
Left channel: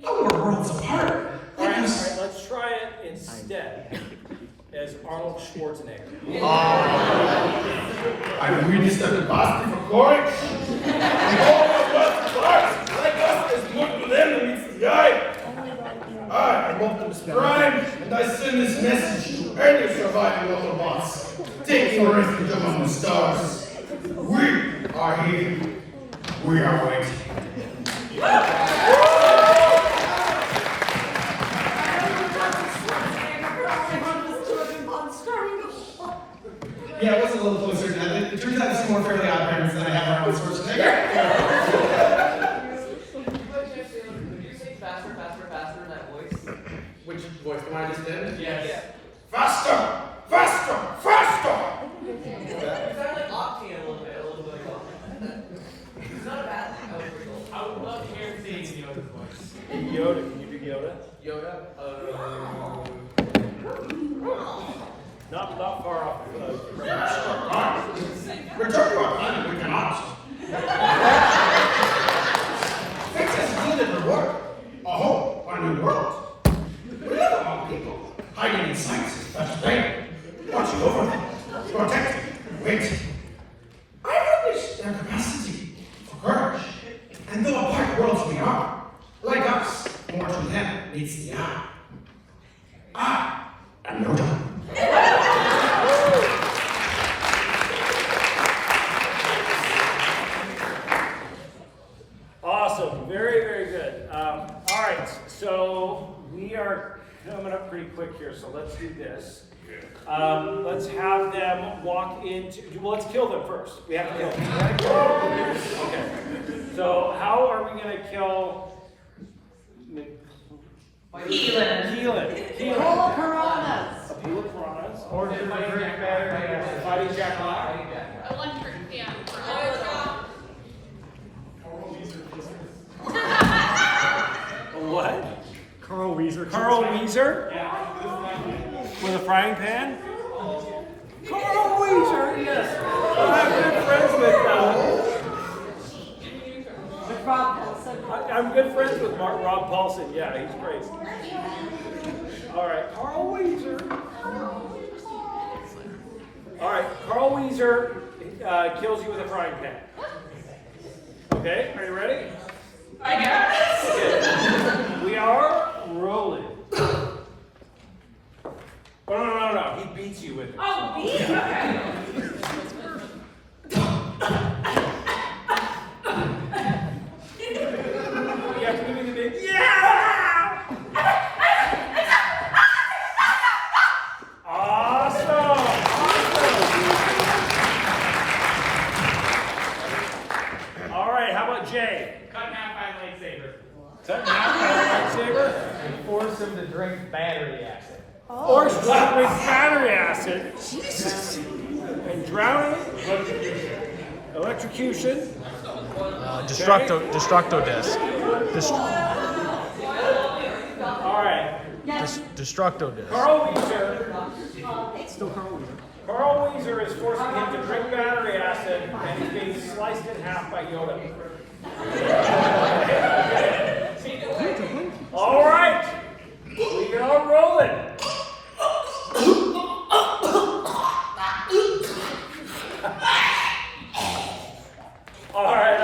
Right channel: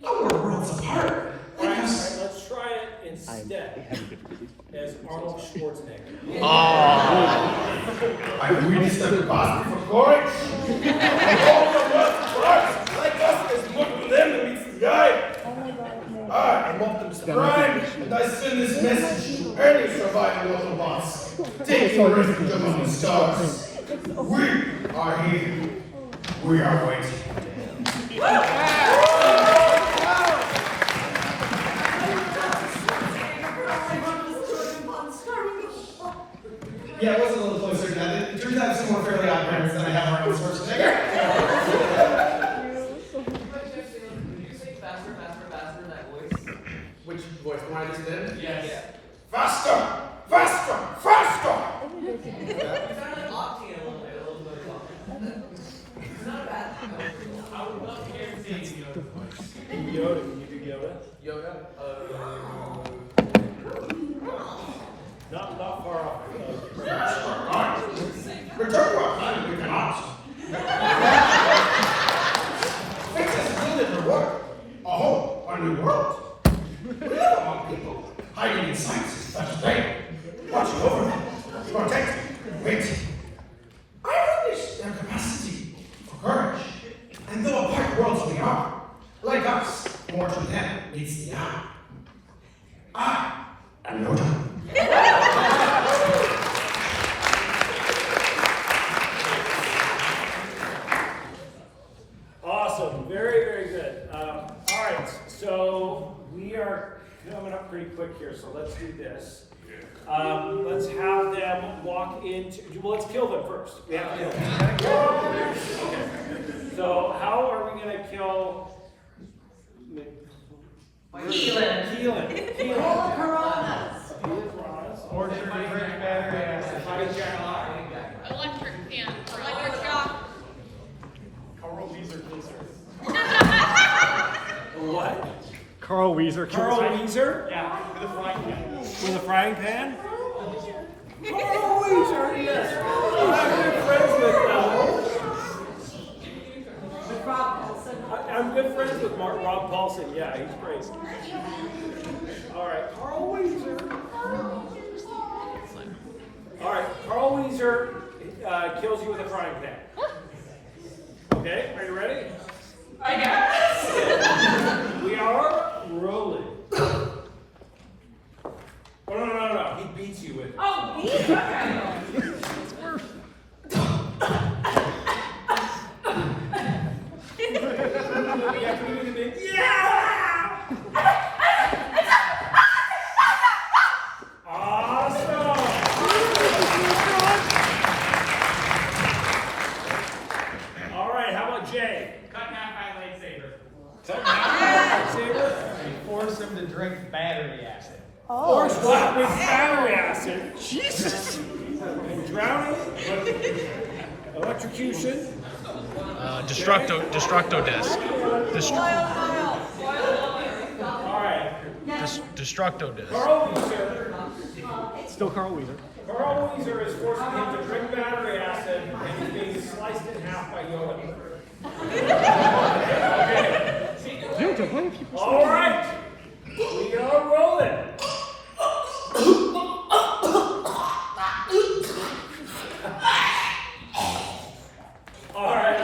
Though we're worlds apart. All right, let's try it instead as Arnold Schwarzenegger. I'm really stuck capacity for courage. All the world's apart, like us, is look to them that meets the eye. I am Optimus Prime, and I send this message to any surviving Autobots taking refuge among the stars. We are here. We are waiting. Yeah, it was a little closer to that. It turns out some more Fairly Odd Parents than I have Arnold Schwarzenegger. Which voice? The one I just did? Yes. Faster! Faster! Faster! I would love to hear Daisy Yoda's voice. Yoda, can you do Yoda? Yoda? Not far off. Return to our planet, we cannot. Fate has yielded reward. A home, a new world. We live among people, Hiding in science, that's thing. Watching over them, protecting, waiting. I witnessed their capacity for courage. And though apart worlds we are, Like us, more to them meets the eye. I am Yoda. Awesome, very, very good. All right, so we are coming up pretty quick here, so let's do this. Let's have them walk into, well, let's kill them first. We have to kill them. Okay. So how are we gonna kill? Keelan. All Coronas. A pool of piranhas. Or should we make better Fighting Jack Hawk. Electric fan. Electric shock. What? Carl Weezer. Carl Weezer? Yeah. With a frying pan? Carl Weezer, yes. I'm good friends with Rob Paulson. I'm good friends with Rob Paulson. Yeah, he's great. All right, Carl Weezer. All right, Carl Weezer kills you with a frying pan. Okay, are you ready? I guess. Okay, we are rolling. Oh, no. beats you with it. Oh, beat, okay. You have to give me the big, yeah! Awesome! All right, how about Jay? Cut in half by lightsaber. Cut in half by lightsaber? Force him to drink battery acid. Or slap with battery acid. Jesus! And drowning. Electrocution. Destructo desk. All right. Destructo desk. Carl Weezer. Still Carl Weezer. Carl Weezer is forcing him to drink battery acid and he's being sliced in half by Yoda. All right. We go rolling. All right.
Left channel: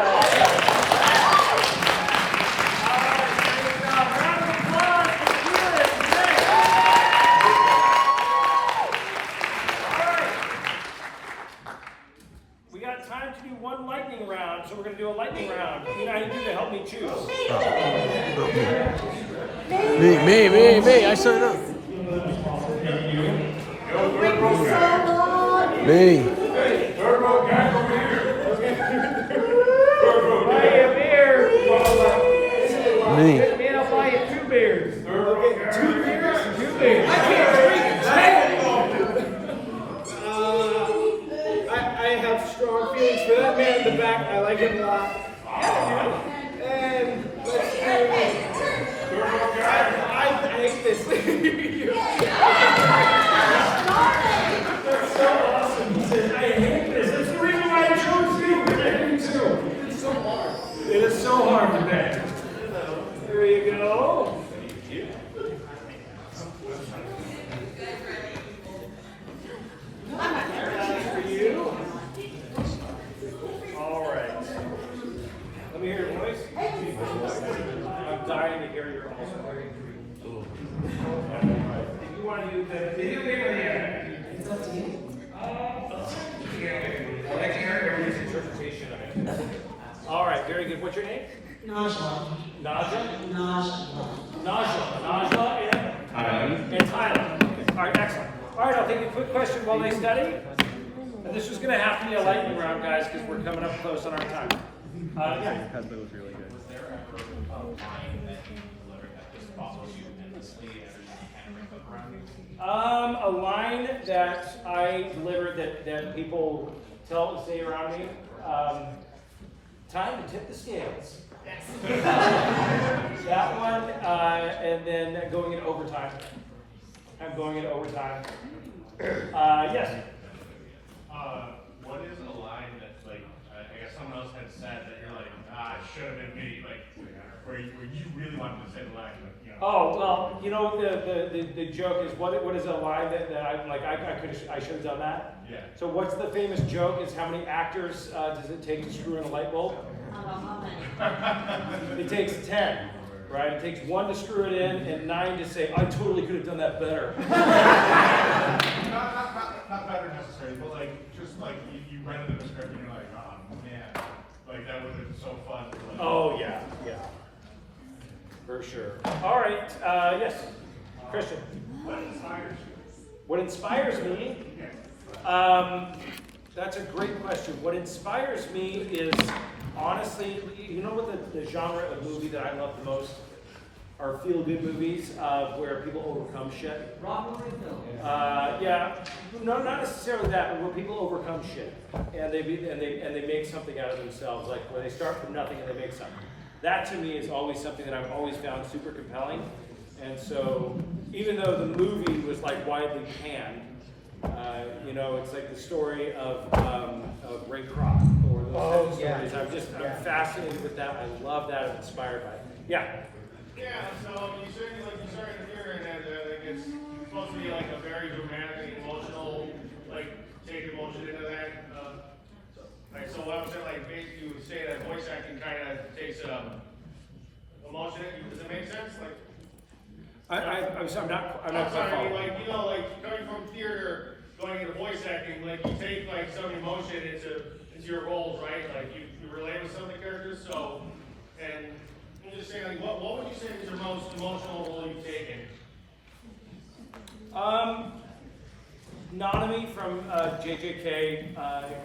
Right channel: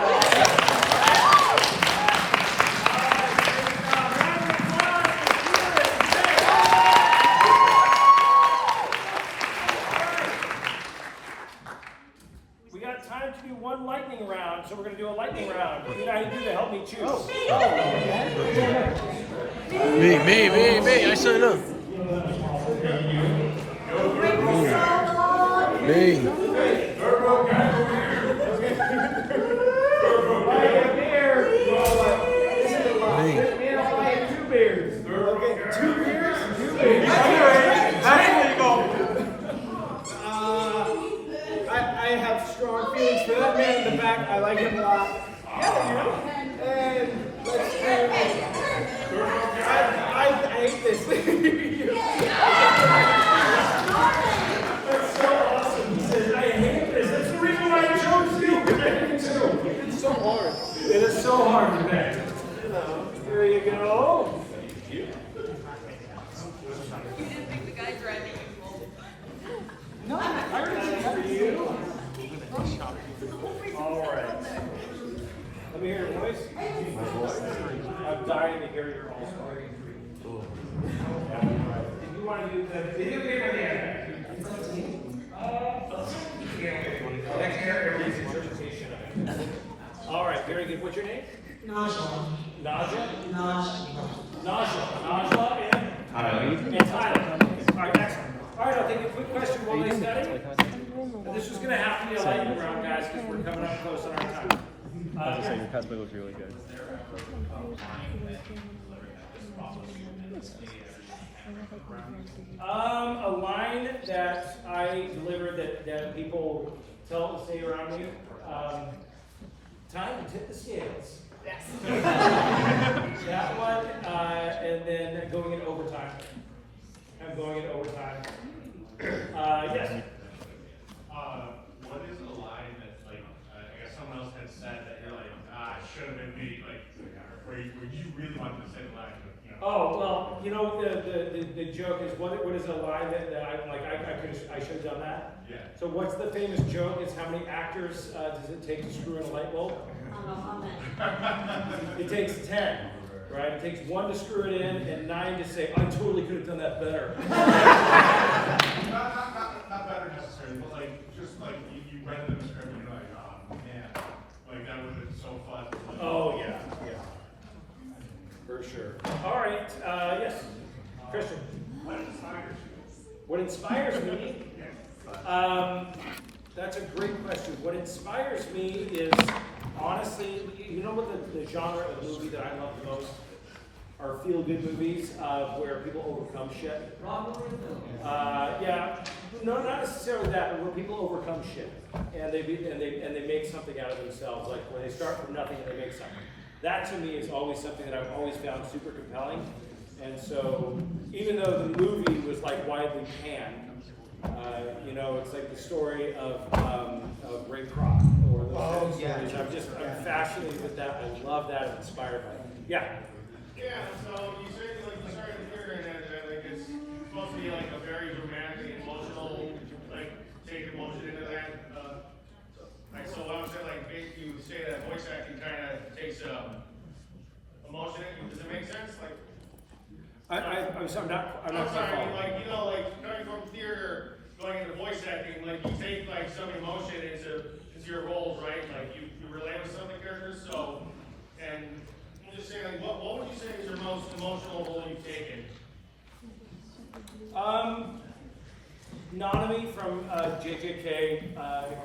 We got time to do one lightning round, so we're going to do a lightning round. You know how you do to help me choose. Me. I set it up. Me. Two beers. I can't drink. I have strong feelings for that man in the back. I like him a lot. Yeah, and let's do. I hate this. That's so awesome. He says, I hate this. That's the reason why I chose you. I hate you too. It's so hard. It is so hard to pick. There you go. For you. All right. Let me hear your voice. I'm dying to hear your all-star. If you want to use the video game, it's up to you. I like to hear everybody's interpretation of it. All right, very good. What's your name? Naja. Naja? Naja. Najla and? Tyler. And Tyler. All right, excellent. All right, I'll take a quick question while they study. And this is going to have to be a lightning round, guys, because we're coming up close on our time. Yeah. A line that I delivered that people say around me. Time to tip the scales. That one, and then going into overtime. I'm going into overtime. Yes. What is the line that's like, I guess someone else had said that you're like, shouldn't have made, like, where you really wanted to say the line, you know? Oh, well, you know, the joke is, what is a line that I'm like, I should have done that? Yeah. So what's the famous joke is how many actors does it take to screw in a light bulb? It takes 10, right? It takes 1 to screw it in and 9 to say, I totally could have done that better. Not better necessarily, but like, just like, you read the script and you're like, oh, man, like, that would have been so fun. Oh, yeah. For sure. All right, yes, Christian. What inspires me? That's a great question. What inspires me is, honestly, you know what the genre of movie that I love the most? Are feel-good movies where people overcome shit. Yeah, no, not necessarily that, but where people overcome shit and they make something out of themselves. Like where they start from nothing and they make something. That to me is always something that I've always found super compelling. And so, even though the movie was like widely panned, you know, it's like the story of Ray Kroc or those stories. I'm fascinated with that. I love that. I'm inspired by it. Yeah. Yeah, so you said like you started figuring that like it's supposed to be like a very dramatic, emotional, like take emotion into that. Like so, what was it like made you say that voice acting kind of takes emotion? Does it make sense? Like I'm not quite sorry, following. like you know, like going from theater character going into voice acting, like you take like some emotion into your roles, right? Like you relate with some of the characters. So, and I'm just saying, like, what would you say was your most emotional role you've taken? Nanami from JJK.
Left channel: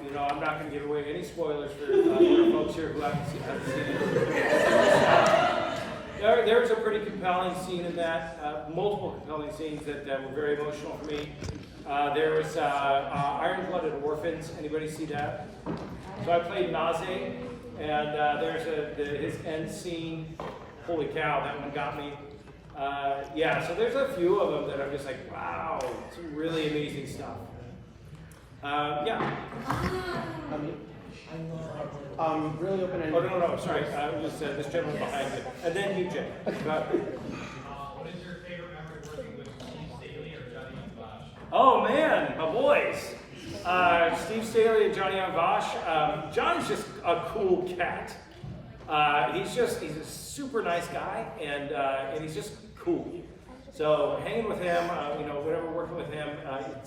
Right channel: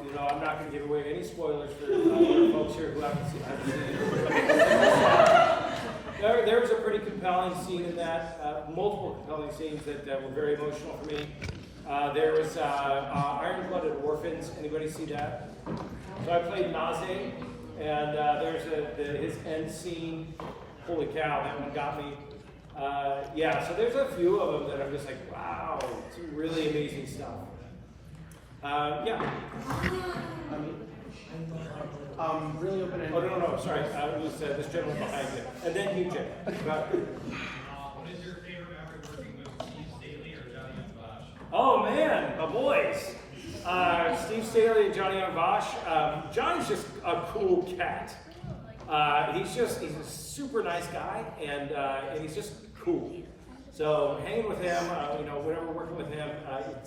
You know, I'm not going to give away any spoilers for folks here who haven't seen it. There's a pretty compelling scene in that, multiple compelling scenes that were very emotional for me. There was Iron-Blooded Orphans. Anybody see that? So I played Naze, and there's his end scene. Holy cow, that one got me. Yeah, so there's a few of them that I'm just like, wow, some really amazing stuff. Yeah. Really open-ended. Oh, no, sorry. It was this gentleman behind you. And then you, Jay. What is your favorite member working with Steve Staley or Johnny Vash? Oh, man, my boys. Steve Staley and Johnny Vash. John's just a cool cat. He's a super nice guy, and he's just cool. So hanging with him, you know, whenever working with him,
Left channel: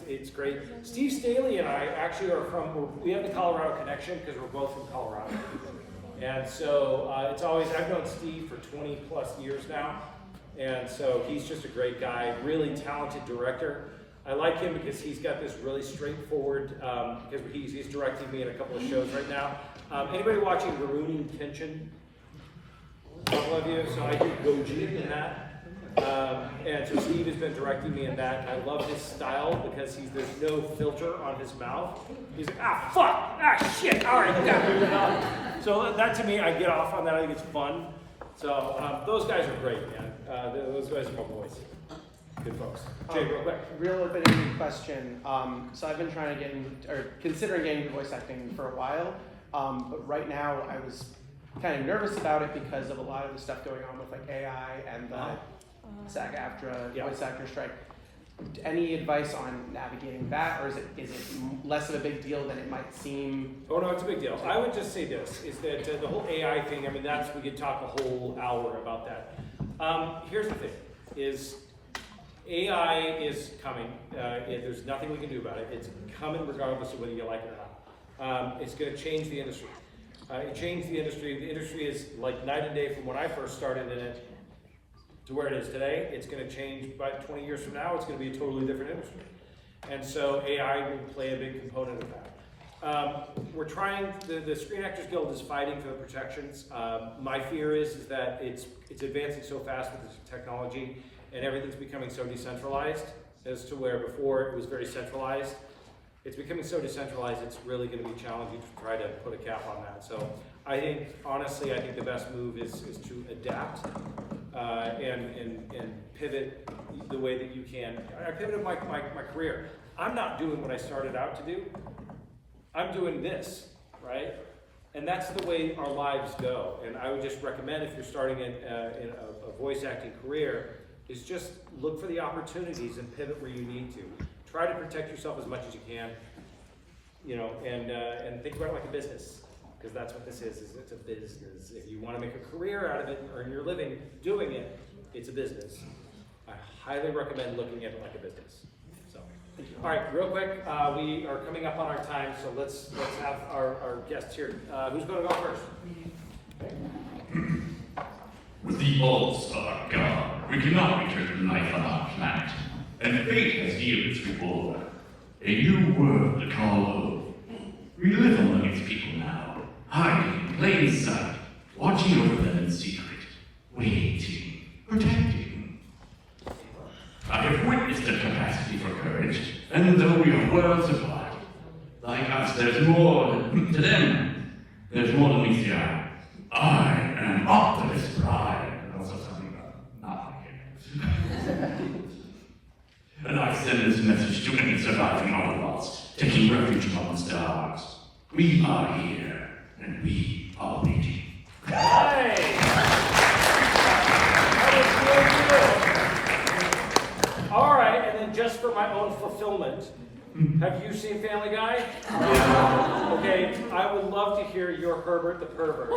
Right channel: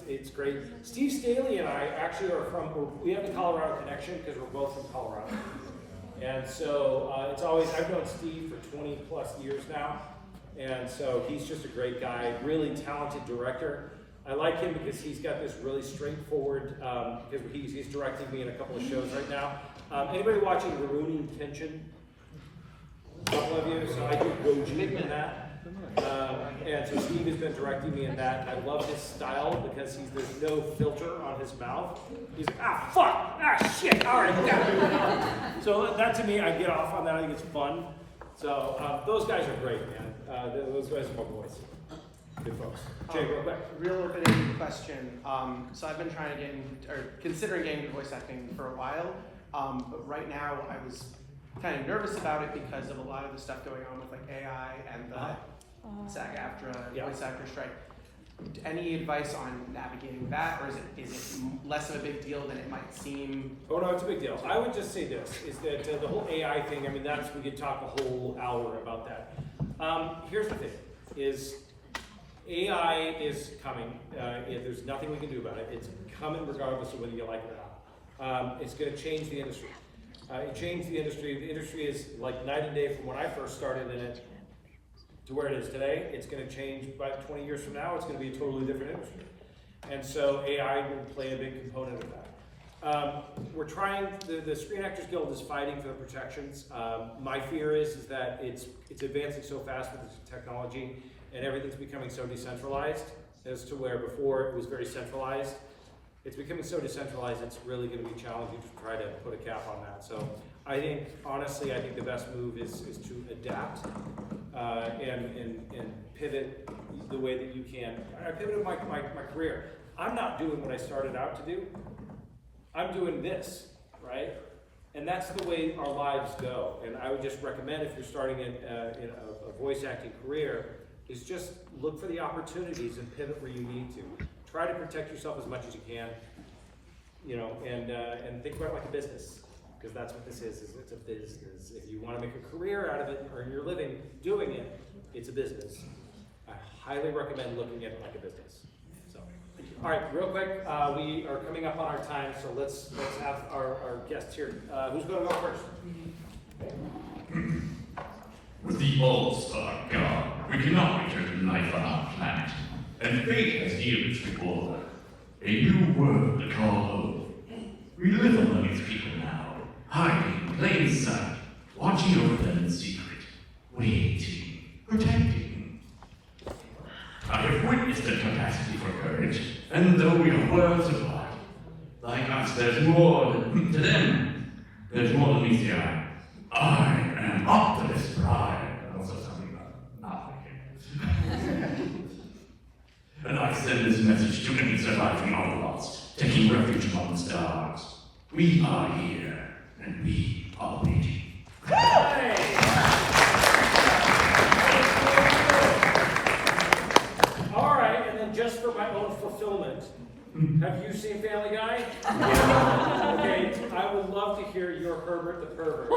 it's great. Steve Staley and I actually we have the Colorado connection because we're both from Colorado. And so it's always, I've known Steve for 20 plus years now. And so he's just a great guy, really talented director. I like him because he's got this really straightforward, because he's directing me in a couple of shows right now. Anybody watching Rurouni Kenshin? A couple of you, so I do Goji in that. And so Steve has been directing me in that, and I love his style because there's no filter on his mouth. He's like, ah, fuck, ah, shit, all right, yeah, moving on. So that to me, I get off on that, I think it's fun. So those guys are great, man. Those guys are my boys. Good folks. Jay, real quick. Real open-ended question. So I've been trying to considering getting into voice acting for a while, but right now I was kind of nervous about it because of a lot of the stuff going on with like AI and SAG-AFTRA, voice actor strike. Any advice on navigating that, or is it less of a big deal than it might seem? Oh no, it's a big deal. I would just say this, is that the whole AI thing, I mean, we could talk a whole hour about that. Here's the thing, is AI is coming. There's nothing we can do about it. It's coming regardless of whether you like it or not. It's going to change the industry. It changed the industry. The industry is like night and day from when I first started in it to where it is today. It's going to change by 20 years from now. It's going to be a totally different industry. And so AI will play a big component of that. We're trying, the Screen Actors Guild is fighting for the protections. My fear is that it's advancing so fast with this technology and everything's becoming so decentralized as to where before it was very centralized. It's becoming so decentralized, it's really going to be challenging to try to put a cap on that. So I think, honestly, I think the best move is to adapt and pivot the way that you can. I pivoted my career. I'm not doing what I started out to do. I'm doing this, right? And that's the way our lives go. And I would just recommend, if you're starting in a voice acting career, is just look for the opportunities and pivot where you need to. Try to protect yourself as much as you can, you know, and think about it like a business, because that's what this is it's a business. If you want to make a career out of it and earn your living doing it, it's a business. I highly recommend looking at it like a business. So, all right, real quick, we are coming up on our time, so let's have our guests here. Who's going to go first? With the all-star God, we cannot return to life on our planet, and fate has dealt its reward. A new world to call home. We live among its people now, hiding in plain sight, watching over them in secret, waiting, protecting. I have witnessed the capacity for courage, and though we are worlds apart, like us, there's more to them. There's more than meets the eye. I am Optimus Prime. Also something about not like it. And I send this message to any surviving Autobots, taking refuge among the stars. We are here, and we are waiting. All right, and then just for my own fulfillment, have you seen Family Guy? Okay, I would love to hear your Herbert the Pervert.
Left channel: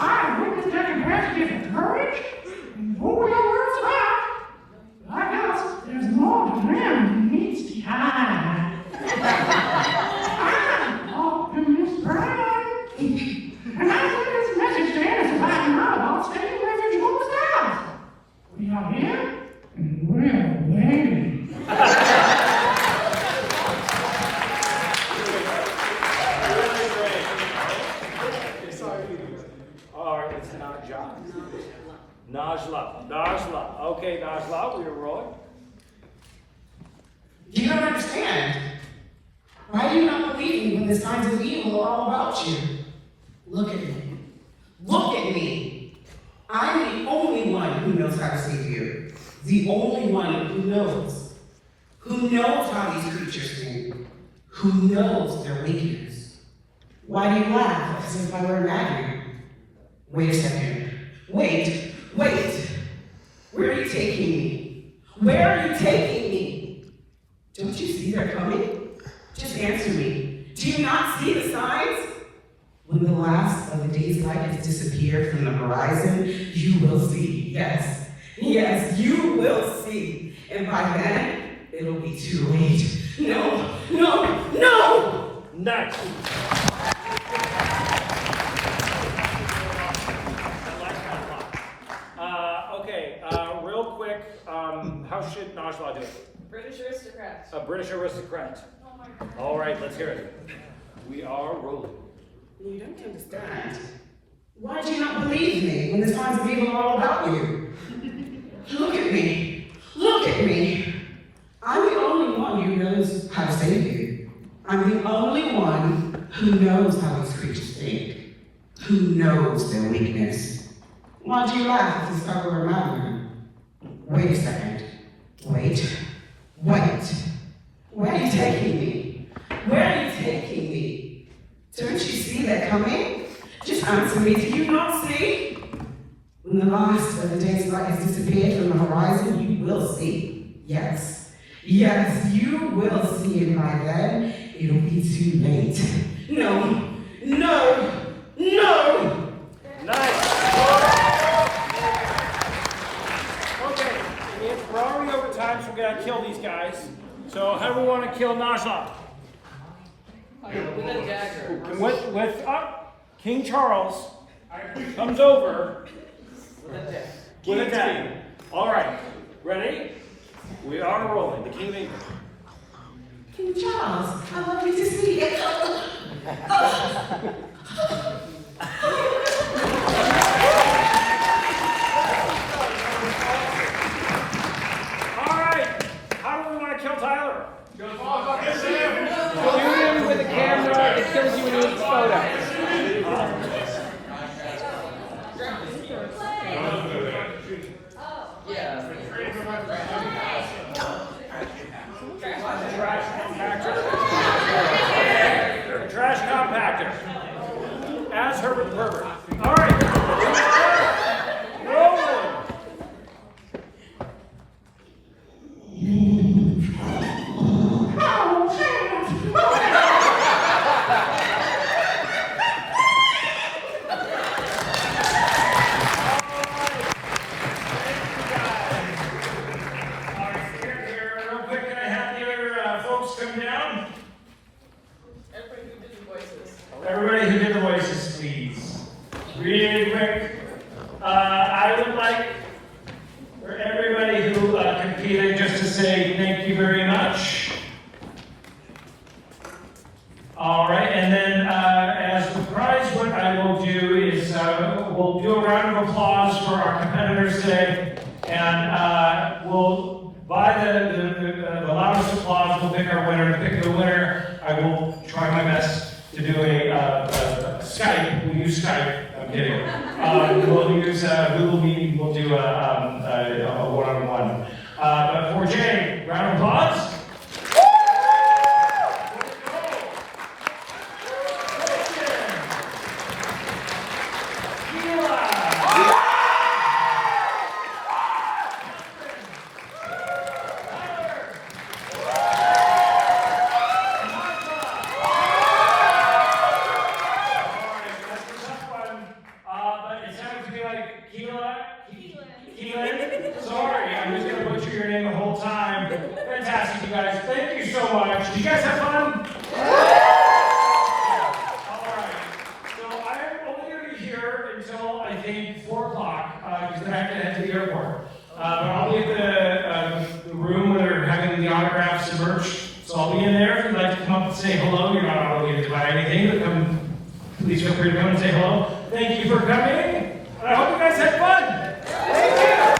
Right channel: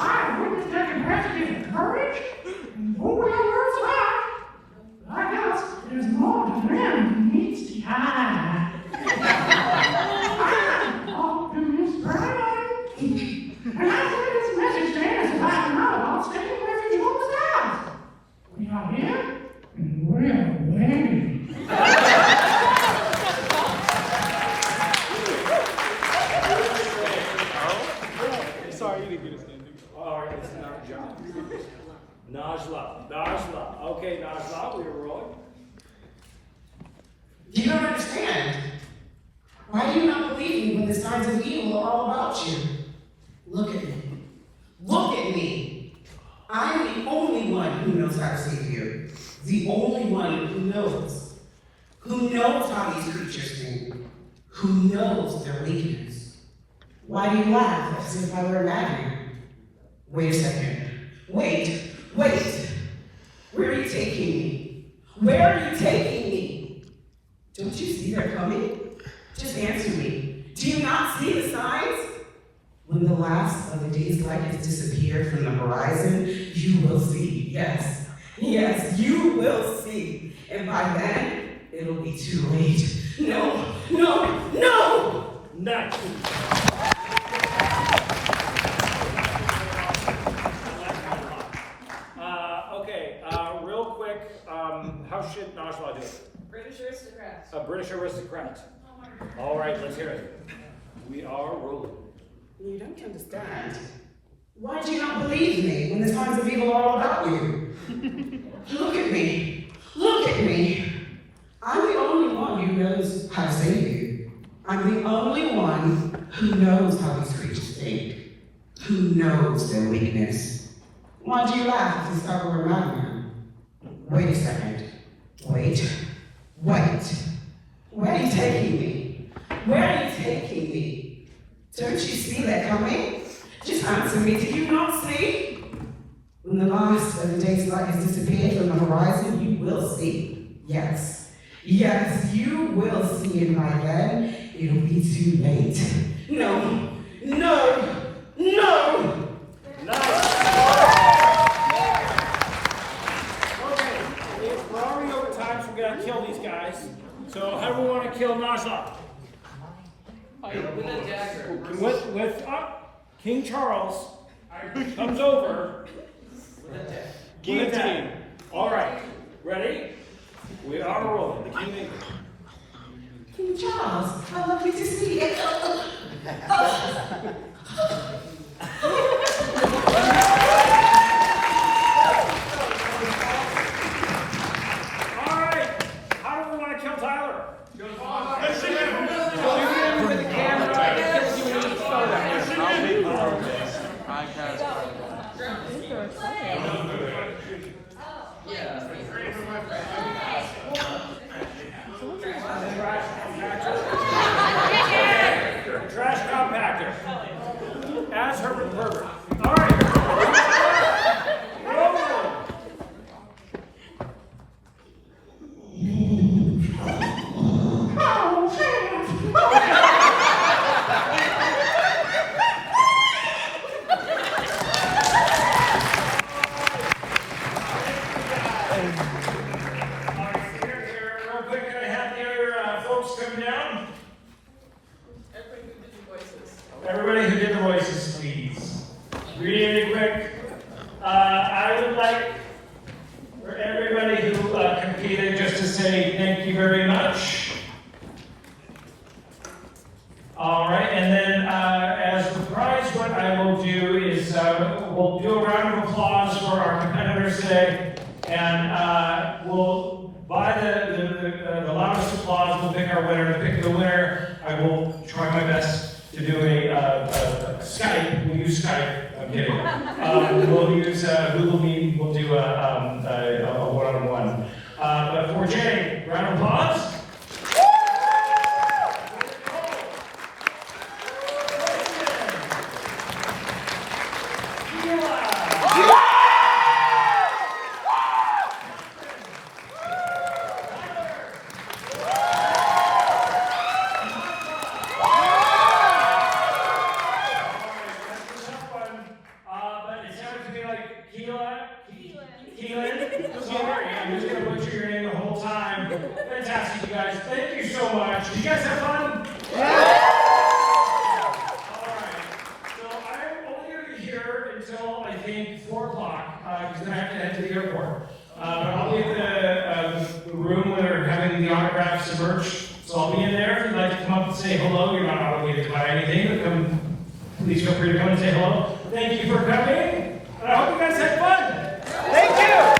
I witnessed that investigation of courage and who we are words about. I guess there's more to him needs time. I'm all to Miss Brown. And I sent this message to him as I know about taking refuge on the house. We are here and we're waiting. Alright, it's not a job. Najla. Okay, Najla, we are rolling. You don't understand. Why do you not believe me when the signs of evil are all about you? Look at me. Look at me. I'm the only one who knows how to save you. The only one who knows. Who knows how these creatures think. Who knows their weakness. Why do you laugh as if I were imaginary? Wait a second. Wait. Where are you taking me? Where are you taking me? Don't you see they're coming? Just answer me. Do you not see the signs? When the last of the day's light has disappeared from the horizon, you will see. Yes, you will see. And by then, it'll be too late. No! Not Okay, real quick, how should Najla do it? British aristocrat. A British aristocrat. All right, let's hear it. We are rolling. You don't understand. Why do you not believe me when the signs of evil are all about you? Look at me. I'm the only one who knows how to save you. I'm the only one who knows how these creatures think. Who knows their weakness. Why do you laugh if you start around you? Wait a second. Wait. Where are you taking me? Don't you see that coming? Just answer me. Do you not see? When the last of the day's light has disappeared from the horizon, you will see. Yes, you will see, and by then, it'll be too late. No! Nice. Okay, we're already over time, so we gotta kill these guys. So how do we want to kill Najla? With King Charles comes over with a dagger. All right, ready? We are rolling. The King. King Charles, how lovely to see you. All right, how do we want to kill Tyler? Trash compactor. As Herbert the Pervert. All right. Rolling. Real quick, can I have the other folks come down? Everybody who did the voices, please. Really quick. I would like for everybody who competed just to say thank you very much. All right, and then as the prize, what I will do is we'll do a round of applause for our competitors today, and we'll, by the loudest applause, we'll pick our winner. To pick the winner, I will try my best to do a Skype. We'll use Skype. I'm kidding. We'll use Google Meet. We'll do a one-on-one. But for Jay, round of applause. came 4 o'clock, because I have to head to the airport. But I'll be at the room where they're having the autographs and merch, so I'll be in there. If you'd like to come up and say hello, you're not obligated to buy anything, but come, please feel free to come and say hello. Thank you for coming, and I hope you guys had fun. Thank you.